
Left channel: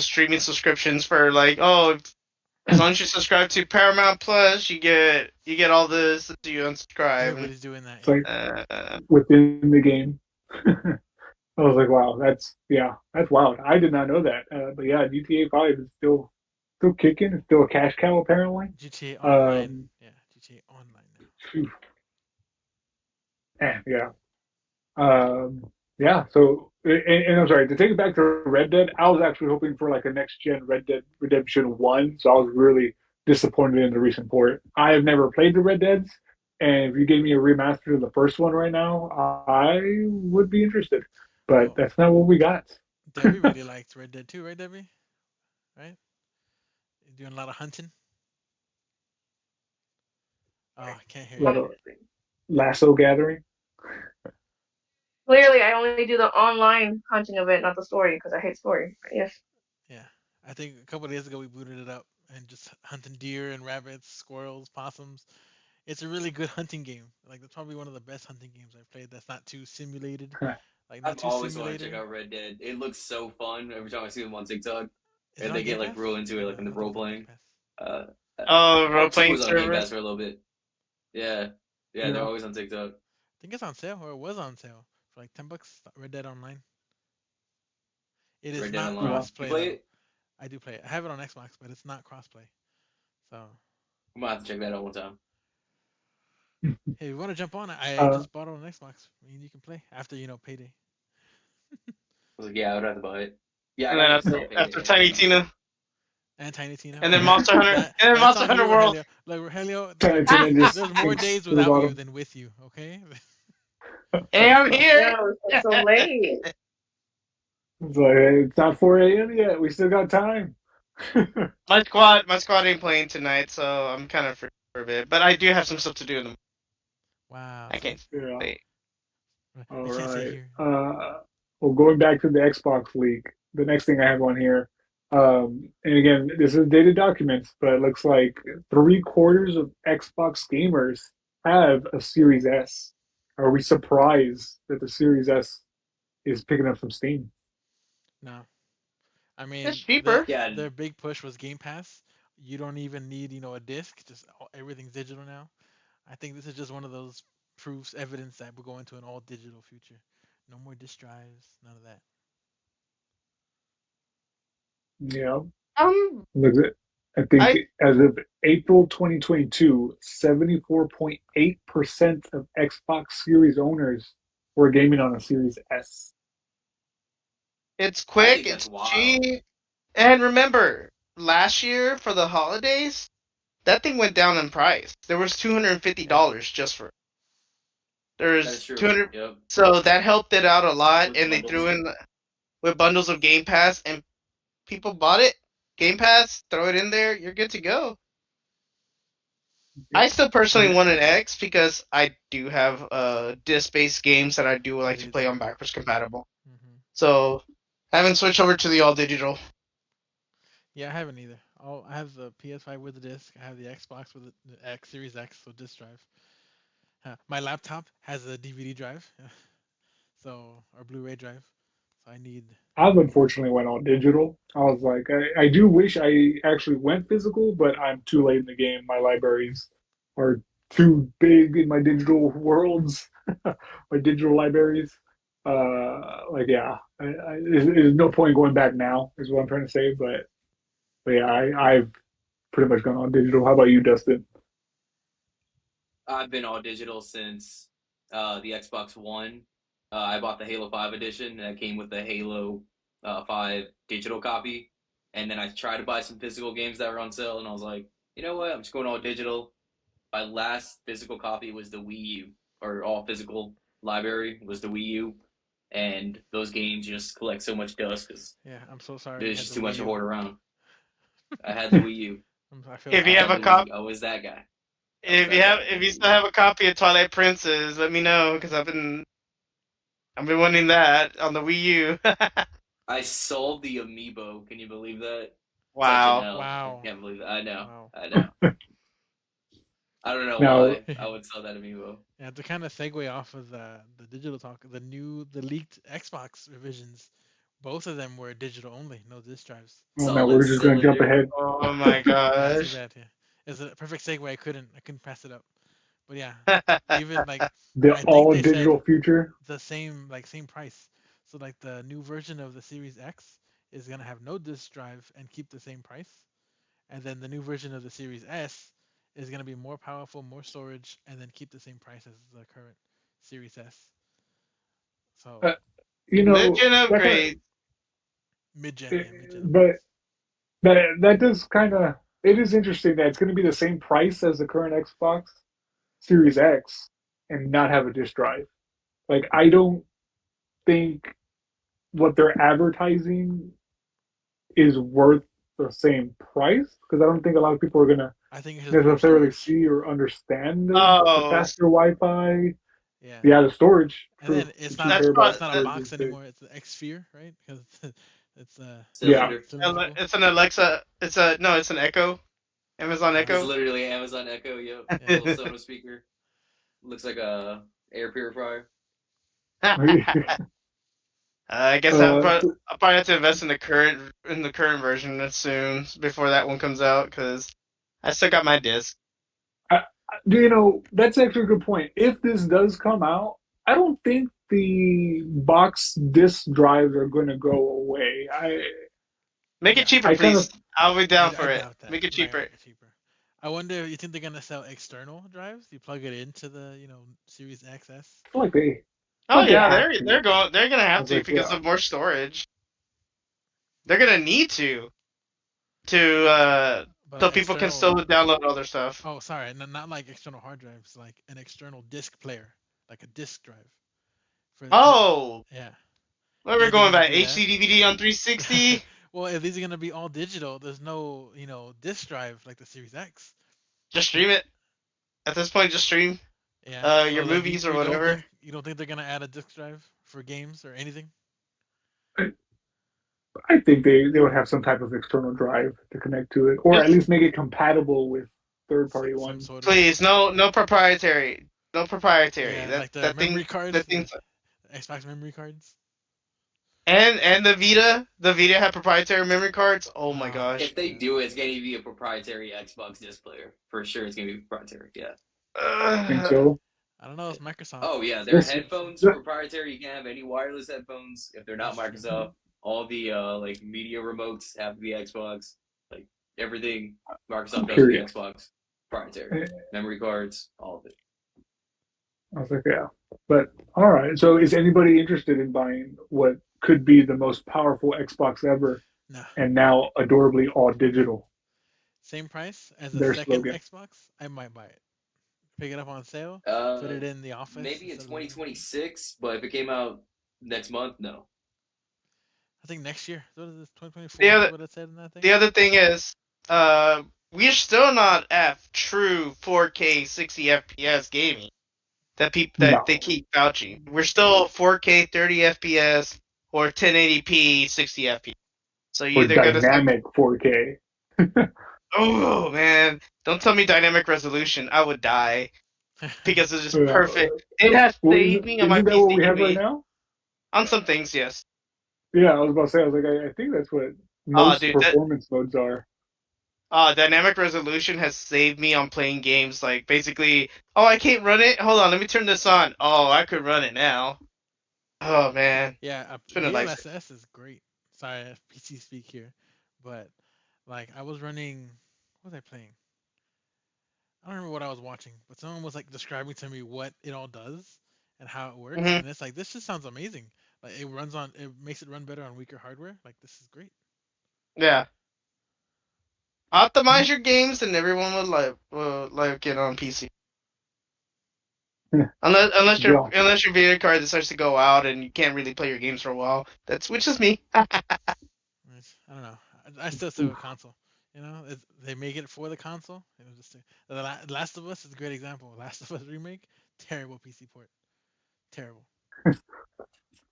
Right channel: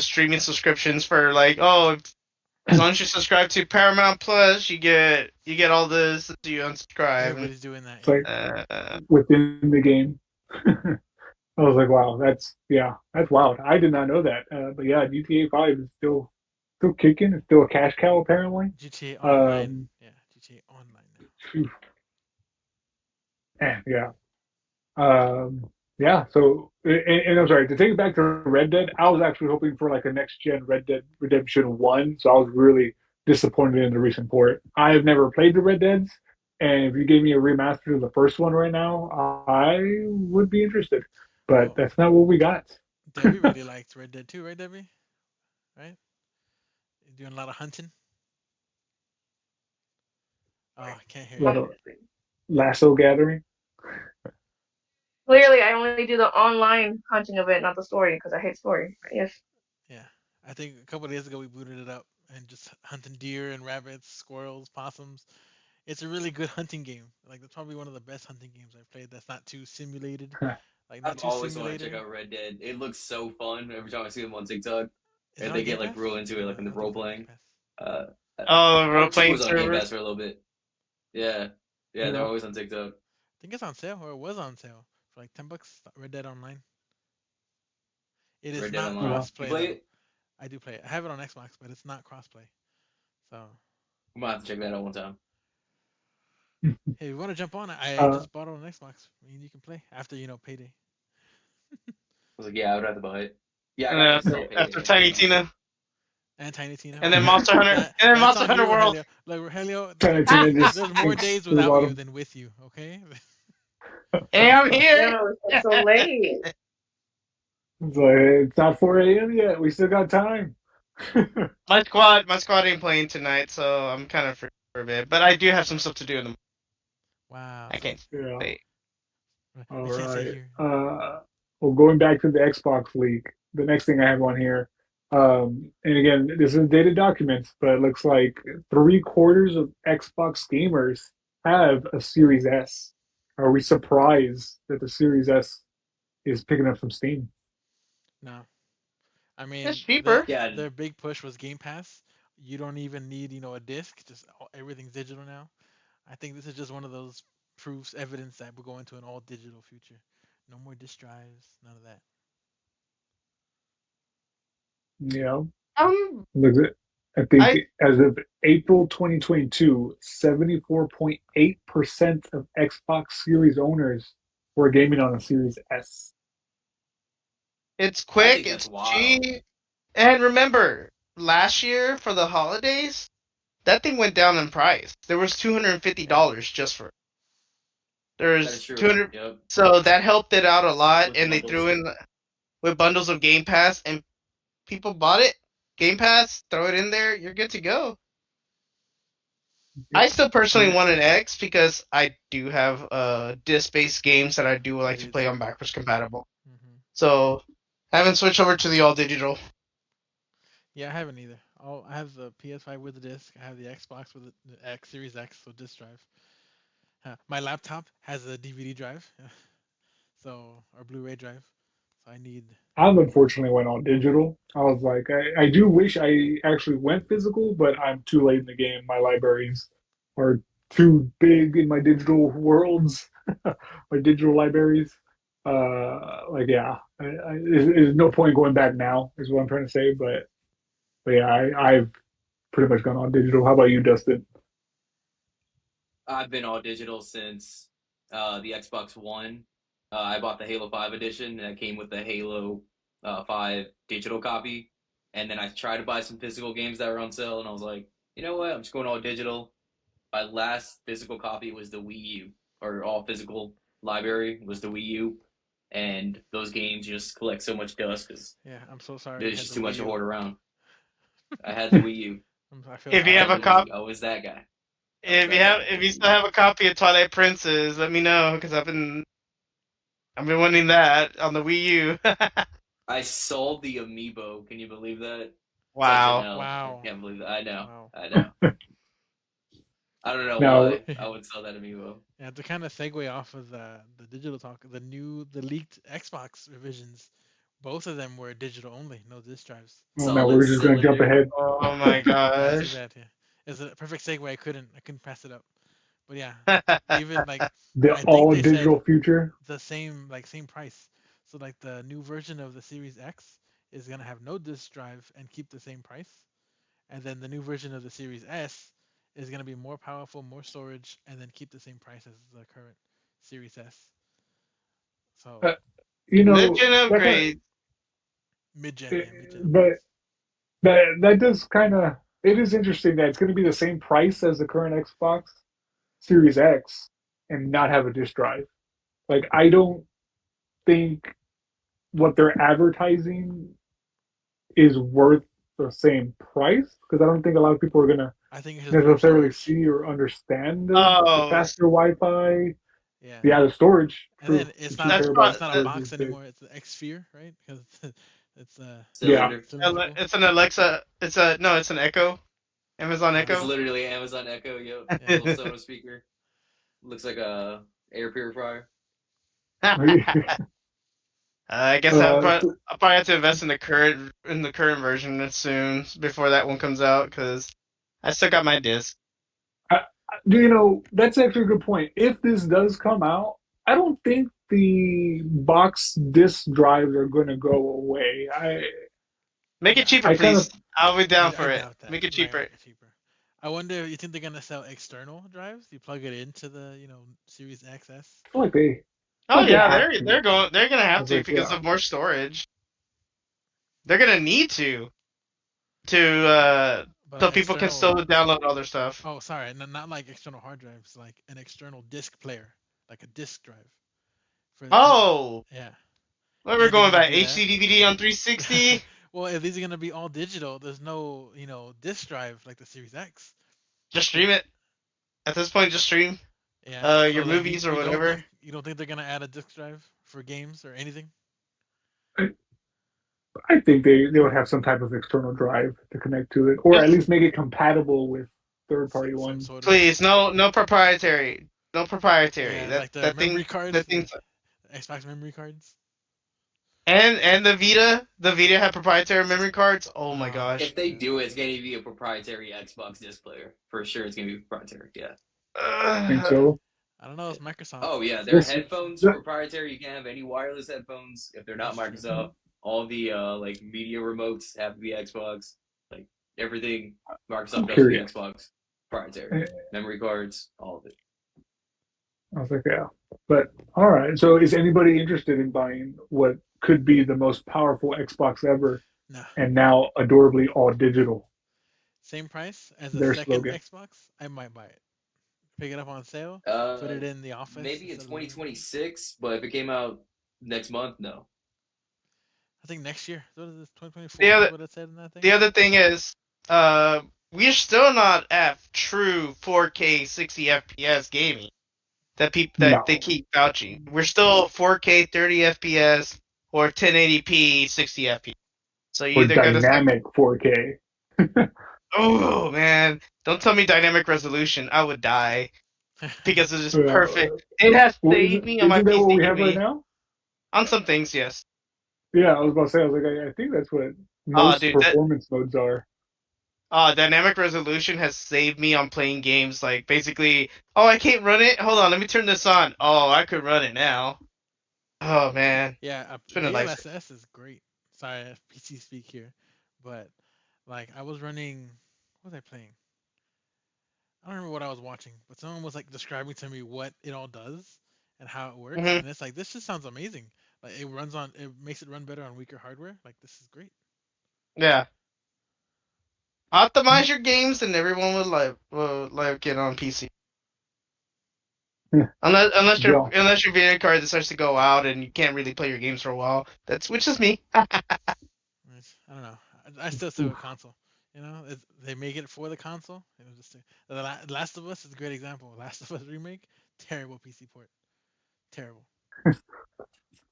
streaming subscriptions for like, oh, as long as you subscribe to Paramount Plus, you get all this until you unsubscribe. And Everybody's doing that, It's yeah. like within the game. I was like, wow, that's wild. I did not know that. But yeah, GTA 5 is still kicking. It's still a cash cow apparently. GTA Online, Um, yeah, GTA Online now. yeah. Yeah. So, and I'm sorry to take it back to Red Dead. I was actually hoping for like a next gen Red Dead Redemption 1. So I was really disappointed in the recent port. I have never played the Red Deads, and if you gave me a remaster of the first one right now, I would be interested. But Well, that's not what we got. Debbie really liked Red Dead 2, right, Debbie? Right? You're doing a lot of hunting. Oh, I can't hear A you. lot of lasso gathering. Clearly, I only do the online hunting of it, not the story, because I hate story. Yes. Yeah, I think a couple of days ago we booted it up and just hunting deer and rabbits, squirrels, possums. It's a really good hunting game. Like that's probably one of the best hunting games I've played. That's not too simulated, like not I've too always wanted to check simulator. out Red Dead. It looks so fun every time I see them on TikTok, Is it and on they Game get like Pass? real into it, like in I the don't think role it's on Game playing. Pass. Uh, oh, role Part two playing was on Game server. Pass for a little bit. Yeah, yeah, they're Yeah. always on TikTok. I think it's on sale, or it was on sale for like $10. Red Dead Online. It is Red Dead not Online. Wow. You cross-play play though. it? I do play it. I have it on Xbox, but it's not cross-play. So I'm gonna have to check that out one time. hey, if you want to jump on it, I Uh, just bought it on Xbox. I mean, you can play after payday. I was like, yeah, I would have to buy it. Yeah, I And then gotta after, install after Payday. I Tiny forgot. Tina, And Tiny Tina. and then Well, Monster Hunter, that and then that's Monster on Hunter you, World. Rogelio. Like Rogelio, Tarantino just there's more sinks days to the without you bottom. than with you. Okay. Hey, I'm here. No, it's so late. It's like it's not 4 a.m. yet. We still got time. My squad ain't playing tonight, so I'm kind of free for a bit. But I do have some stuff to do in the morning. Wow. I See, can't Yeah. wait. All I can't say right. here. Well, going back to the Xbox leak, the next thing I have on here, and again, this is dated documents, but it looks like three-quarters of Xbox gamers have a Series S. Are we surprised that the Series S is picking up some steam? No. I It's mean, cheaper. Yeah, their big push was Game Pass. You don't even need a disc. Just everything's digital now. I think this is just one of those proofs, evidence that we're going to an all digital future. No more disk drives. None of that. Yeah. Um, Look, I think I as of April 2022, 74.8% of Xbox Series owners were gaming on a Series S. it's I quick, think that's it's wild. cheap, and remember, last year for the holidays, that thing went down in price. There was Yeah. $250 just for it. That is There's true. 200, Yep. so that helped it out a lot, With and they bundles. threw in with bundles of Game Pass, and people bought it. Game Pass, throw it in there, you're good to go. Yep. I still personally Yeah. want an X because I do have disc-based games that I do I like to do play too. on backwards compatible. Hmm. So I haven't switched over to the all digital. Yeah, I haven't either. I have the PS5 with the disc. I have the Xbox with the X Series X, so disc drive. My laptop has a DVD drive, so or Blu-ray drive. So I need I've more. unfortunately went all digital. I was like, I do wish I actually went physical, but I'm too late in the game. My libraries are too big in my digital worlds, my digital libraries. Like, yeah, there's no point going back now, is what I'm trying to say. But yeah, I've pretty much gone all digital. How about you, Dustin? I've been all digital since the Xbox One. I bought the Halo 5 edition that came with the Halo 5 digital copy. And then I tried to buy some physical games that were on sale, and I was like, you know what? I'm just going all digital. my last physical copy was the Wii U, or all physical library was the Wii U, and those games just collect so much dust because Yeah, I'm so sorry you there's had just the too Wii much to U. hoard around. I had the Wii U. I feel If I you sorry have had a the for you. Wii cop, U. I was that guy. I was if that you guy have, that had if the you Wii still U. have a copy of Twilight Princess, let me know because I've been wanting that on the Wii U. I sold the amiibo. Can you believe that? Such an Wow. L. I Wow. can't believe that. I know. Wow. I know. I don't know Now, why I would sell that amiibo. Yeah, to kind of segue off of the digital talk, the leaked Xbox revisions, both of them were digital only, no disk drives. well, now Solid we're just gonna jump cylinder. ahead. Oh my Yeah, too gosh. bad. Yeah, it's a perfect segue. I couldn't pass it up. But yeah, even like The I think all they said digital future. the same price. So like the new version of the Series X is gonna have no disk drive and keep the same price, and then the new version of the Series S is gonna be more powerful, more storage, and then keep the same price as the current Series S. So Uh, you know Mid-gen that kind upgrade. mid-gen, of, yeah, mid-gen but upgrades. that does kind of it is interesting that it's going to be the same price as the current Xbox Series X and not have a disk drive. Like I don't think what they're advertising is worth the same price because I don't think a lot of people are going to I think it's just more necessarily storage. see or understand the Oh, faster Wi-Fi. Yeah. Yeah, the storage. And True. then The it's two not a that's terabyte probably it's not a storage box is big. anymore. It's an X Sphere, right? Because it's Yeah. Cylinder. cylindrical. it's an Alexa. It's a no. It's an Echo. Amazon It's Uh, Echo. literally Amazon Echo, yo. yeah. Little Sonos speaker. Looks like a air purifier. I guess So I'll probably have to invest in the current version soon before that one comes out because I still got my disc. That's actually a good point. If this does come out, I don't think the box disk drives are going to go away. Make it No, cheaper, I kind please. of I'll be down I for it. doubt that. Make it Might cheaper. make it cheaper. I wonder if you think they're gonna sell external drives. You plug it into the Series XS. feel like they, Oh they yeah, have they're to. going. They're gonna I have was to like, because yeah, of more storage. They're gonna need to But so people can still external. download all their stuff. Oh, sorry, not like external hard drives, like an external disc player, like a disc drive. For Oh, Yeah. what You we're think they're going gonna by do that? HD DVD on 360? Well, if these are gonna be all digital, there's no disc drive like the Series X. Just So stream it. At this point, just stream yeah. So your like movies or whatever. you don't think they're gonna add a disc drive for games or anything? I, I think they would have some type of external drive to connect to it, or at Just least make it compatible with third party Some ones. sort of please, no proprietary, no proprietary. yeah, That like the that thing memory cards, that the thing's Xbox memory cards. and the Vita have proprietary memory cards. Oh my Ah, gosh. If they yeah. do it, it's going to be a proprietary Xbox disc player. For sure, it's going to be proprietary. Yeah. Think Uh, so? I don't know. It's Microsoft. Oh, yeah. Their This, headphones, that, proprietary. You can't have any wireless headphones if they're not That's true. Microsoft. All the like media remotes have to be Xbox. Like everything I'm Microsoft does with the curious. Xbox, proprietary. I Memory cards, all of it. was like, yeah, but all right. So, is anybody interested in buying what could be the most powerful Xbox ever, No, and now adorably all digital? same price as a Their second slogan. Xbox. I might buy it. Pick it up on sale. Put Uh, it in the office Maybe in instead of the living room. 2026, but if it came out next month, no. I think next year. What is this? the 2024 is other what it said in that thing. the other thing is, we're still not at true 4K 60 FPS gaming that they No, keep vouching. We're still 4K 30 FPS or 1080p 60 FPS. So you for either gotta like, dynamic 4K. oh man, don't tell me dynamic resolution. I would die because it's just perfect. It has Well, saved me on my isn't that what PC we have right gaming. now? On some things, yes. Yeah, I was about to say. I was like, I think that's what Oh, most dude, that performance modes are. dynamic resolution has saved me on playing games like basically. Oh, I can't run it. Hold on, let me turn this on. Oh, I could run it now. Oh man, Yeah, it's been a life. DLSS is great. Sorry, PC speak here, but like I was running, what was I playing? I don't remember what I was watching, but someone was like describing to me what it all does and how it works, Hmm. and it's like this just sounds amazing. Like it makes it run better on weaker hardware. Like this is great. Yeah. Optimize your games, and everyone will like it on PC. Unless your Deal. unless your video card decides to go out and you can't really play your games for a while. That's which is me. I don't know. I still stick with console. You know, they make it for the console. You know, Last of Us is a great example. Last of Us remake, terrible PC port, terrible.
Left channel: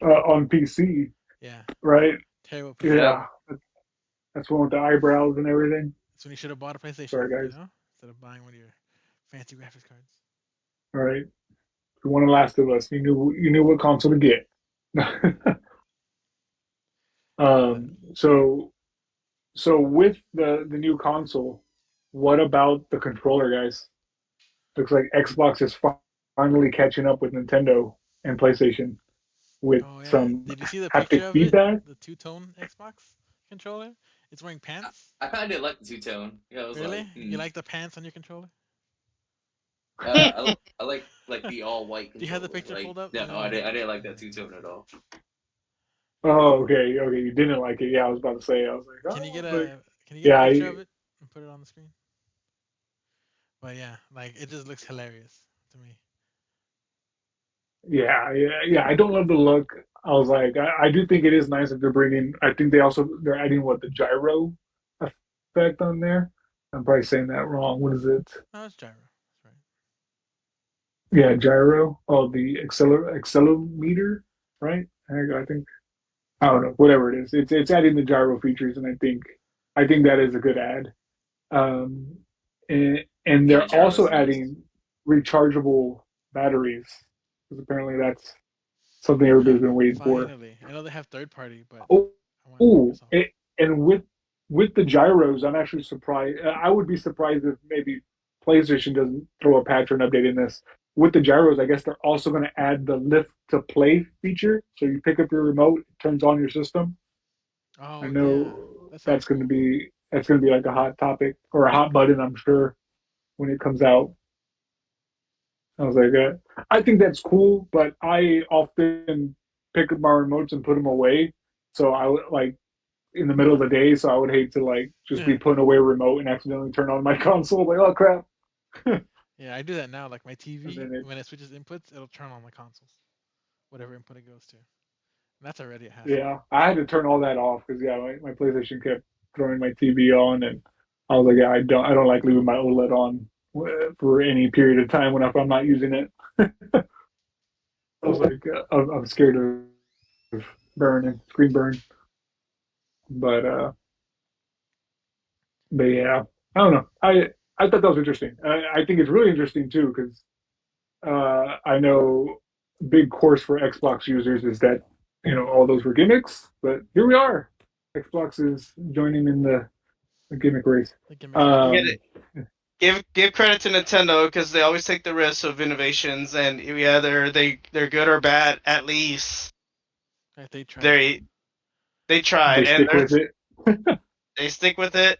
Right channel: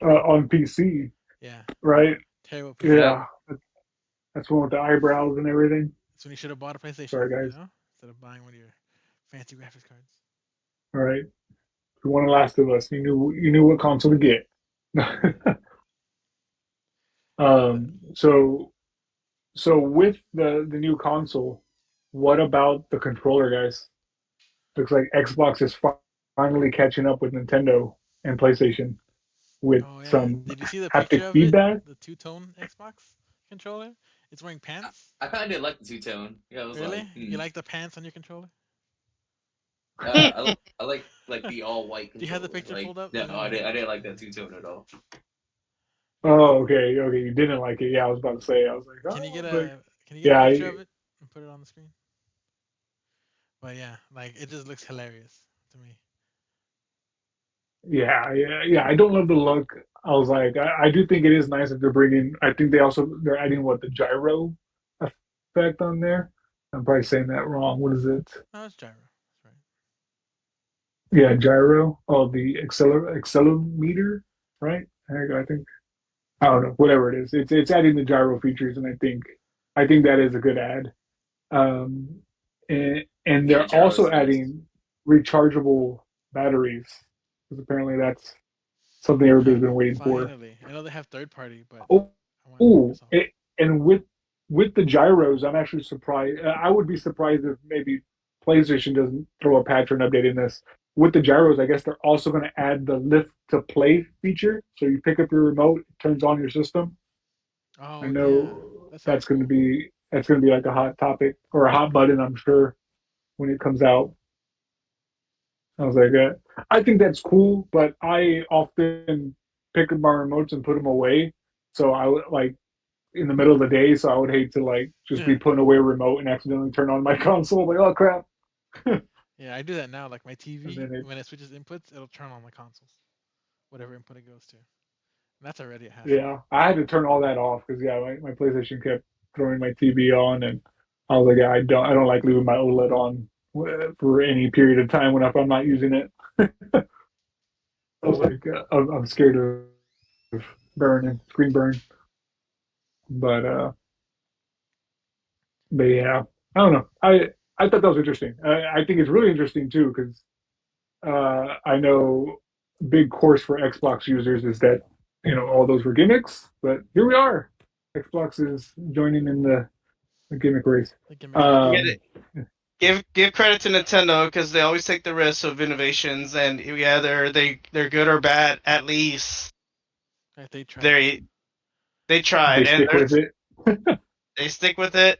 On PC, Yeah, right? terrible PC Yep. port. Yeah, that's one with the eyebrows and everything. That's when you should have bought a PlayStation. Sorry, You guys. know, instead of buying one of your fancy graphics cards. All right, if you want The Last of Us, you knew what console to get. But So with the new console, what about the controller, guys? Looks like Xbox is finally catching up with Nintendo and PlayStation with oh yeah, some did you see the haptic picture of it? feedback. The two-tone Xbox controller. It's wearing pants. I kind of did like the two tone. Yeah, I was like, Really? You like the pants on your controller? I like the all white Do you have the controller. picture Like, pulled up? no, Let me know. I didn't like that two tone at all. Oh, okay, okay. You didn't like it. Yeah, I was about to say. I was like, Can you oh, get but a Can you get a yeah, picture of it and put it on the screen? But yeah, like it just looks hilarious to me. yeah. I don't love the look. I was like, I do think it is nice that they're bringing. I think they're adding what the gyro effect on there. I'm probably saying that wrong. What is it? No, it's gyro. That's right. Yeah, gyro. Oh, the accelerometer, right? I think I don't know. Whatever it is, it's adding the gyro features, and I think that is a good add. Um, and Yeah, the they're gyro also is nice. adding rechargeable batteries because apparently that's something Huh. everybody's been waiting for. Finally, I know they have third party, but Oh, I want oh, Microsoft. and with the gyros, I'm actually surprised. I would be surprised if maybe PlayStation doesn't throw a patch or an update in this. With the gyros, I guess they're also going to add the lift to play feature. So you pick up your remote, it turns on your system. I Oh yeah, know that sounds cool. that's going to be like a hot topic or a hot button, I'm sure, when it comes out. I was like, I think that's cool, but I often pick up my remotes and put them away. So I would like in the middle of the day, so I would hate to like just be Yeah, putting away a remote and accidentally turn on my console. Like, oh crap! And yeah, I do that now. Like my TV, then it, when it switches inputs, it'll turn on the consoles, whatever input it goes to. And that's already a hassle. yeah, I had to turn all that off because yeah, my PlayStation kept throwing my TV on, and I was like, yeah, I don't like leaving my OLED on for any period of time if I'm not using it. I was like, I'm scared of burning, screen burn, but yeah, I don't know. I thought that was interesting. I think it's really interesting too because I know big course for Xbox users is that all those were gimmicks, but here we are. Xbox is joining in the gimmick race. The gimmick race. Get it. Um, Give credit to Nintendo because they always take the risks of innovations, and yeah, they're good or bad. At least Like they tried. they they they tried, and stick with it. they stick with it,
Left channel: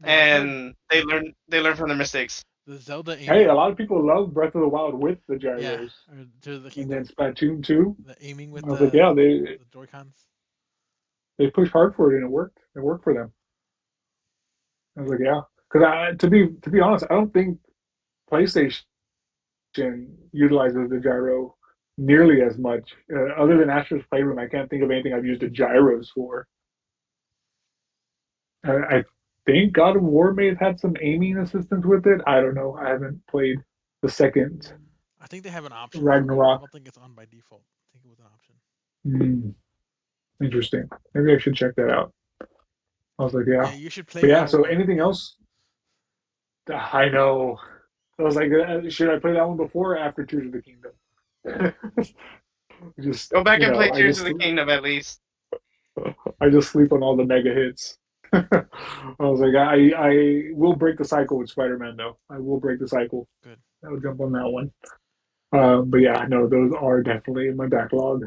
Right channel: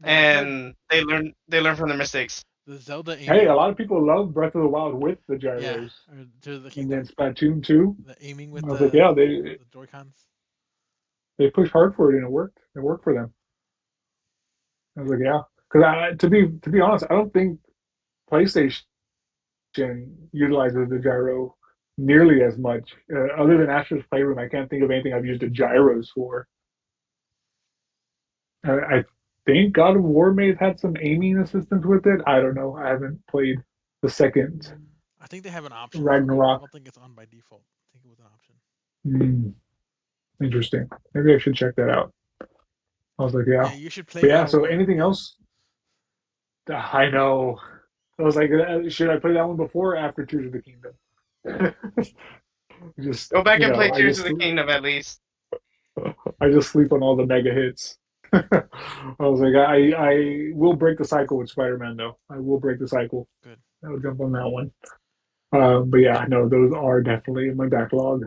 Yeah, I've heard and they learn from their mistakes. the Zelda Hey, a aiming. lot of people love Breath of the Wild with the Yeah, gyros, or Tears of the and then Kingdom. Splatoon 2. The aiming with I was like, yeah, the Joy Cons. they pushed hard for it and it worked. It worked for them. I was like, yeah, because to be honest, I don't think PlayStation utilizes the gyro nearly as much. Other than Astro's Playroom, I can't think of anything I've used the gyros for. I think God of War may have had some aiming assistance with it. I don't know. I haven't played the second I think they have an option for it. I Ragnarok. don't think it's on by default. I think it was an option. Hmm, interesting. Maybe I should check that out. I was like, Yeah, yeah. you should play But yeah, God of so War. anything Yeah. else? I know. I was like, should I play that one before or after Tears of the Kingdom? just, Go back you and know, play Tears of the Kingdom at least. I just sleep on all the mega hits. I was like, I will break the cycle with Spider-Man though. I will break the cycle. Good. I'll jump on that one. But yeah, no, those are definitely in my backlog.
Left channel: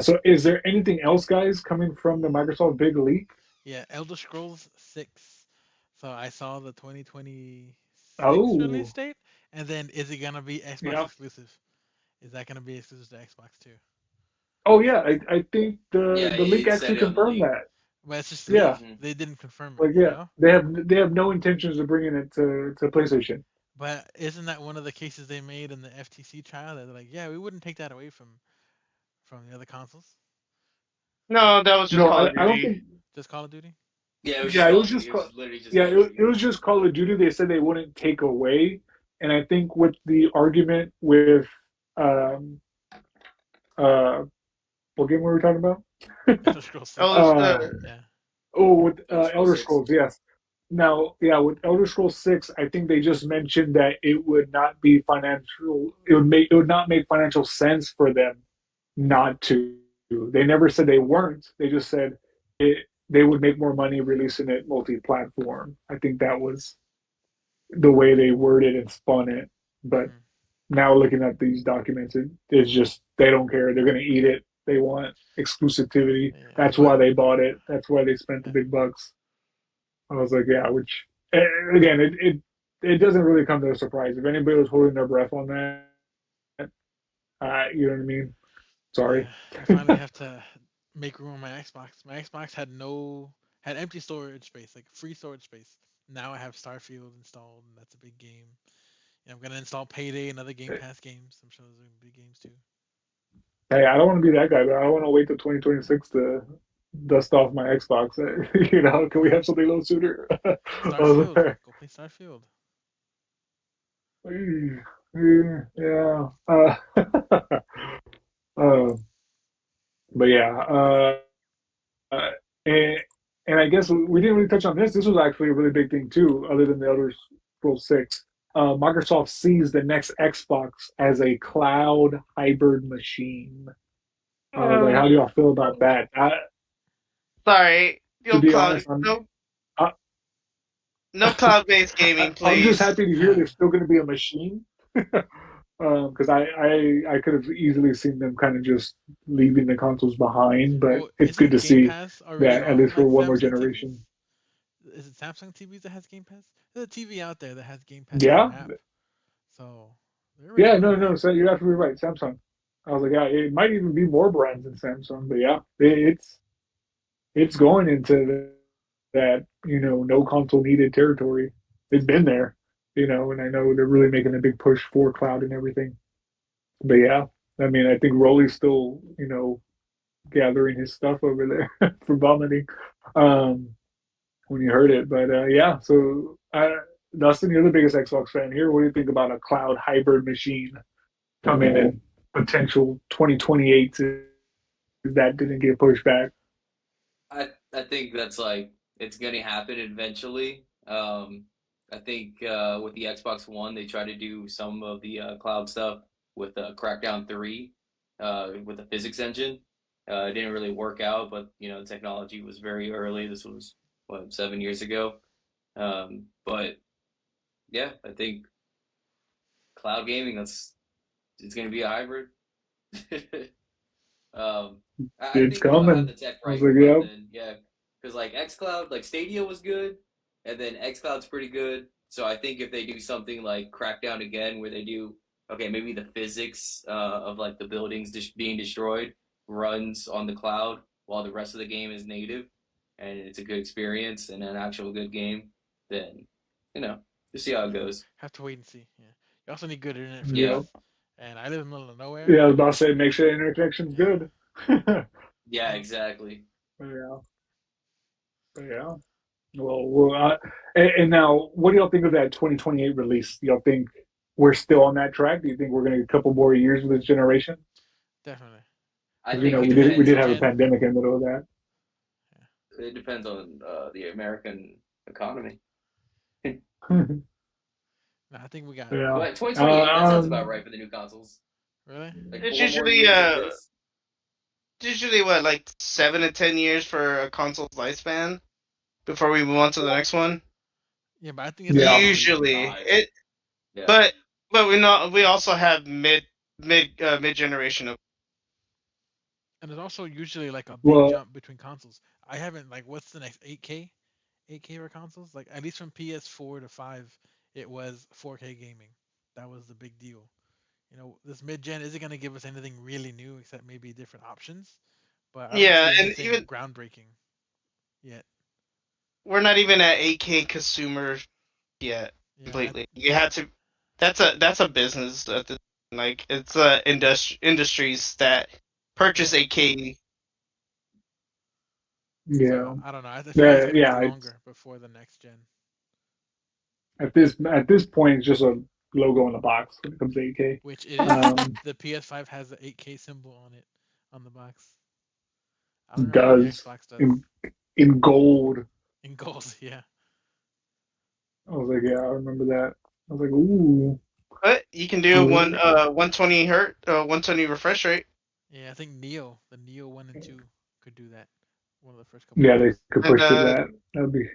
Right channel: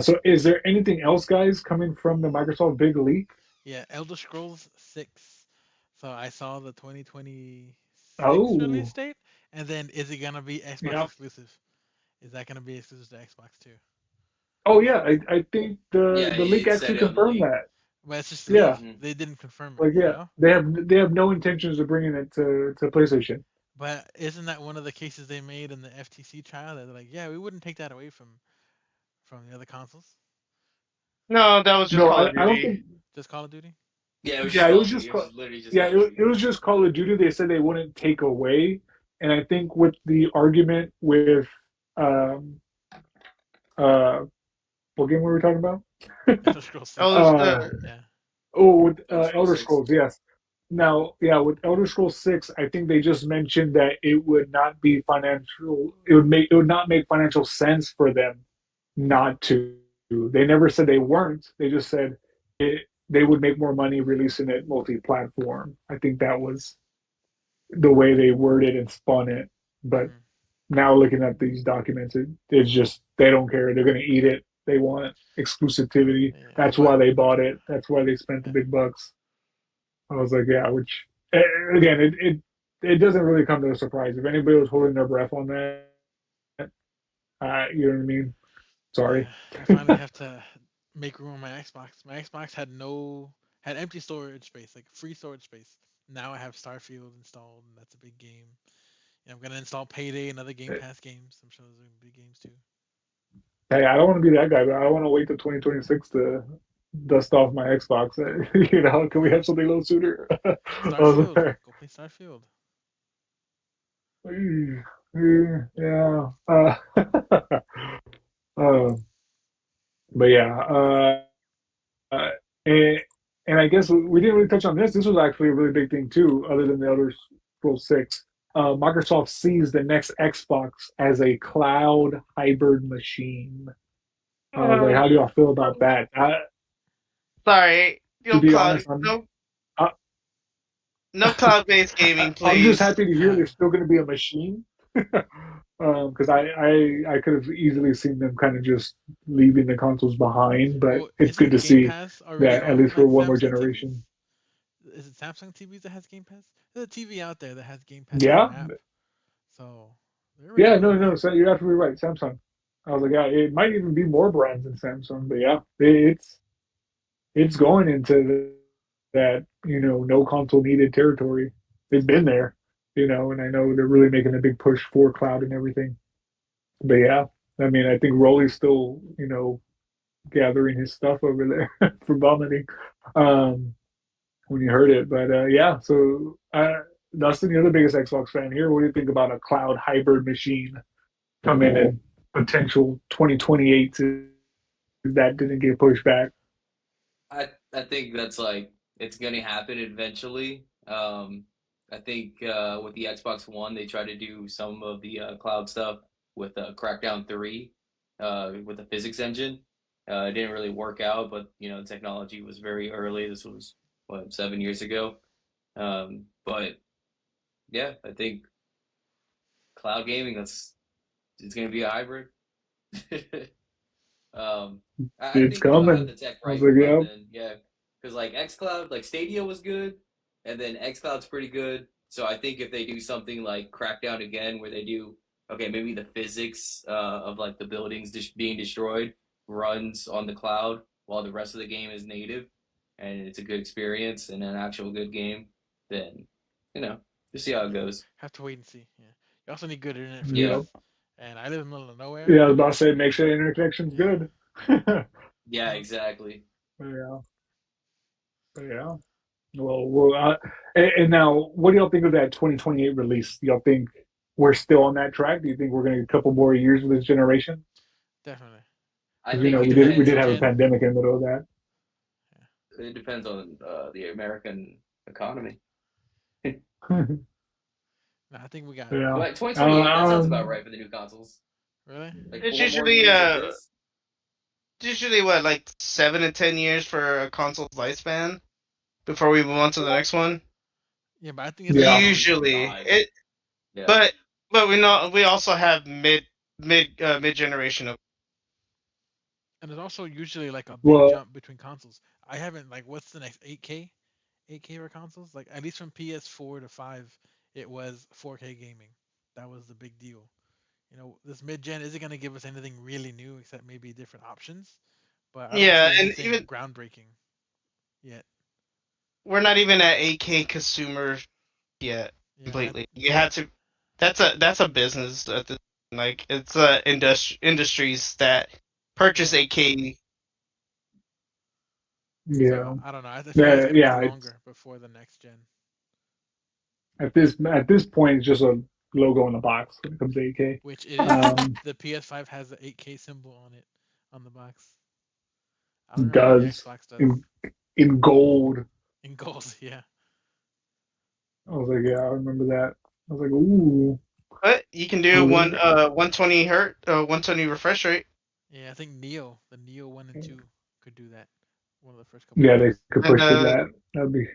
So is there anything else, guys, coming from the Microsoft big leak? Yeah, Elder Scrolls 6. So I saw the 2026 release Oh, date, and then is it gonna be Xbox yeah. exclusive? Is that gonna be exclusive to Xbox too? Oh yeah, I think the Yeah, the leak it actually said it on the confirmed leak. that. but it's just a Yeah, leak. Hmm. They didn't confirm it, like you yeah, know. they have no intentions of bringing it to PlayStation. But isn't that one of the cases they made in the FTC trial that they're like, yeah, we wouldn't take that away from the other consoles, No, that was just No, Call of I don't Duty. think. just Call of Duty. Yeah, it was just Yeah, it Call was of Duty. just It was literally just yeah, Call of Duty. it was just Call of Duty. They said they wouldn't take away, and I think with the argument with um uh what game were we talking about? Elder Scrolls Oh, 6. this, uh Yeah. with Elder Scrolls Elder 6. Scrolls, yes. Now, yeah, with Elder Scrolls 6, I think they just mentioned that it would not be financial. It would not make financial sense for them not to. They never said they weren't. They just said they would make more money releasing it multi-platform. I think that was the way they worded and spun it. But Hmm. now looking at these documents, it's just they don't care. They're going to eat it. They want exclusivity. Yeah. That's why What? they bought it. That's why they spent the Yeah. big bucks. I was like, yeah, which again, it doesn't really come to a surprise. If anybody was holding their breath on that, you know what I mean? Sorry. Yeah. I finally have to make room on my Xbox. My Xbox had empty storage space, like free storage space. Now I have Starfield installed, and that's a big game. And I'm gonna install Payday and other Game Pass games. I'm sure those are big games too. Hey, I don't want to be that guy, but I want to wait till 2026 to dust off my Xbox. You know, can we Yeah. have something a little sooner? I was Starfield. like, Go play Starfield. yeah. uh, but yeah, and I guess we didn't really touch on this. This was actually a really big thing too, other than the Elder Scrolls 6. Microsoft sees the next Xbox as a cloud hybrid machine. Like, how do Um, y'all feel about that? sorry. To No be cloud. honest, I'm No, I, no cloud-based gaming, I'm just please. happy to hear there's still going to be a machine. Because I could have easily seen them kind of just leaving the consoles behind, but Well, it's good isn't to Game see Pass already that at on least for like one more Samsung TVs? generation. Is it Samsung TVs that has Game Pass? There's a TV out there that has Game Pass in their Yeah, app, so they're already yeah, on no, there. no. So you're absolutely right. Samsung. I was like, yeah, it might even be more brands than Samsung, but yeah, it's going into that no console needed territory. It's been there, and I know they're really making a big push for cloud and everything. But yeah, I mean, I think Rolly's still gathering his stuff over there for vomiting when you heard it. But yeah, so Dustin, you're the biggest Xbox fan here. What do you think about a cloud hybrid machine coming in potential 2028 if that didn't get pushed back? I think that's like it's gonna happen eventually. I think with the Xbox One, they try to do some of the cloud stuff with Crackdown 3, with the physics engine. It didn't really work out, but the technology was very early. This was what 7 years ago. But yeah, I think cloud gaming that's it's gonna be a hybrid. Um, I It's think they'll have coming. the tech I was right like, by yep, then. Yeah, because like XCloud, like Stadia was good, and then XCloud's pretty good. So I think if they do something like Crackdown again, where they do okay, maybe the physics of like the buildings being destroyed runs on the cloud while the rest of the game is native, and it's a good experience and an actual good game, then just see how it Yeah, goes. have to wait and see. Yeah, you also need good internet for Yeah, yep. this, and I live in the middle of nowhere. Yeah, I was about to say, make sure the internet connection's Yeah, good. But yeah, exactly. yeah, but yeah. And now, what do y'all think of that 2028 release? Do y'all think we're still on that track? Do you think we're going to get a couple more years with this generation? definitely. I Because think Unless it they we hit depends did have a on pandemic in the middle of that. it depends on the American economy. no, I think we got Yeah. But 2028, that sounds about Um, right for the new consoles. really. Like It's 4 more years of this. usually what, like 7 to 10 years for a console's lifespan before we move on to the next one. Yeah, but I think it's yeah. also Usually, Five. it Yeah. but we also have mid generation of. and there's also usually like a big Well, jump between consoles. I haven't like what's the next 8K? 8K for consoles? Like at least from PS4 to 5, it was 4K gaming. That was the big deal. This mid-gen isn't going to give us anything really new except maybe different options, but I don't Yeah, see and anything even groundbreaking. yet. We're not even at 8K consumer yet Yeah, completely. You had to. That's a business. Like it's industries that purchase yeah. 8K. So Yeah, I don't know. I feel like it's yeah, gonna be yeah. It's longer before the next gen. at this point, it's just a logo on the box when it comes to 8K. Which it is. Um, The PS5 has the 8K symbol on it on the box. I don't remember if the does Xbox does. in gold. In gold, yeah. I was like, yeah, I remember that. I was like, ooh. But you can I do was one like, 120 hertz 120 refresh rate. Yeah, I think the Neo 1 and 2 could do that. One of the first couple yeah, they games. could And push to that. That'd be.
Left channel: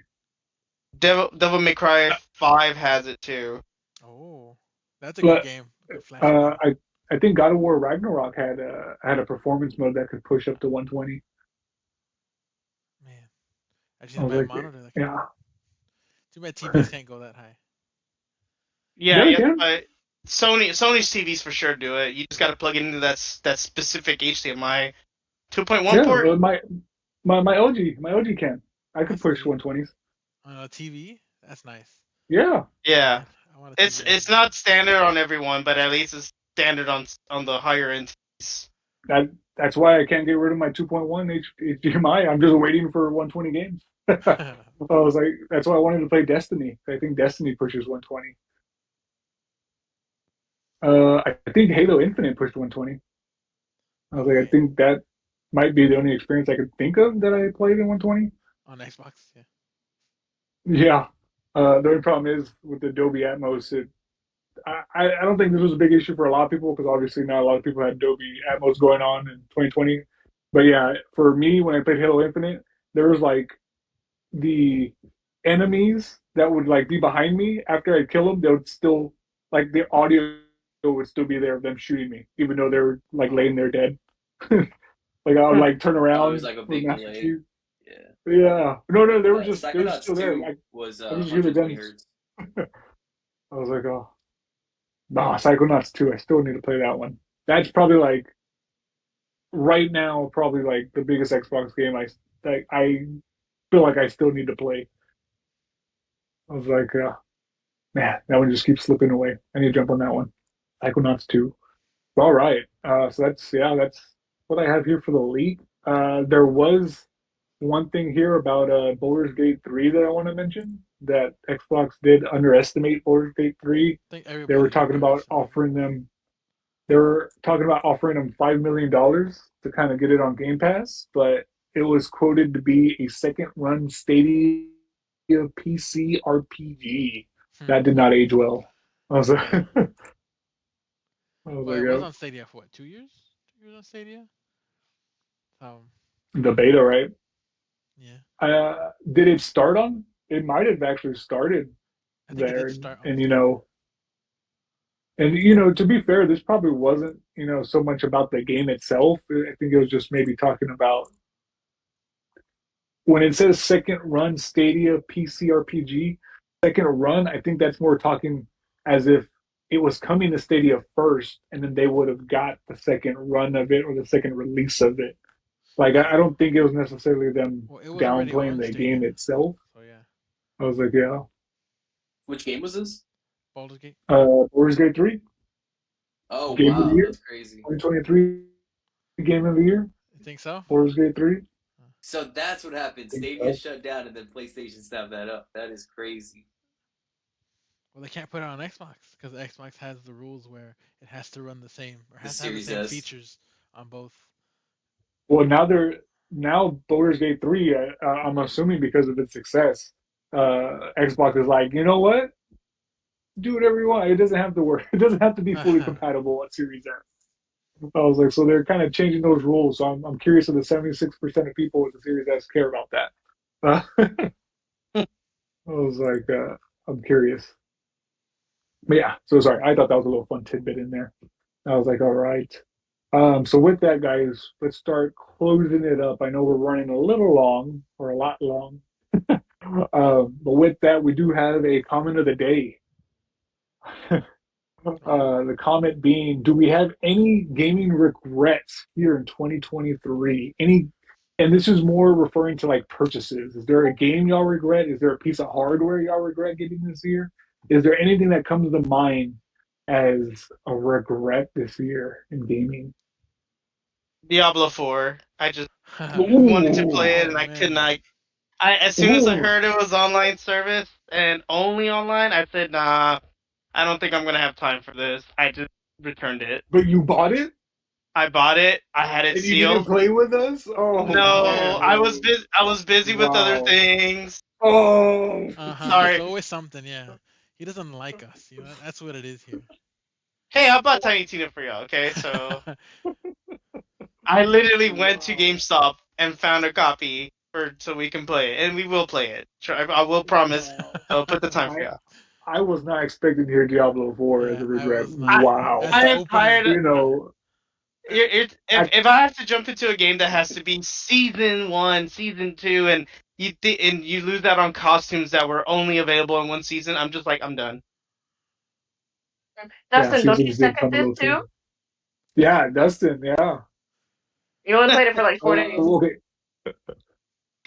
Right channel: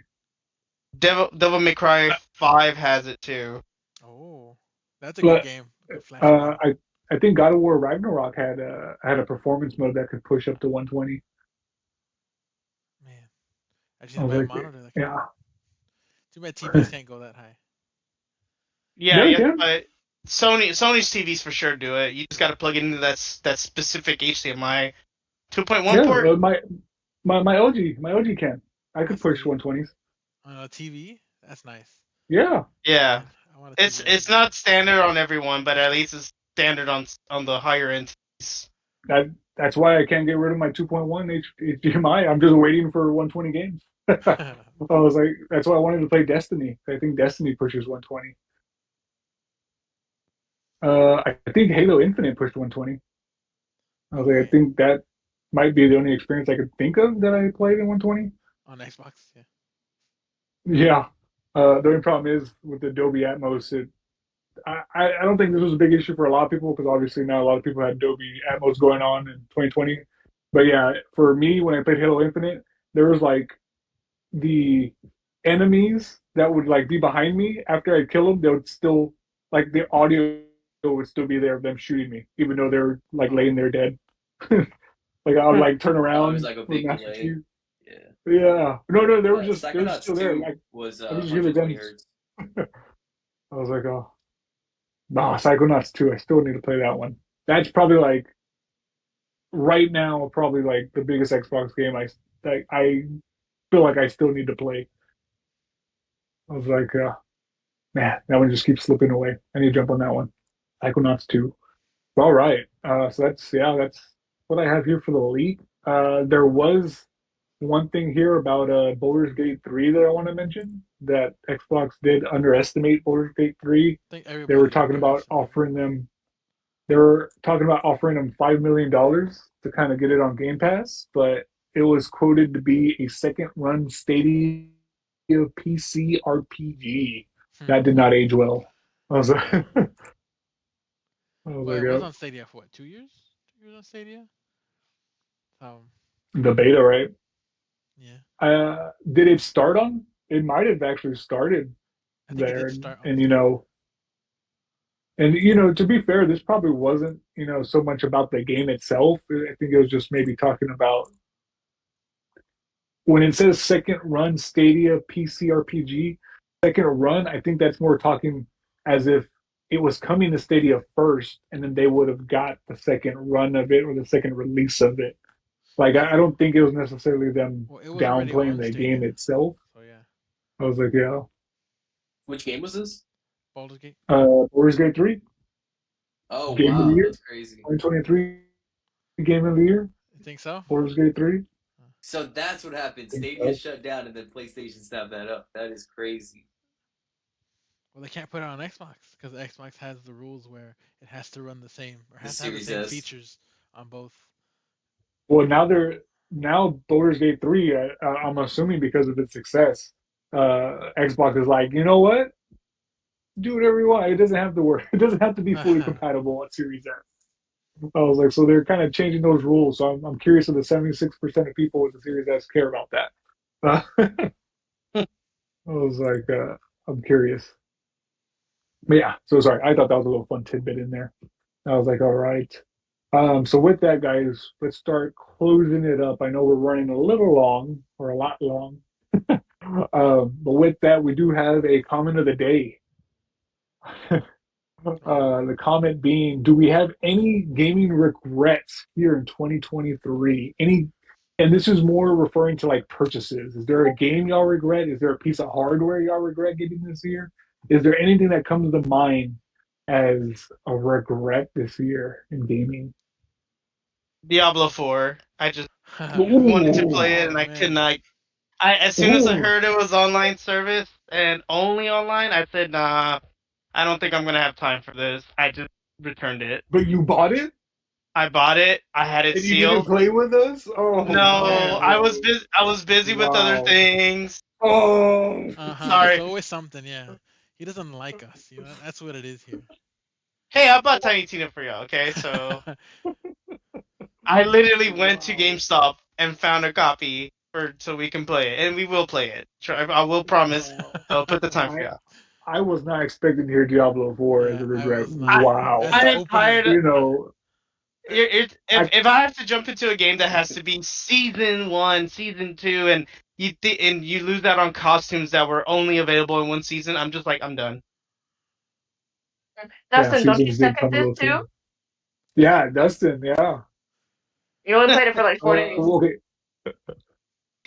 Devil May Cry 5 has it too. Oh, that's a good But game. A good flashy game. I think God of War Ragnarok had a performance mode that could push up to 120. Man, I just I need to was buy a like, monitor that can do it. yeah, Too bad TVs can't go that high. Yeah, yeah, they yeah. can. But Sony's TVs for sure do it. You just got to plug it into that specific HDMI 2.1 Yeah, port. my OG can. I Oh, could that's push neat. 120s. On a TV, that's nice. Yeah, Yeah, Man, I want a TV that can it's do that. not standard on everyone, but at least it's standard on the higher end TVs. that's why I can't get rid of my 2.1 HDMI. I'm just waiting for 120 games. I was like, that's why I wanted to play Destiny. I think Destiny pushes 120. I think Halo Infinite pushed 120. I was Oh like, I man, think that might be the only experience I could think of that I played in 120. on Xbox, yeah. Yeah. The only problem is with the Dolby Atmos, I don't think this was a big issue for a lot of people because obviously not a lot of people had Dolby Atmos going on in 2020. But yeah, for me, when I played Halo Infinite, there was like the enemies that would like be behind me after I kill them, they would still like the audio would still be there of them shooting me, even though they were like laying Oh, there dead. Like I would like turn Oh, it was around like a with big Master delay. Chief. Yeah. Yeah. No, they were Psychonauts still there. 2 Like was I could just hear the 120 guns. hertz. I was like, oh, nah, Psychonauts 2. I still need to play that one. That's probably like right now, probably like the biggest Xbox game I feel like I still need to play. I was like, man, that one just keeps slipping away. I need to jump on that one. Psychonauts 2. All right. So that's what I have here for the leak. There was one thing here about Baldur's Gate 3 that I want to mention that Xbox did underestimate Baldur's Gate 3. I think They were everybody talking about underestimated. offering them they were talking about offering them $5 million to kind of get it on Game Pass, but it was quoted to be a second run Stadia PC RPG. Hmm. That did not age well. I was like, Yeah. I was Well, like, it was on Stadia for what? 2 years? 2 years on Stadia. Um. the beta, right? Yeah. Did it start on? It might have actually started I think it there, did start on and Stadia. to be fair, this probably wasn't so much about the game itself. I think it was just maybe talking about when it says second run Stadia PC RPG, second run. I think that's more talking as if it was coming to Stadia first, and then they would have got the second run of it or the second release of it. Like Well, I don't think it was necessarily them well, it was already downplaying on the game Stadia. itself. So yeah, I was like, yeah, Which game was this? Baldur's Gate. Baldur's Gate 3, Oh Game of the wow, Year, that's crazy. 2023 Game of the Year, You think so? Baldur's Gate 3. So that's what happened. I think Stadia so. shut down and then PlayStation snapped that up. That is crazy. Well, they can't put it on Xbox because Xbox has the rules where it has to run the same or The has to have the Series same S. features on both. Well, now Baldur's Gate 3. I'm assuming because of its success, Xbox is like, you know what? Do whatever you want. It doesn't have to work. It doesn't have to be fully compatible at Series S. I was like, so they're kind of changing those rules. So I'm curious if the 76% of people with the Series S care about that. I was like, I'm curious. But yeah, so sorry. I thought that was a little fun tidbit in there. I was like, all right. So with that, guys, let's start closing it up. I know we're running a little long or a lot long. But with that, we do have a comment of the day. Oh, The comment being, do we have any gaming regrets here in 2023? Any and this is more referring to like purchases. Is there a game y'all regret? Is there a piece of hardware y'all regret getting this year? Is there anything that comes to mind as a regret this year in gaming? Diablo 4. I just wanted to Ooh, play it Oh and I could man. not. I as soon as I ooh. heard it was online service and only online, I said, nah, I don't think I'm gonna have time for this. I just returned it. But you bought it I bought it. I had it and you didn't sealed. play with us? Oh No, Oh. no. I was busy with other Wow. things. Oh. Uh-huh. It's Sorry. always something, yeah. He doesn't like us, you know. That's what it is here. Hey, I bought Tiny Tina for y'all. Okay, so I literally went to Wow. GameStop and found a copy for so we can play it, and we will play it. I will promise. I'll put the time I for y'all. I was not expecting to hear Diablo 4 as Yeah, a I regret. was not. I As Wow. the I am opener, tired. You nah. know, If I I have to jump into a game that has to be season 1, season 2, and and you lose out on costumes that were only available in one season, I'm just like I'm done. yeah, Dustin, don't you seasons did suck at come a this little too? soon. Yeah, Dustin, yeah. You only played it for like 4 days. Oh, okay.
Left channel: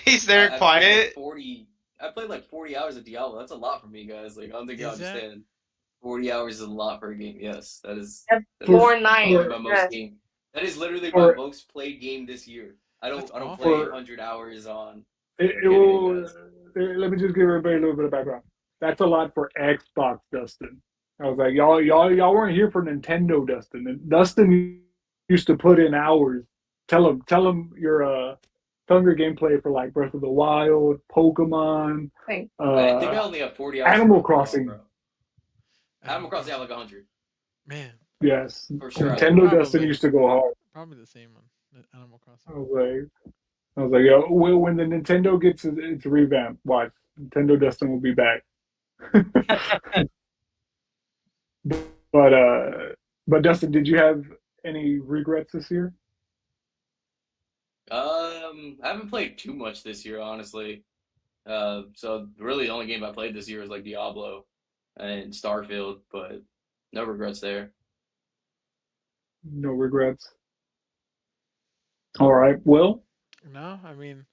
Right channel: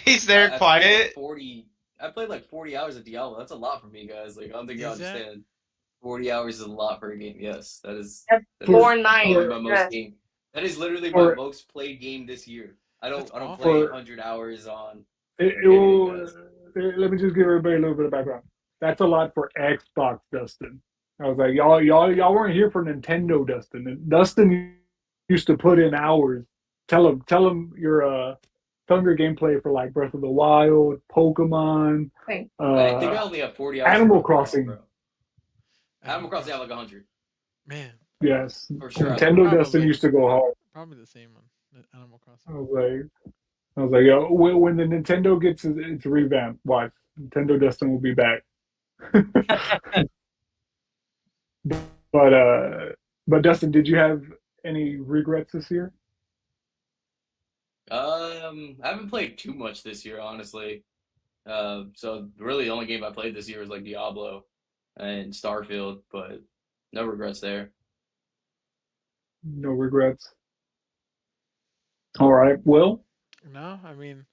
He's there I played like quiet. 40. I played like 40 hours of Diablo. That's a lot for me, guys. Like I don't think y'all Is that? understand. 40 hours is a lot for a game. Yes, That's that For is 4 nights. probably for my most Yes. game. That is literally my for most played game this year. That's I don't awful. play for 100 hours on it anything, will, guys. let me just give everybody a little bit of background. That's a lot for Xbox, Dustin. I was like, y'all weren't here for Nintendo, Dustin. And Dustin used to put in hours. Tell him tell him your gameplay for like Breath of the Wild, Pokemon, Thing. I think uh, I only have 40 hours for Animal Pokemon, Crossing. bro. Animal Animal Crossing, I have Crossing. like 100 Man, Yes, for sure. I have Nintendo 100. Dustin probably. used to go hard. Probably the same one. Animal Crossing. I was like, yo, when the Nintendo gets its revamp, watch Nintendo Dustin will be back. But but Dustin, did you have any regrets this year? I haven't played too much this year, honestly. So really the only game I played this year was like Diablo and Starfield, but no regrets there. No regrets. All right, Will. No, I mean,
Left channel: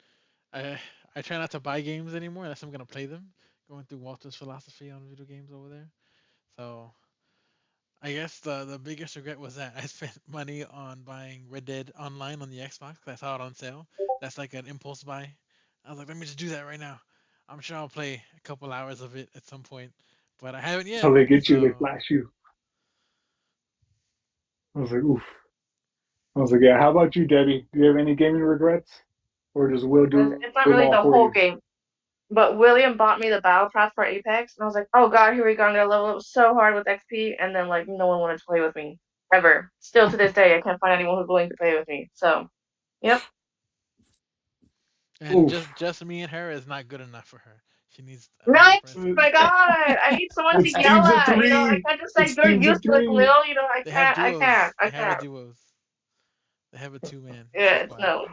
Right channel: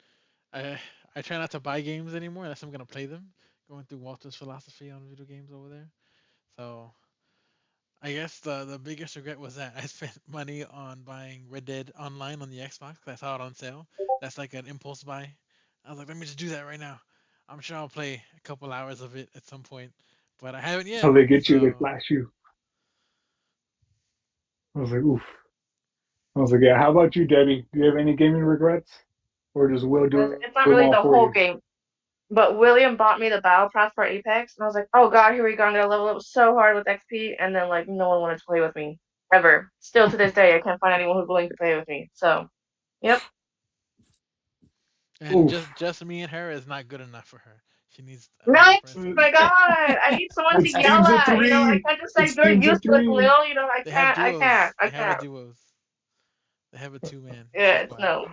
I I try not to buy games anymore unless I'm gonna play them. Going through Walter's philosophy on video games over there. So I guess the biggest regret was that I spent money on buying Red Dead Online on the Xbox 'cause I saw it on sale. That's like an impulse buy. I was like, let me just do that right now. I'm sure I'll play a couple hours of it at some point, but I haven't yet. So they get you, they So flash you. I was like, oof. I was like, yeah. How about you, Debbie? Do you have any gaming regrets, or does Will do It's not them really all the for whole you? game. But William bought me the battle pass for Apex, and I was like, oh god, here we go. I'm gonna level up so hard with XP, and then like no one wanted to play with me ever. Still to this day, I can't find anyone who's willing to play with me. So, yep. and Oof. just me and her is not good enough for her. She needs other Right? friends in My there. God, I need someone to It's yell teams of at. I three. can't just say It's you're teams of useless, three. Lil. They have duos. I They have a can't. duos. They have a two-man Yeah, it's squad. no.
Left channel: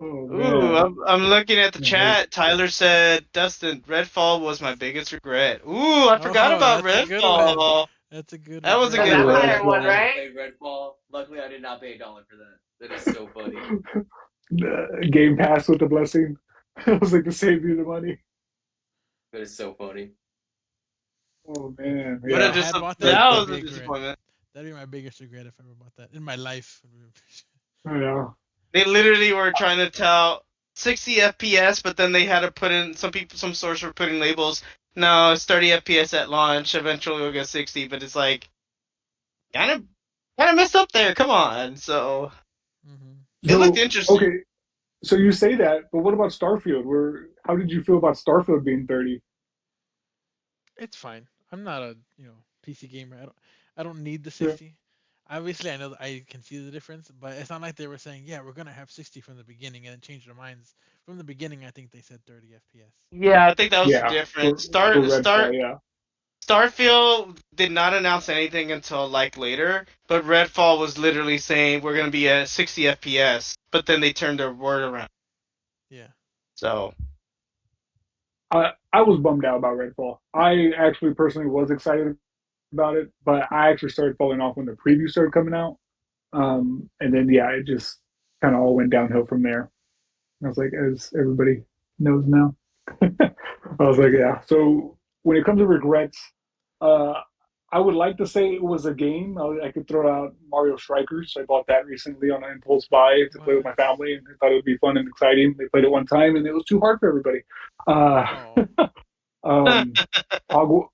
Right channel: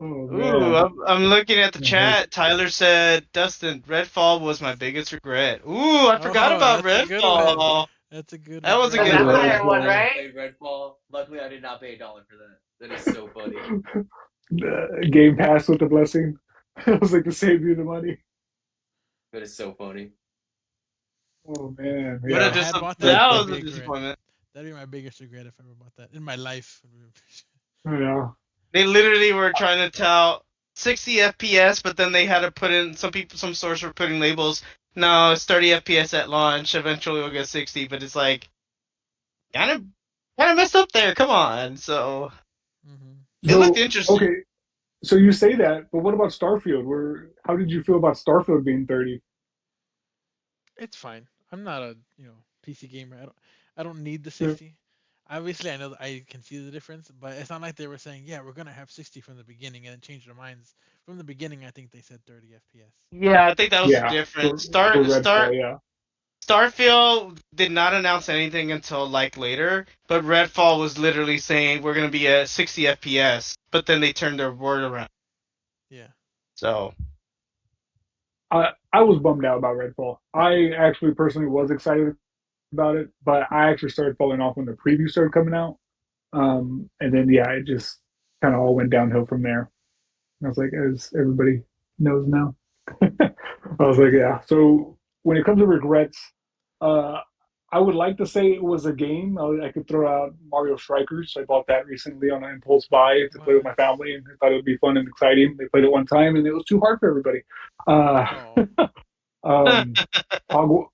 Oh Ooh, man. I'm looking at the That hurts. chat. Tyler said, Dustin, Redfall was my biggest regret. Ooh, I forgot Oh, about that's a good one. Redfall. That's a good That was a The regret. good one. vampire one, I Redfall. haven't right? played Redfall. Luckily, I did not pay $1 for that. That is so funny. Game Pass with the blessing. I was like to save you the money. That is so funny. Oh man, What If a I yeah, had bought that, that that'd was be a a regret. disappointment. That'd be my biggest regret if I ever bought that in my life. yeah. They literally were trying to tout 60 FPS, but then they had to put in some stores were putting labels. No, it's 30 FPS at launch. Eventually, we'll get 60, but it's like kind of kind of messed up there. Come on. So hmm it looked So interesting. okay, so you say that, but what about Starfield? Where how did you feel about Starfield being 30? It's fine. I'm not a PC gamer. I don't need the Yeah. 60. Obviously, I know that I can see the difference, but it's not like they were saying, yeah, we're gonna have 60 from the beginning and then change their minds. From the beginning, I think they said 30 FPS. Yeah, I think that was the Yeah, difference. for Redfall, yeah. Starfield did not announce anything until like later, but Redfall was literally saying we're gonna be at 60 FPS, but then they turned their word around. Yeah. So I was bummed out about Redfall. I actually personally was excited about it, but I actually started falling off when the preview started coming out. And then yeah, it just kind of all went downhill from there. I was like, as everybody knows now. I was like, Yeah. yeah. So when it comes to regrets, uh, I would like to say it was a game. I could throw out Mario Strikers. I bought that recently on an impulse buy to play with What? my family, and I thought it would be fun and exciting. They played it one time, and it was too hard for everybody. Uh, Oh. um, Hogwarts,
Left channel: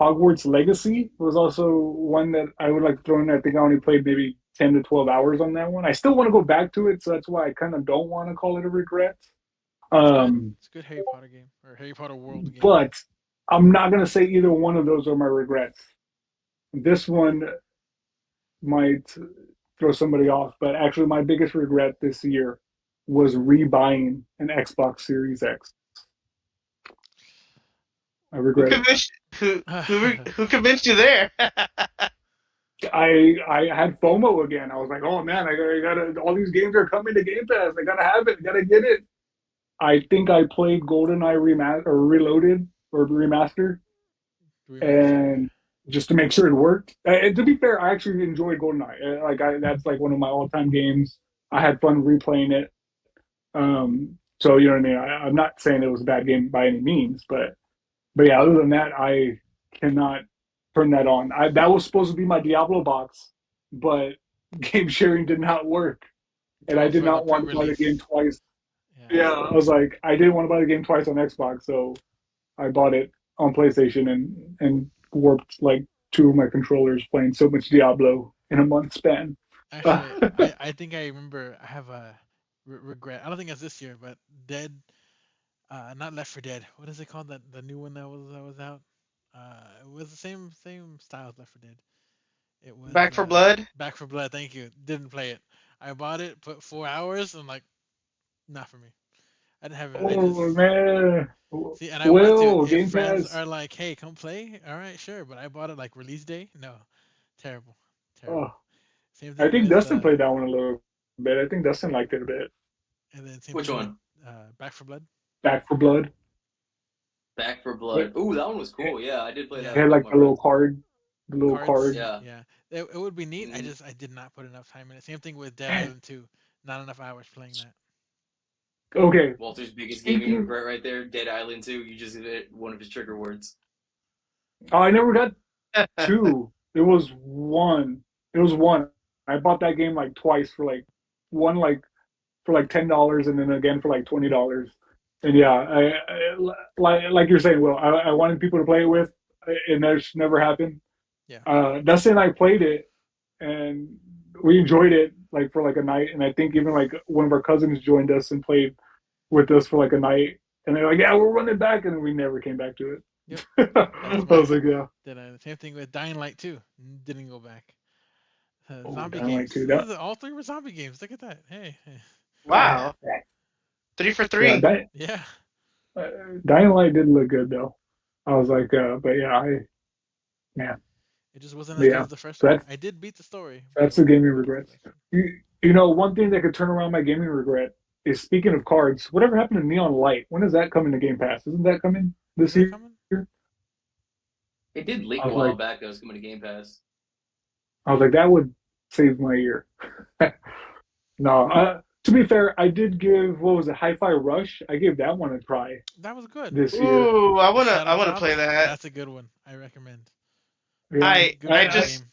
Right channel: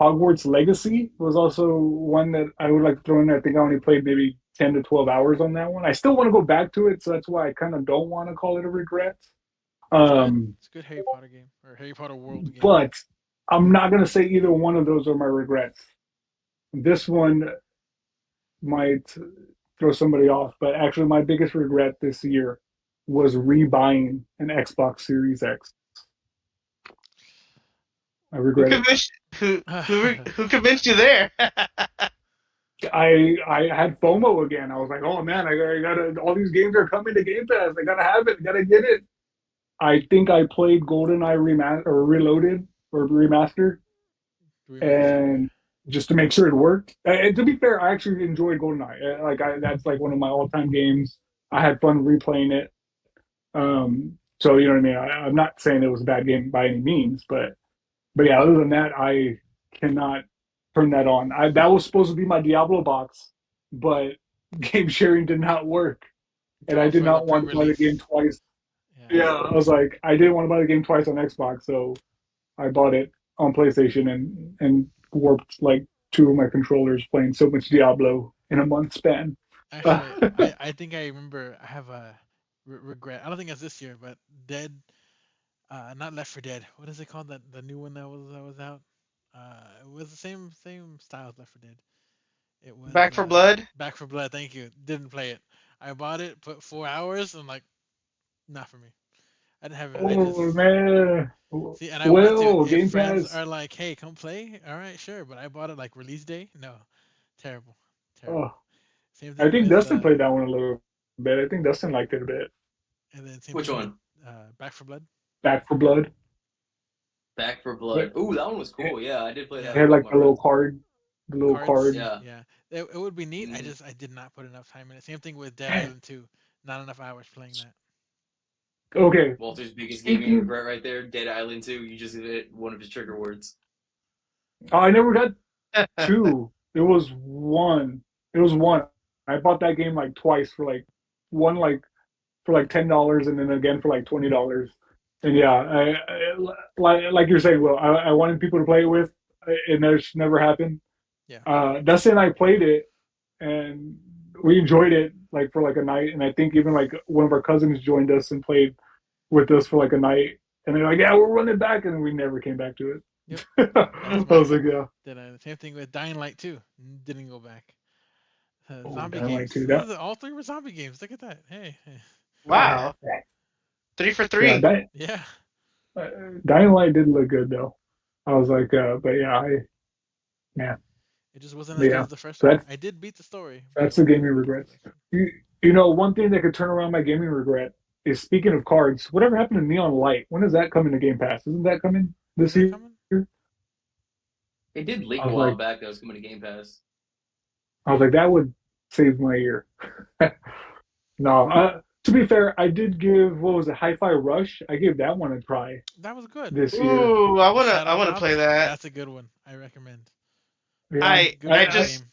Hogwarts Legacy was also one that I would like to throw in. I think I only played maybe 10 to 12 hours on that one. I still want to go back to it, so that's why I kind of don't want to call it a regret. It's good. Um, It's a good Harry Potter game or Harry Potter world game. but I'm not going to say either one of those are my regrets. This one might throw somebody off, but actually, my biggest regret this year was rebuying an Xbox Series X. I Who regret it. convinced who convinced you there? I had FOMO again. I was like, oh man, I gotta all these games are coming to Game Pass. I gotta have it. I gotta get it. I think I played GoldenEye remaster or Reloaded or remaster, Remaster. and just to make sure it worked. And to be fair, I actually enjoyed GoldenEye. That's like one of my all-time games. I had fun replaying it. So you know what I mean. I'm not saying it was a bad game by any means, but yeah, other than that, I cannot turn that on. That was supposed to be my Diablo box, but game sharing did not work, and I Oh, did for the not want to buy the game pre-release. twice. Yeah. Yeah, I was like, I didn't want to buy the game twice on Xbox, so I bought it on PlayStation and warped like two of my controllers playing so much Diablo in a month span. Actually, I think I remember I have a regret. I don't think it's this year, but Dead, not Left for Dead. What is it called? The new one that was out. It was the same style as Left for Dead. It was Back for Blood. Back for Blood. Thank you. Didn't play it. I bought it, put 4 hours. I'm like, not for me. I didn't have it. I just Oh man, see, and I want to. well, If Game friends Pass. are like, "Hey, come play," all right, sure. But I bought it like release day. No, terrible, terrible. Oh, Same I thing think with Dustin played that one a little bit. I think Dustin liked it a bit. and then same Which thing with one? Back for Blood. Back for Blood. Back for It Blood. Ooh, that one was cool. Yeah, I did play that Yeah, with a had couple like of my the little friends. card, the little cards. card. Yeah. Yeah, it would be neat. Mm-hmm. I did not put enough time in it. Same thing with Dead Man, Island 2. Not enough hours playing that. okay, Walter's biggest gaming speaking. regret right there, Dead Island 2. You just hit one of his trigger words. Oh, I never got two. It was one. It was one. I bought that game like twice for like one for like $10 and then again for like $20. And yeah, like you're saying, Will, I wanted people to play it with, and that's never happened. Yeah, Dustin and I played it, and we enjoyed it like for like a night. And I think even like one of our cousins joined us and played with us for like a night. And they're like, "Yeah, we're running back," and we never came back to yep. it. That's I my was like, "Yeah, Dead Island. Same thing with Dying Light 2. Didn't go back. oh, Zombie Dying Light games. 2, that, All three were zombie games. Look at that. Hey. Wow, 3 for yeah, 3. that Yeah. uh, Dying Light didn't look good though." I was like, but yeah, yeah, It just wasn't but as good yeah. as the first So one. I did beat the story, but it that's the wasn't as gaming good as the regrets. first one. You, one thing that could turn around my gaming regret is speaking of cards. Whatever happened to Neon Light? When is that coming to Game Pass? Isn't that coming Is this that year? coming? It did I leak a was while like, back that was coming to Game Pass. that would save my year. No, to be fair, I did give what was it, Hi-Fi Rush? I gave that one a try That was good. this year. Ooh, I The wanna Shadow I wanna play Drops. that. That's a good one. I recommend. Yeah, I Good I party just game.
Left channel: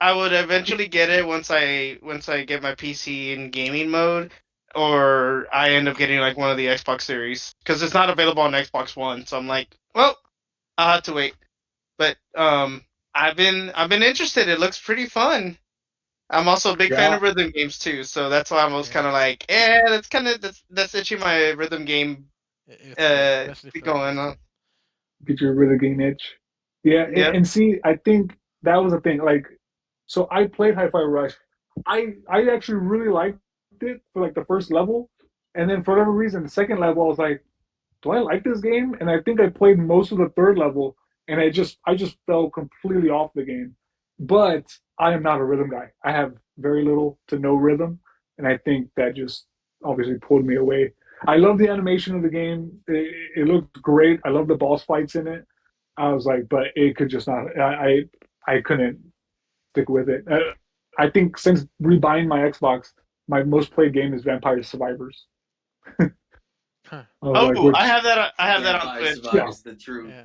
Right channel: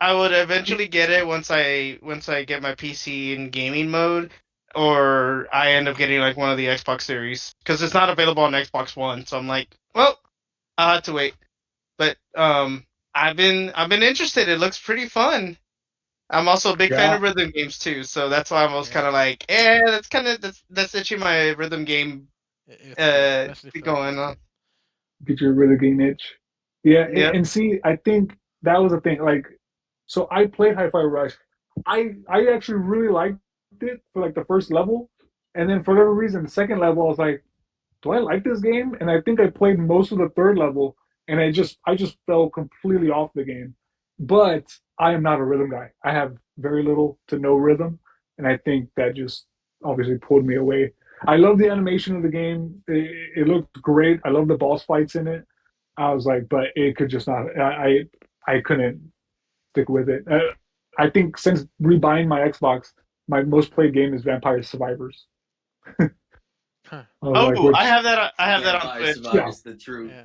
I would eventually get it once I get my PC in gaming mode, or I end up getting like one of the Xbox Series because it's not available on Xbox One. So I'm like, well, I'll have to wait. But I've been interested. It looks pretty fun. I'm also a big fan yeah. of rhythm games too, so that's why I was kind Yeah, of like, yeah, that's itching my rhythm game it's good, especially for going on. Get your really game itch. Yeah, Yep. and see, I think that was the thing. Like, so I played Hi-Fi Rush. I actually really liked it for like the first level, and then for whatever reason, the second level, I was like, do I like this game? And I think I played most of the third level, and I just fell completely off the game. But I am not a rhythm guy. I have very little to no rhythm, and I think that just obviously pulled me away. I love the animation of the game. It looked great. I love the boss fights in it. I was like, but it could just not. I couldn't stick with it. I think since rebuying my Xbox, my most played game is Vampire Survivors. Huh. I was like, Oh, I which have that. I have that on Vampire Twitch. yeah, Survivors, the truth. Yeah.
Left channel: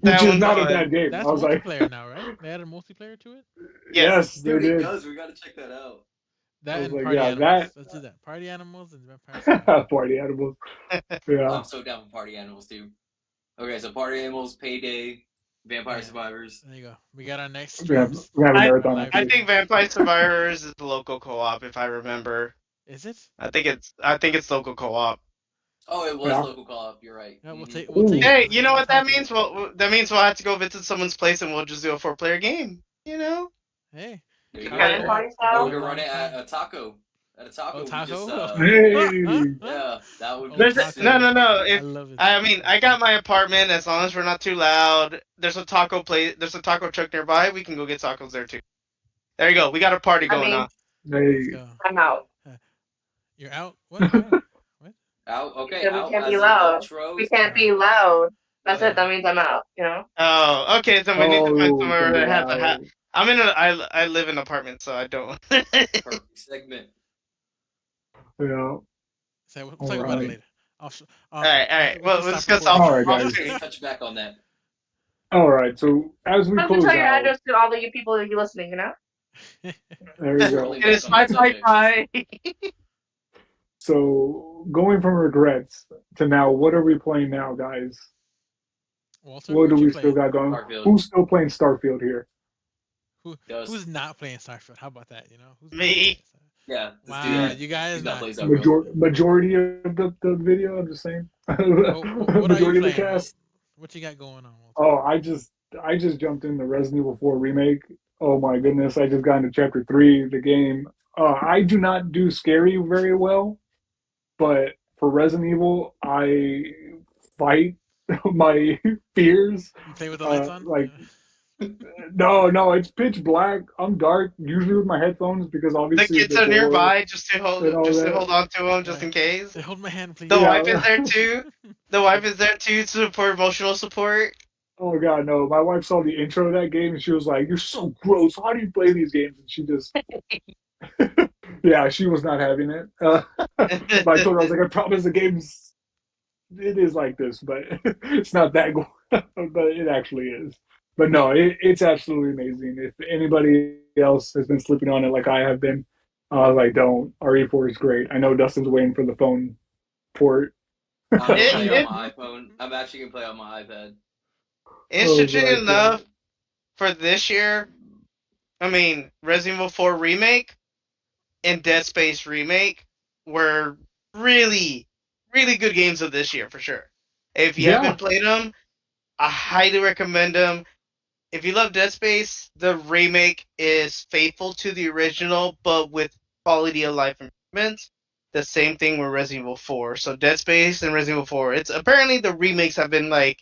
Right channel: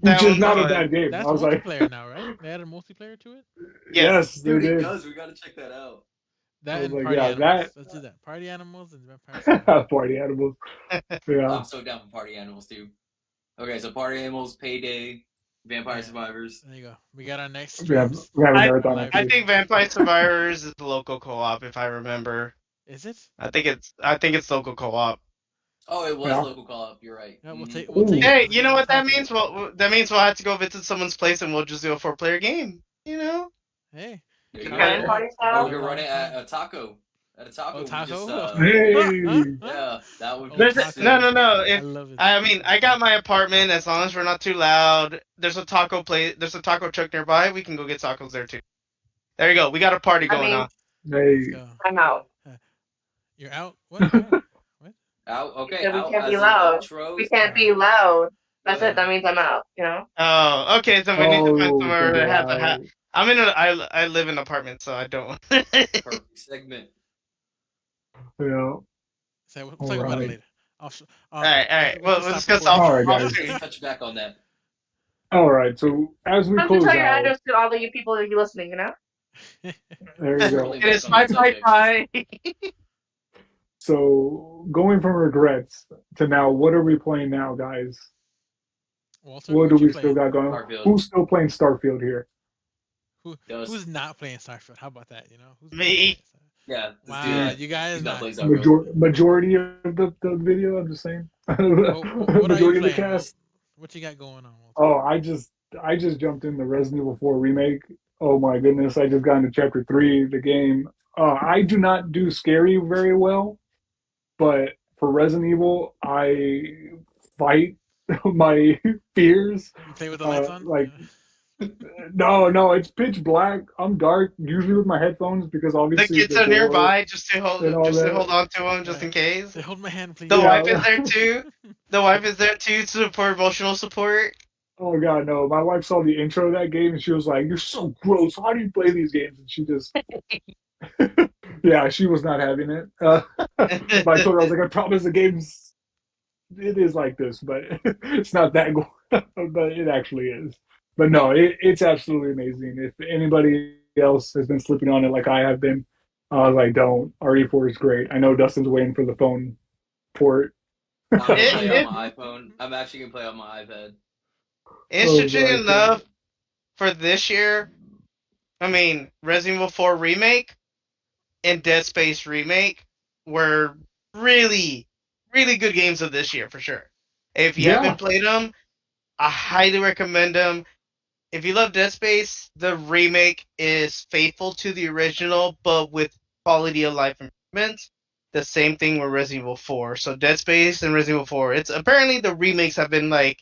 which That is one's not a fun. bad game. I That's was like, multiplayer now, right? They added multiplayer to it. Yes. yes, they Dude, it did. does. We gotta check that out. I That was and like, Party yeah, Animals. Let's do that. Party Animals and Vampire Survivors. that party animals. Yeah, I'm so down for Party Animals too. Okay, so Party Animals, Payday, Vampire Yeah. Survivors. There you go. We got our next we streams. have a I Our marathon live after I this. think streams. Vampire Survivors is the local co-op, if I remember. Is it? I think it's local co-op. Oh, it was Yeah. local co-op. You're right. Yeah, Mm-hmm. we'll take Ooh. it. Hey, Let's you get know on what that top of means? it. Well, that means we'll have to go visit someone's place and we'll just do a 4-player game. You know? Hey, There you couch go. Cannon co-op. party We Or got we style. a could lot run of it time. at a taco. At a Oh, taco, we just taco. Hey, yeah, that would Oh, be There's no, taco. sick. no, no. I If love it. I mean, Oh, I got taco. my apartment. As long as we're not too loud, there's a taco place. There's a taco truck nearby. We can go get tacos there too. There you go. We got a party I going mean, on. Let's hey. go. I'm out. Uh, You're out? What? Why? What? Out. You Okay, said we out can't be as in loud. We ultros. can't be loud. That's it. Uh, That means I'm out. You know. Oh, okay. So we need to find Oh, somewhere can be that has a hat. loud. I live in an apartment, so I don't. Perfect segment. Yeah. so we'll All talk about it right. later. I'll sh- All right, all right. we Well, can we'll stop discuss recording. All right, off guys. We'll stream. touch back on that. All right. So as we Why don't you close tell your out, address to all the you people that you listening? You know. there you go. Circling It back is on that subject. pie. So going from regrets to now, what are we playing now, guys? Walter, What do what you we still playing? got going? Starfield. Who's still playing Starfield here? Who's Dust. not playing Starfield? How about that? You know, who's not Me. playing Starfield? Yeah, let's do Wow, that. you guys He's not not. playing Starfield. Majority of the video. I'm just saying. Well, what are you Majority of the playing? cast. What you got going on, Walter? Oh, I just jumped in the Resident Evil 4 remake. Oh my goodness, I just got into chapter 3 of the game. I do not do scary very well, but for Resident Evil, I fight my fears. You play with the lights on? Like no, it's pitch black. I'm dark, usually with my headphones because The obviously kids the are door nearby just to and all hold that. on to them just Right. in case. Say, hold my hand, please. The wife is Yeah. there too. The wife is there too to support emotional support. Oh God, no. My wife saw the intro of that game and she was like, "You're so gross. How do you play these games?" And she just yeah, she was not having it. But I told her, I was like, I promise the game's it is like this, but it's not that good. But it actually is. But no, it's absolutely amazing. If anybody else has been sleeping on it like I have been, like don't. RE4 is great. I know Dustin's waiting for the phone port. I'm gonna It, play on it my iPhone. I'm actually gonna play on my iPad. Oh interesting my enough God. for this year. I mean, Resident Evil 4 remake and Dead Space remake were really, really good games of this year for sure. If you Yeah, haven't played them, I highly recommend them. If you love Dead Space, the remake is faithful to the original, but with quality of life improvements. The same thing with Resident Evil 4. So Dead Space and Resident Evil 4. It's apparently the remakes have been like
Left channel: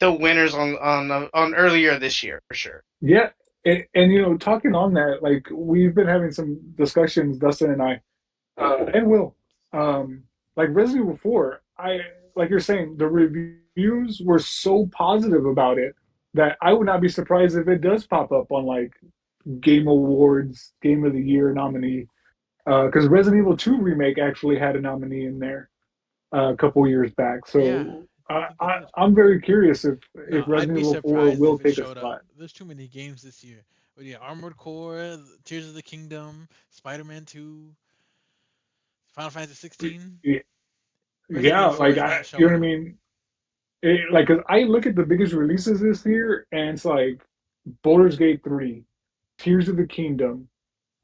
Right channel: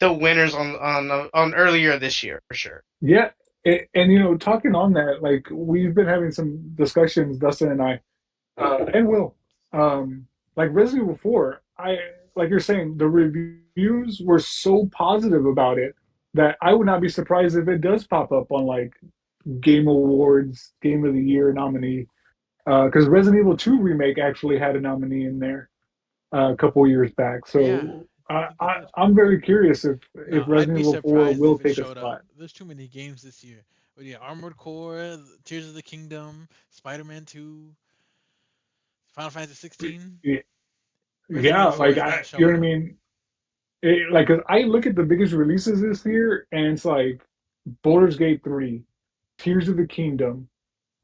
the winners on earlier this year for sure. yeah. And you know, talking on that, like we've been having some discussions, Dustin and I, and Will. Like Resident Evil 4, I like you're saying, the reviews were so positive about it that I would not be surprised if it does pop up on like Game Awards, Game of the Year nominee. Because Resident Evil 2 remake actually had a nominee in there a couple years back. Yeah, So I think it did. I'm very curious if No, I'd Resident be Evil 4 surprised will if it take a showed up. spot. There's too many games this year. But yeah, Armored Core, Tears of the Kingdom, Spider-Man 2, Final Fantasy 16. Resident Yeah, Evil 4 like is not you know showing what I up. mean. Like 'cause I look at the biggest releases this year, and it's like Baldur's Gate 3, Tears of the Kingdom,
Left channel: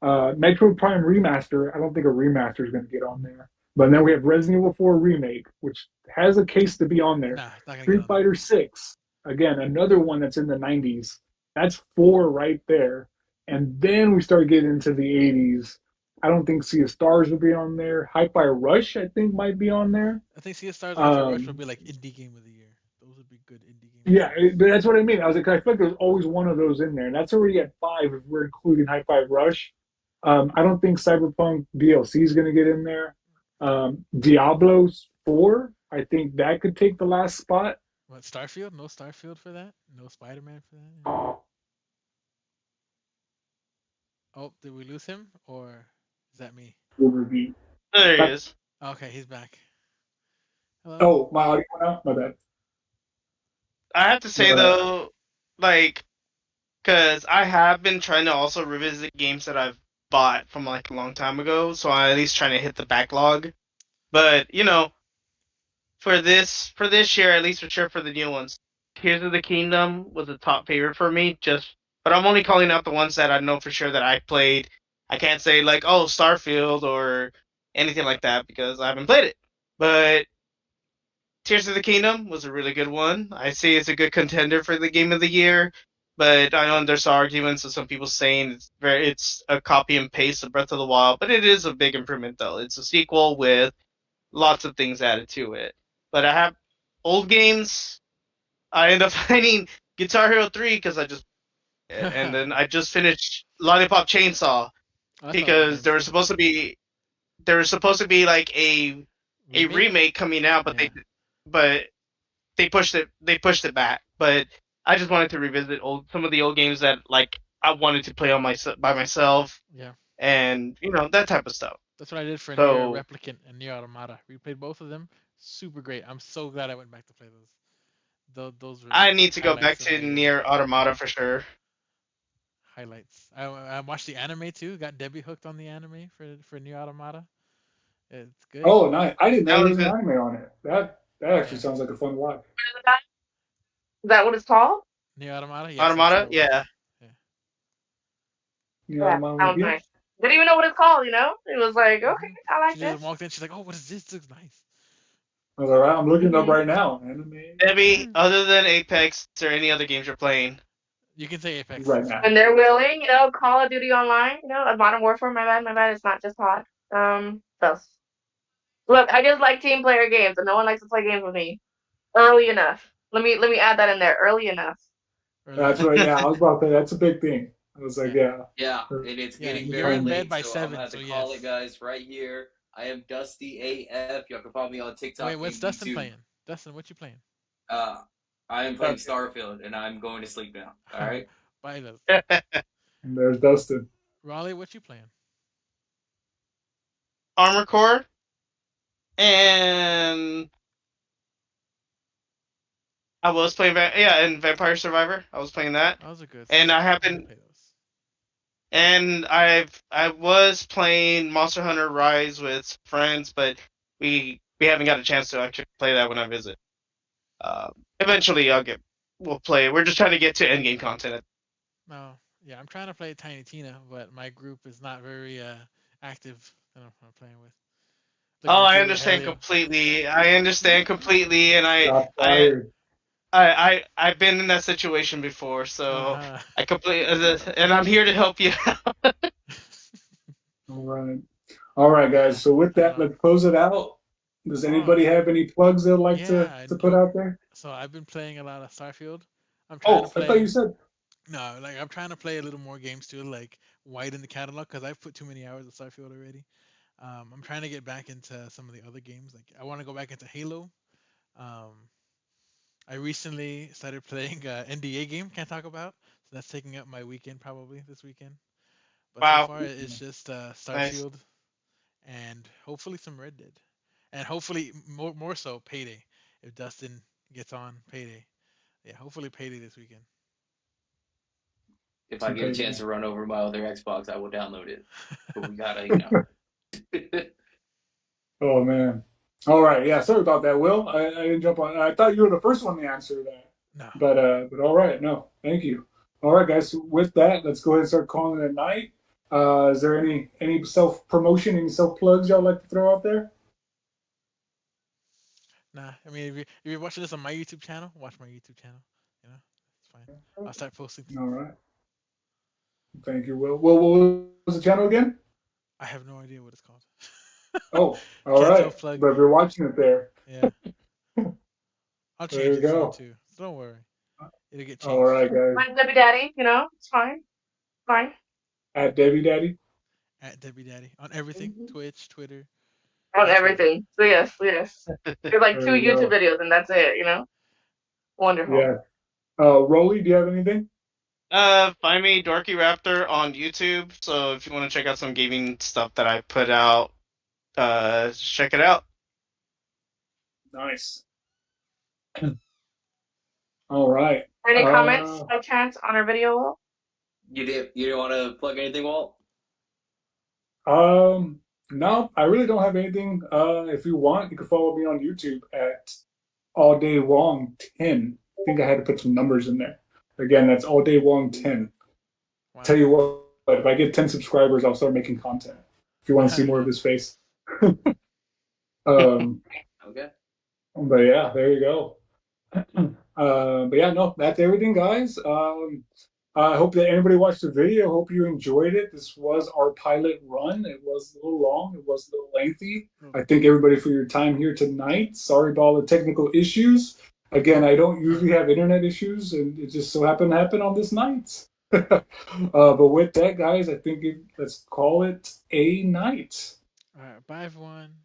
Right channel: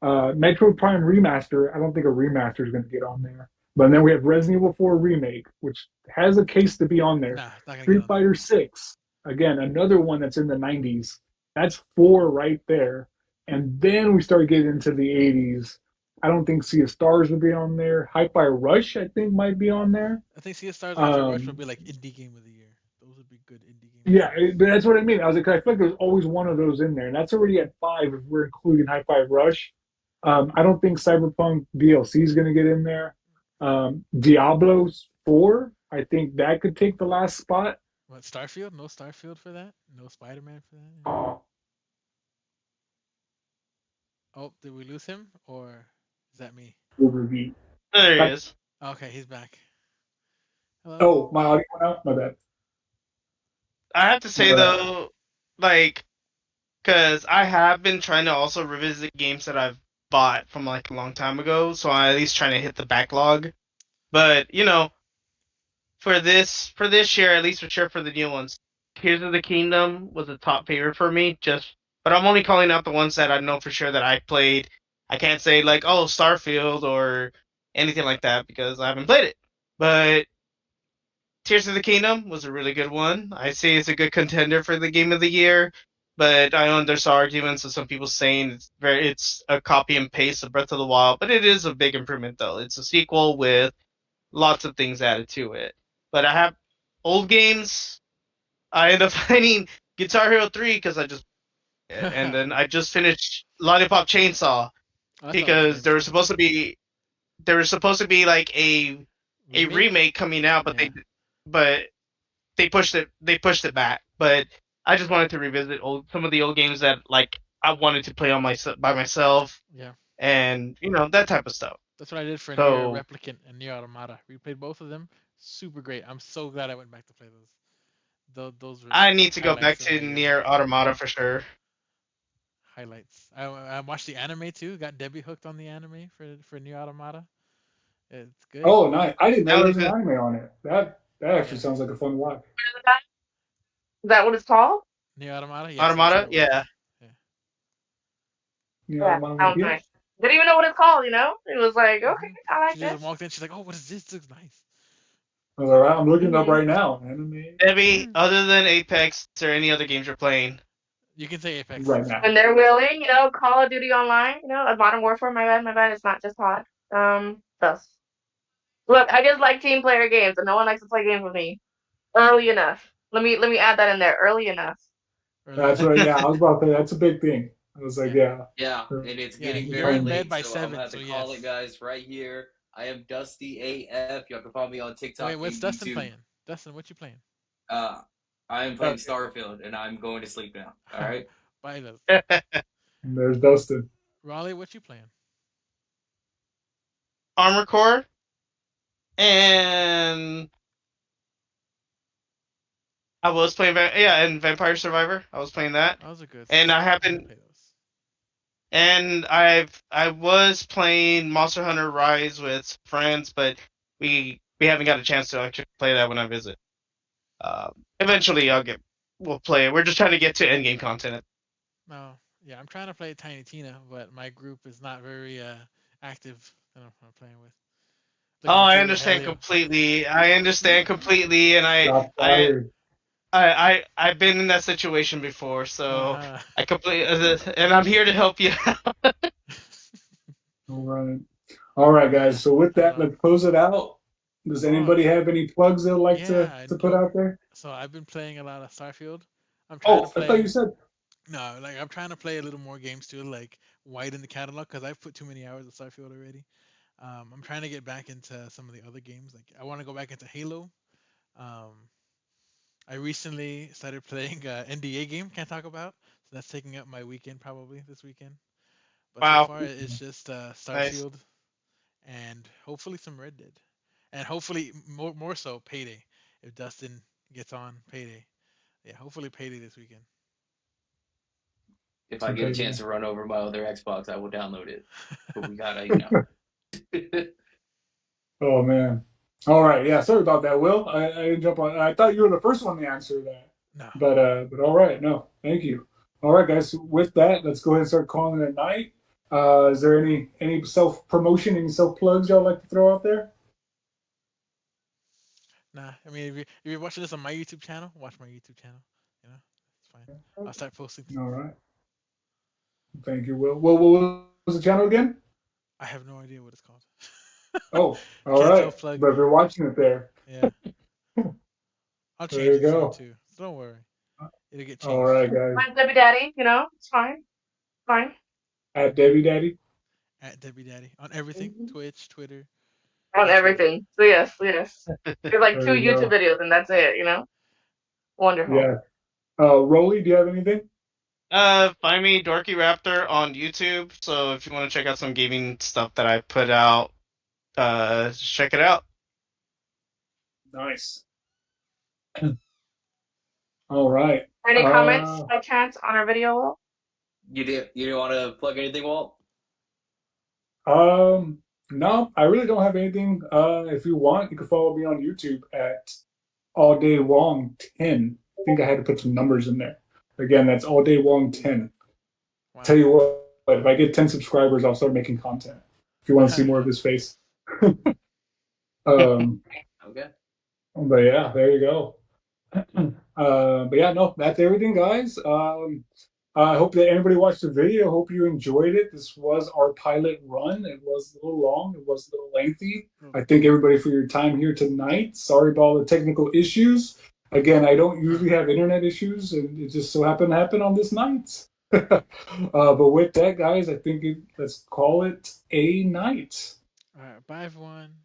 Metro Prime Remaster. I don't think a remaster is going to get on there. But then we have Resident Evil 4 Remake, which has a case to be on there. Nah, it's not gonna get Street on there. Fighter 6, again, another one that's in the 90s. That's four right there. And then we start getting into the 80s. I don't think Sea of Stars will be on there. Hi-Fi Rush, I think, might be on there. I think Sea of Stars and Hi-Fi Rush would Um, be like indie game of the year. Those would be good indie game of the yeah, year. but that's what I mean. I was like, I feel like there's always one of those in there, and that's already at five if we're including High Five Rush. I don't think Cyberpunk DLC is going to get in there. Diablo's 4, I think that could take the last spot. What, Starfield? No Starfield for that? No Spider-Man for that? Oh, did we lose him? Or is that me? Overview. There he That, is. Okay, he's back. Hello. Oh, my audio went out. My bad. I have to say Uh, though, like, because I have been trying to also revisit games that I've bought from like a long time ago, so I'm at least trying to hit the backlog. But for this year, at least for sure for the new ones, Tears of the Kingdom was a top favorite for me. But I'm only calling out the ones that I know for sure that I played. I can't say like, oh, Starfield or anything like that because I haven't played it. But Tears of the Kingdom was a really good one. I say it's a good contender for the game of the year, but I know there's arguments of some people saying it's a copy and paste of Breath of the Wild, but it is a big improvement though. It's a sequel with lots of things added to it. But I have old games. I end up finding Guitar Hero 3 because I just and then I just finished Lollipop Chainsaw Oh, that's an old because game too. there was supposed to be like a Remake? remake coming out, Yeah. but they pushed it back. But I just wanted to revisit some of the old games that like I wanted to play on by myself Yeah. and that type of stuff. That's what I did for Nier So Replicant and Nier Automata. We played both of them. Super great. I'm so glad I went back to play those. Those were I need to go back highlights of to my year. Near Automata for sure. Highlights. I watched the anime too. Got Debbie hooked on the anime for Nier Automata. It's good. oh, nice. I didn't know That there was was an it. anime on it. That actually Yeah. sounds like a fun watch. Is that what it's called? Nier Automata. Yes, that's what Automata, it was. yeah. Yeah. You know, Yeah, I'm on sounds yeah. nice. Didn't even know what it's called, you know? It was like, okay, hmm I like She just this. walked in. She's like, "Oh, what is this? This looks nice." I was all right. I'm looking it up Hmm right now. Anime Debbie, other than Apex, is there any other games you're playing? You can say Apex. right It's now. fine. When they're willing, Call of Duty Online, a Modern Warfare, my bad, it's not just hot. Thus. Look, I just like team player games, and no one likes to play games with me. Early enough. Let me add that in there. Early enough. Early That's enough. right. Yeah, I was about to say that's a big thing. I was like, Yeah. yeah. Yeah, and it's Yeah. getting You're very in Um, bed late, by so I'm gonna 7, have so to call it, yes. guys, right here. I am Dusty AF. Y'all can follow me on Wait, TikTok what's and Dustin YouTube. playing? Dustin, what you playing? Uh, I am playing okay. Starfield, and I'm going to sleep now. All right. Bye, Dustin. And there's Dustin. Raleigh, what you playing? Armor Core and I was playing and Vampire Survivor. I was playing that. Those are good. And I need to play those. I was playing Monster Hunter Rise with friends, but we haven't got a chance to actually play that when I visit. Eventually we'll play it. We're just trying to get to endgame content. No, yeah, I'm trying to play Tiny Tina, but my group is not very active. I don't know who I'm playing with. Oh, Looking at I you, understand Rogelio. completely. I understand completely, and Shots I, fired. I've been in that situation before, Uh so huh. I completely, and I'm here to help you. All right. All right, Yeah, guys. So with I don't that, know. let's close it out. Does Oh, anybody have any plugs they'd like yeah. to put out there? So I've been playing a lot of Starfield. I'm trying to Oh, I thought you play. said. No, like I'm trying to play a little more games too, like widen the catalog because I've put too many hours of Starfield already. I'm trying to get back into some of the other games. Like I want to go back into Halo. Um, I recently started playing NDA game. Can't talk about. So that's taking up my weekend probably this weekend. But so Wow, far it's just nice. Starfield and hopefully some Red Dead, and hopefully more so Payday. If Dustin gets on Payday, yeah, hopefully Payday this weekend. If I Some get a chance payday. to run over my other Xbox, I will download it. But we gotta, Oh man. All right. Yeah. Sorry about that, Will. I didn't jump on. I thought you were the first one to answer that. No. But all right. No, thank you. All right, guys. So with that, let's go ahead and start calling it a night. Is there any self promotion, any self plugs y'all like to throw out there? Nah, I mean, if you're watching this on my YouTube channel, watch my YouTube channel. You know, it's fine. I'll start posting. All right. Thank you, Will. What was the channel again? I have no idea what it's called. Oh, all Can't right. self plug. But if you're watching it there, Yeah, I'll there change you it soon go. too. So don't worry, it'll get All changed. right, guys. Mine's Debbie Daddy, it's fine. Fine. At Debbie Daddy. At Debbie Daddy on everything: Mhm. Twitch, Twitter, On YouTube. everything. So yes, yes. There's like two There you YouTube go. videos and that's it. Wonderful. Yeah. Rolly, do you have anything? Find me Dorky Raptor on YouTube. So if you want to check out some gaming stuff that I put out, check it out. Nice. All right. Any comments by chance on our video wall? You didn't want to plug anything, Walt? Um, no, I really don't have anything. If you want, you can follow me on YouTube at All Day Long 10. I think I had to put some numbers in there. Again, that's All Day Long 10. Wow. Tell you what, if I get 10 subscribers, I'll start making content. If you want to see more of his face. um, Okay. but yeah, there you go. But yeah, no, that's everything, guys. I hope that everybody watched the video. Hope you enjoyed it. This was our pilot run. It was a little long. It was a little lengthy. I thank everybody for your time here tonight. Sorry about all the technical issues. Again, I don't usually have internet issues, and it just so happened to happen on this night. But with that, guys, I think let's call it a night. All right, bye everyone.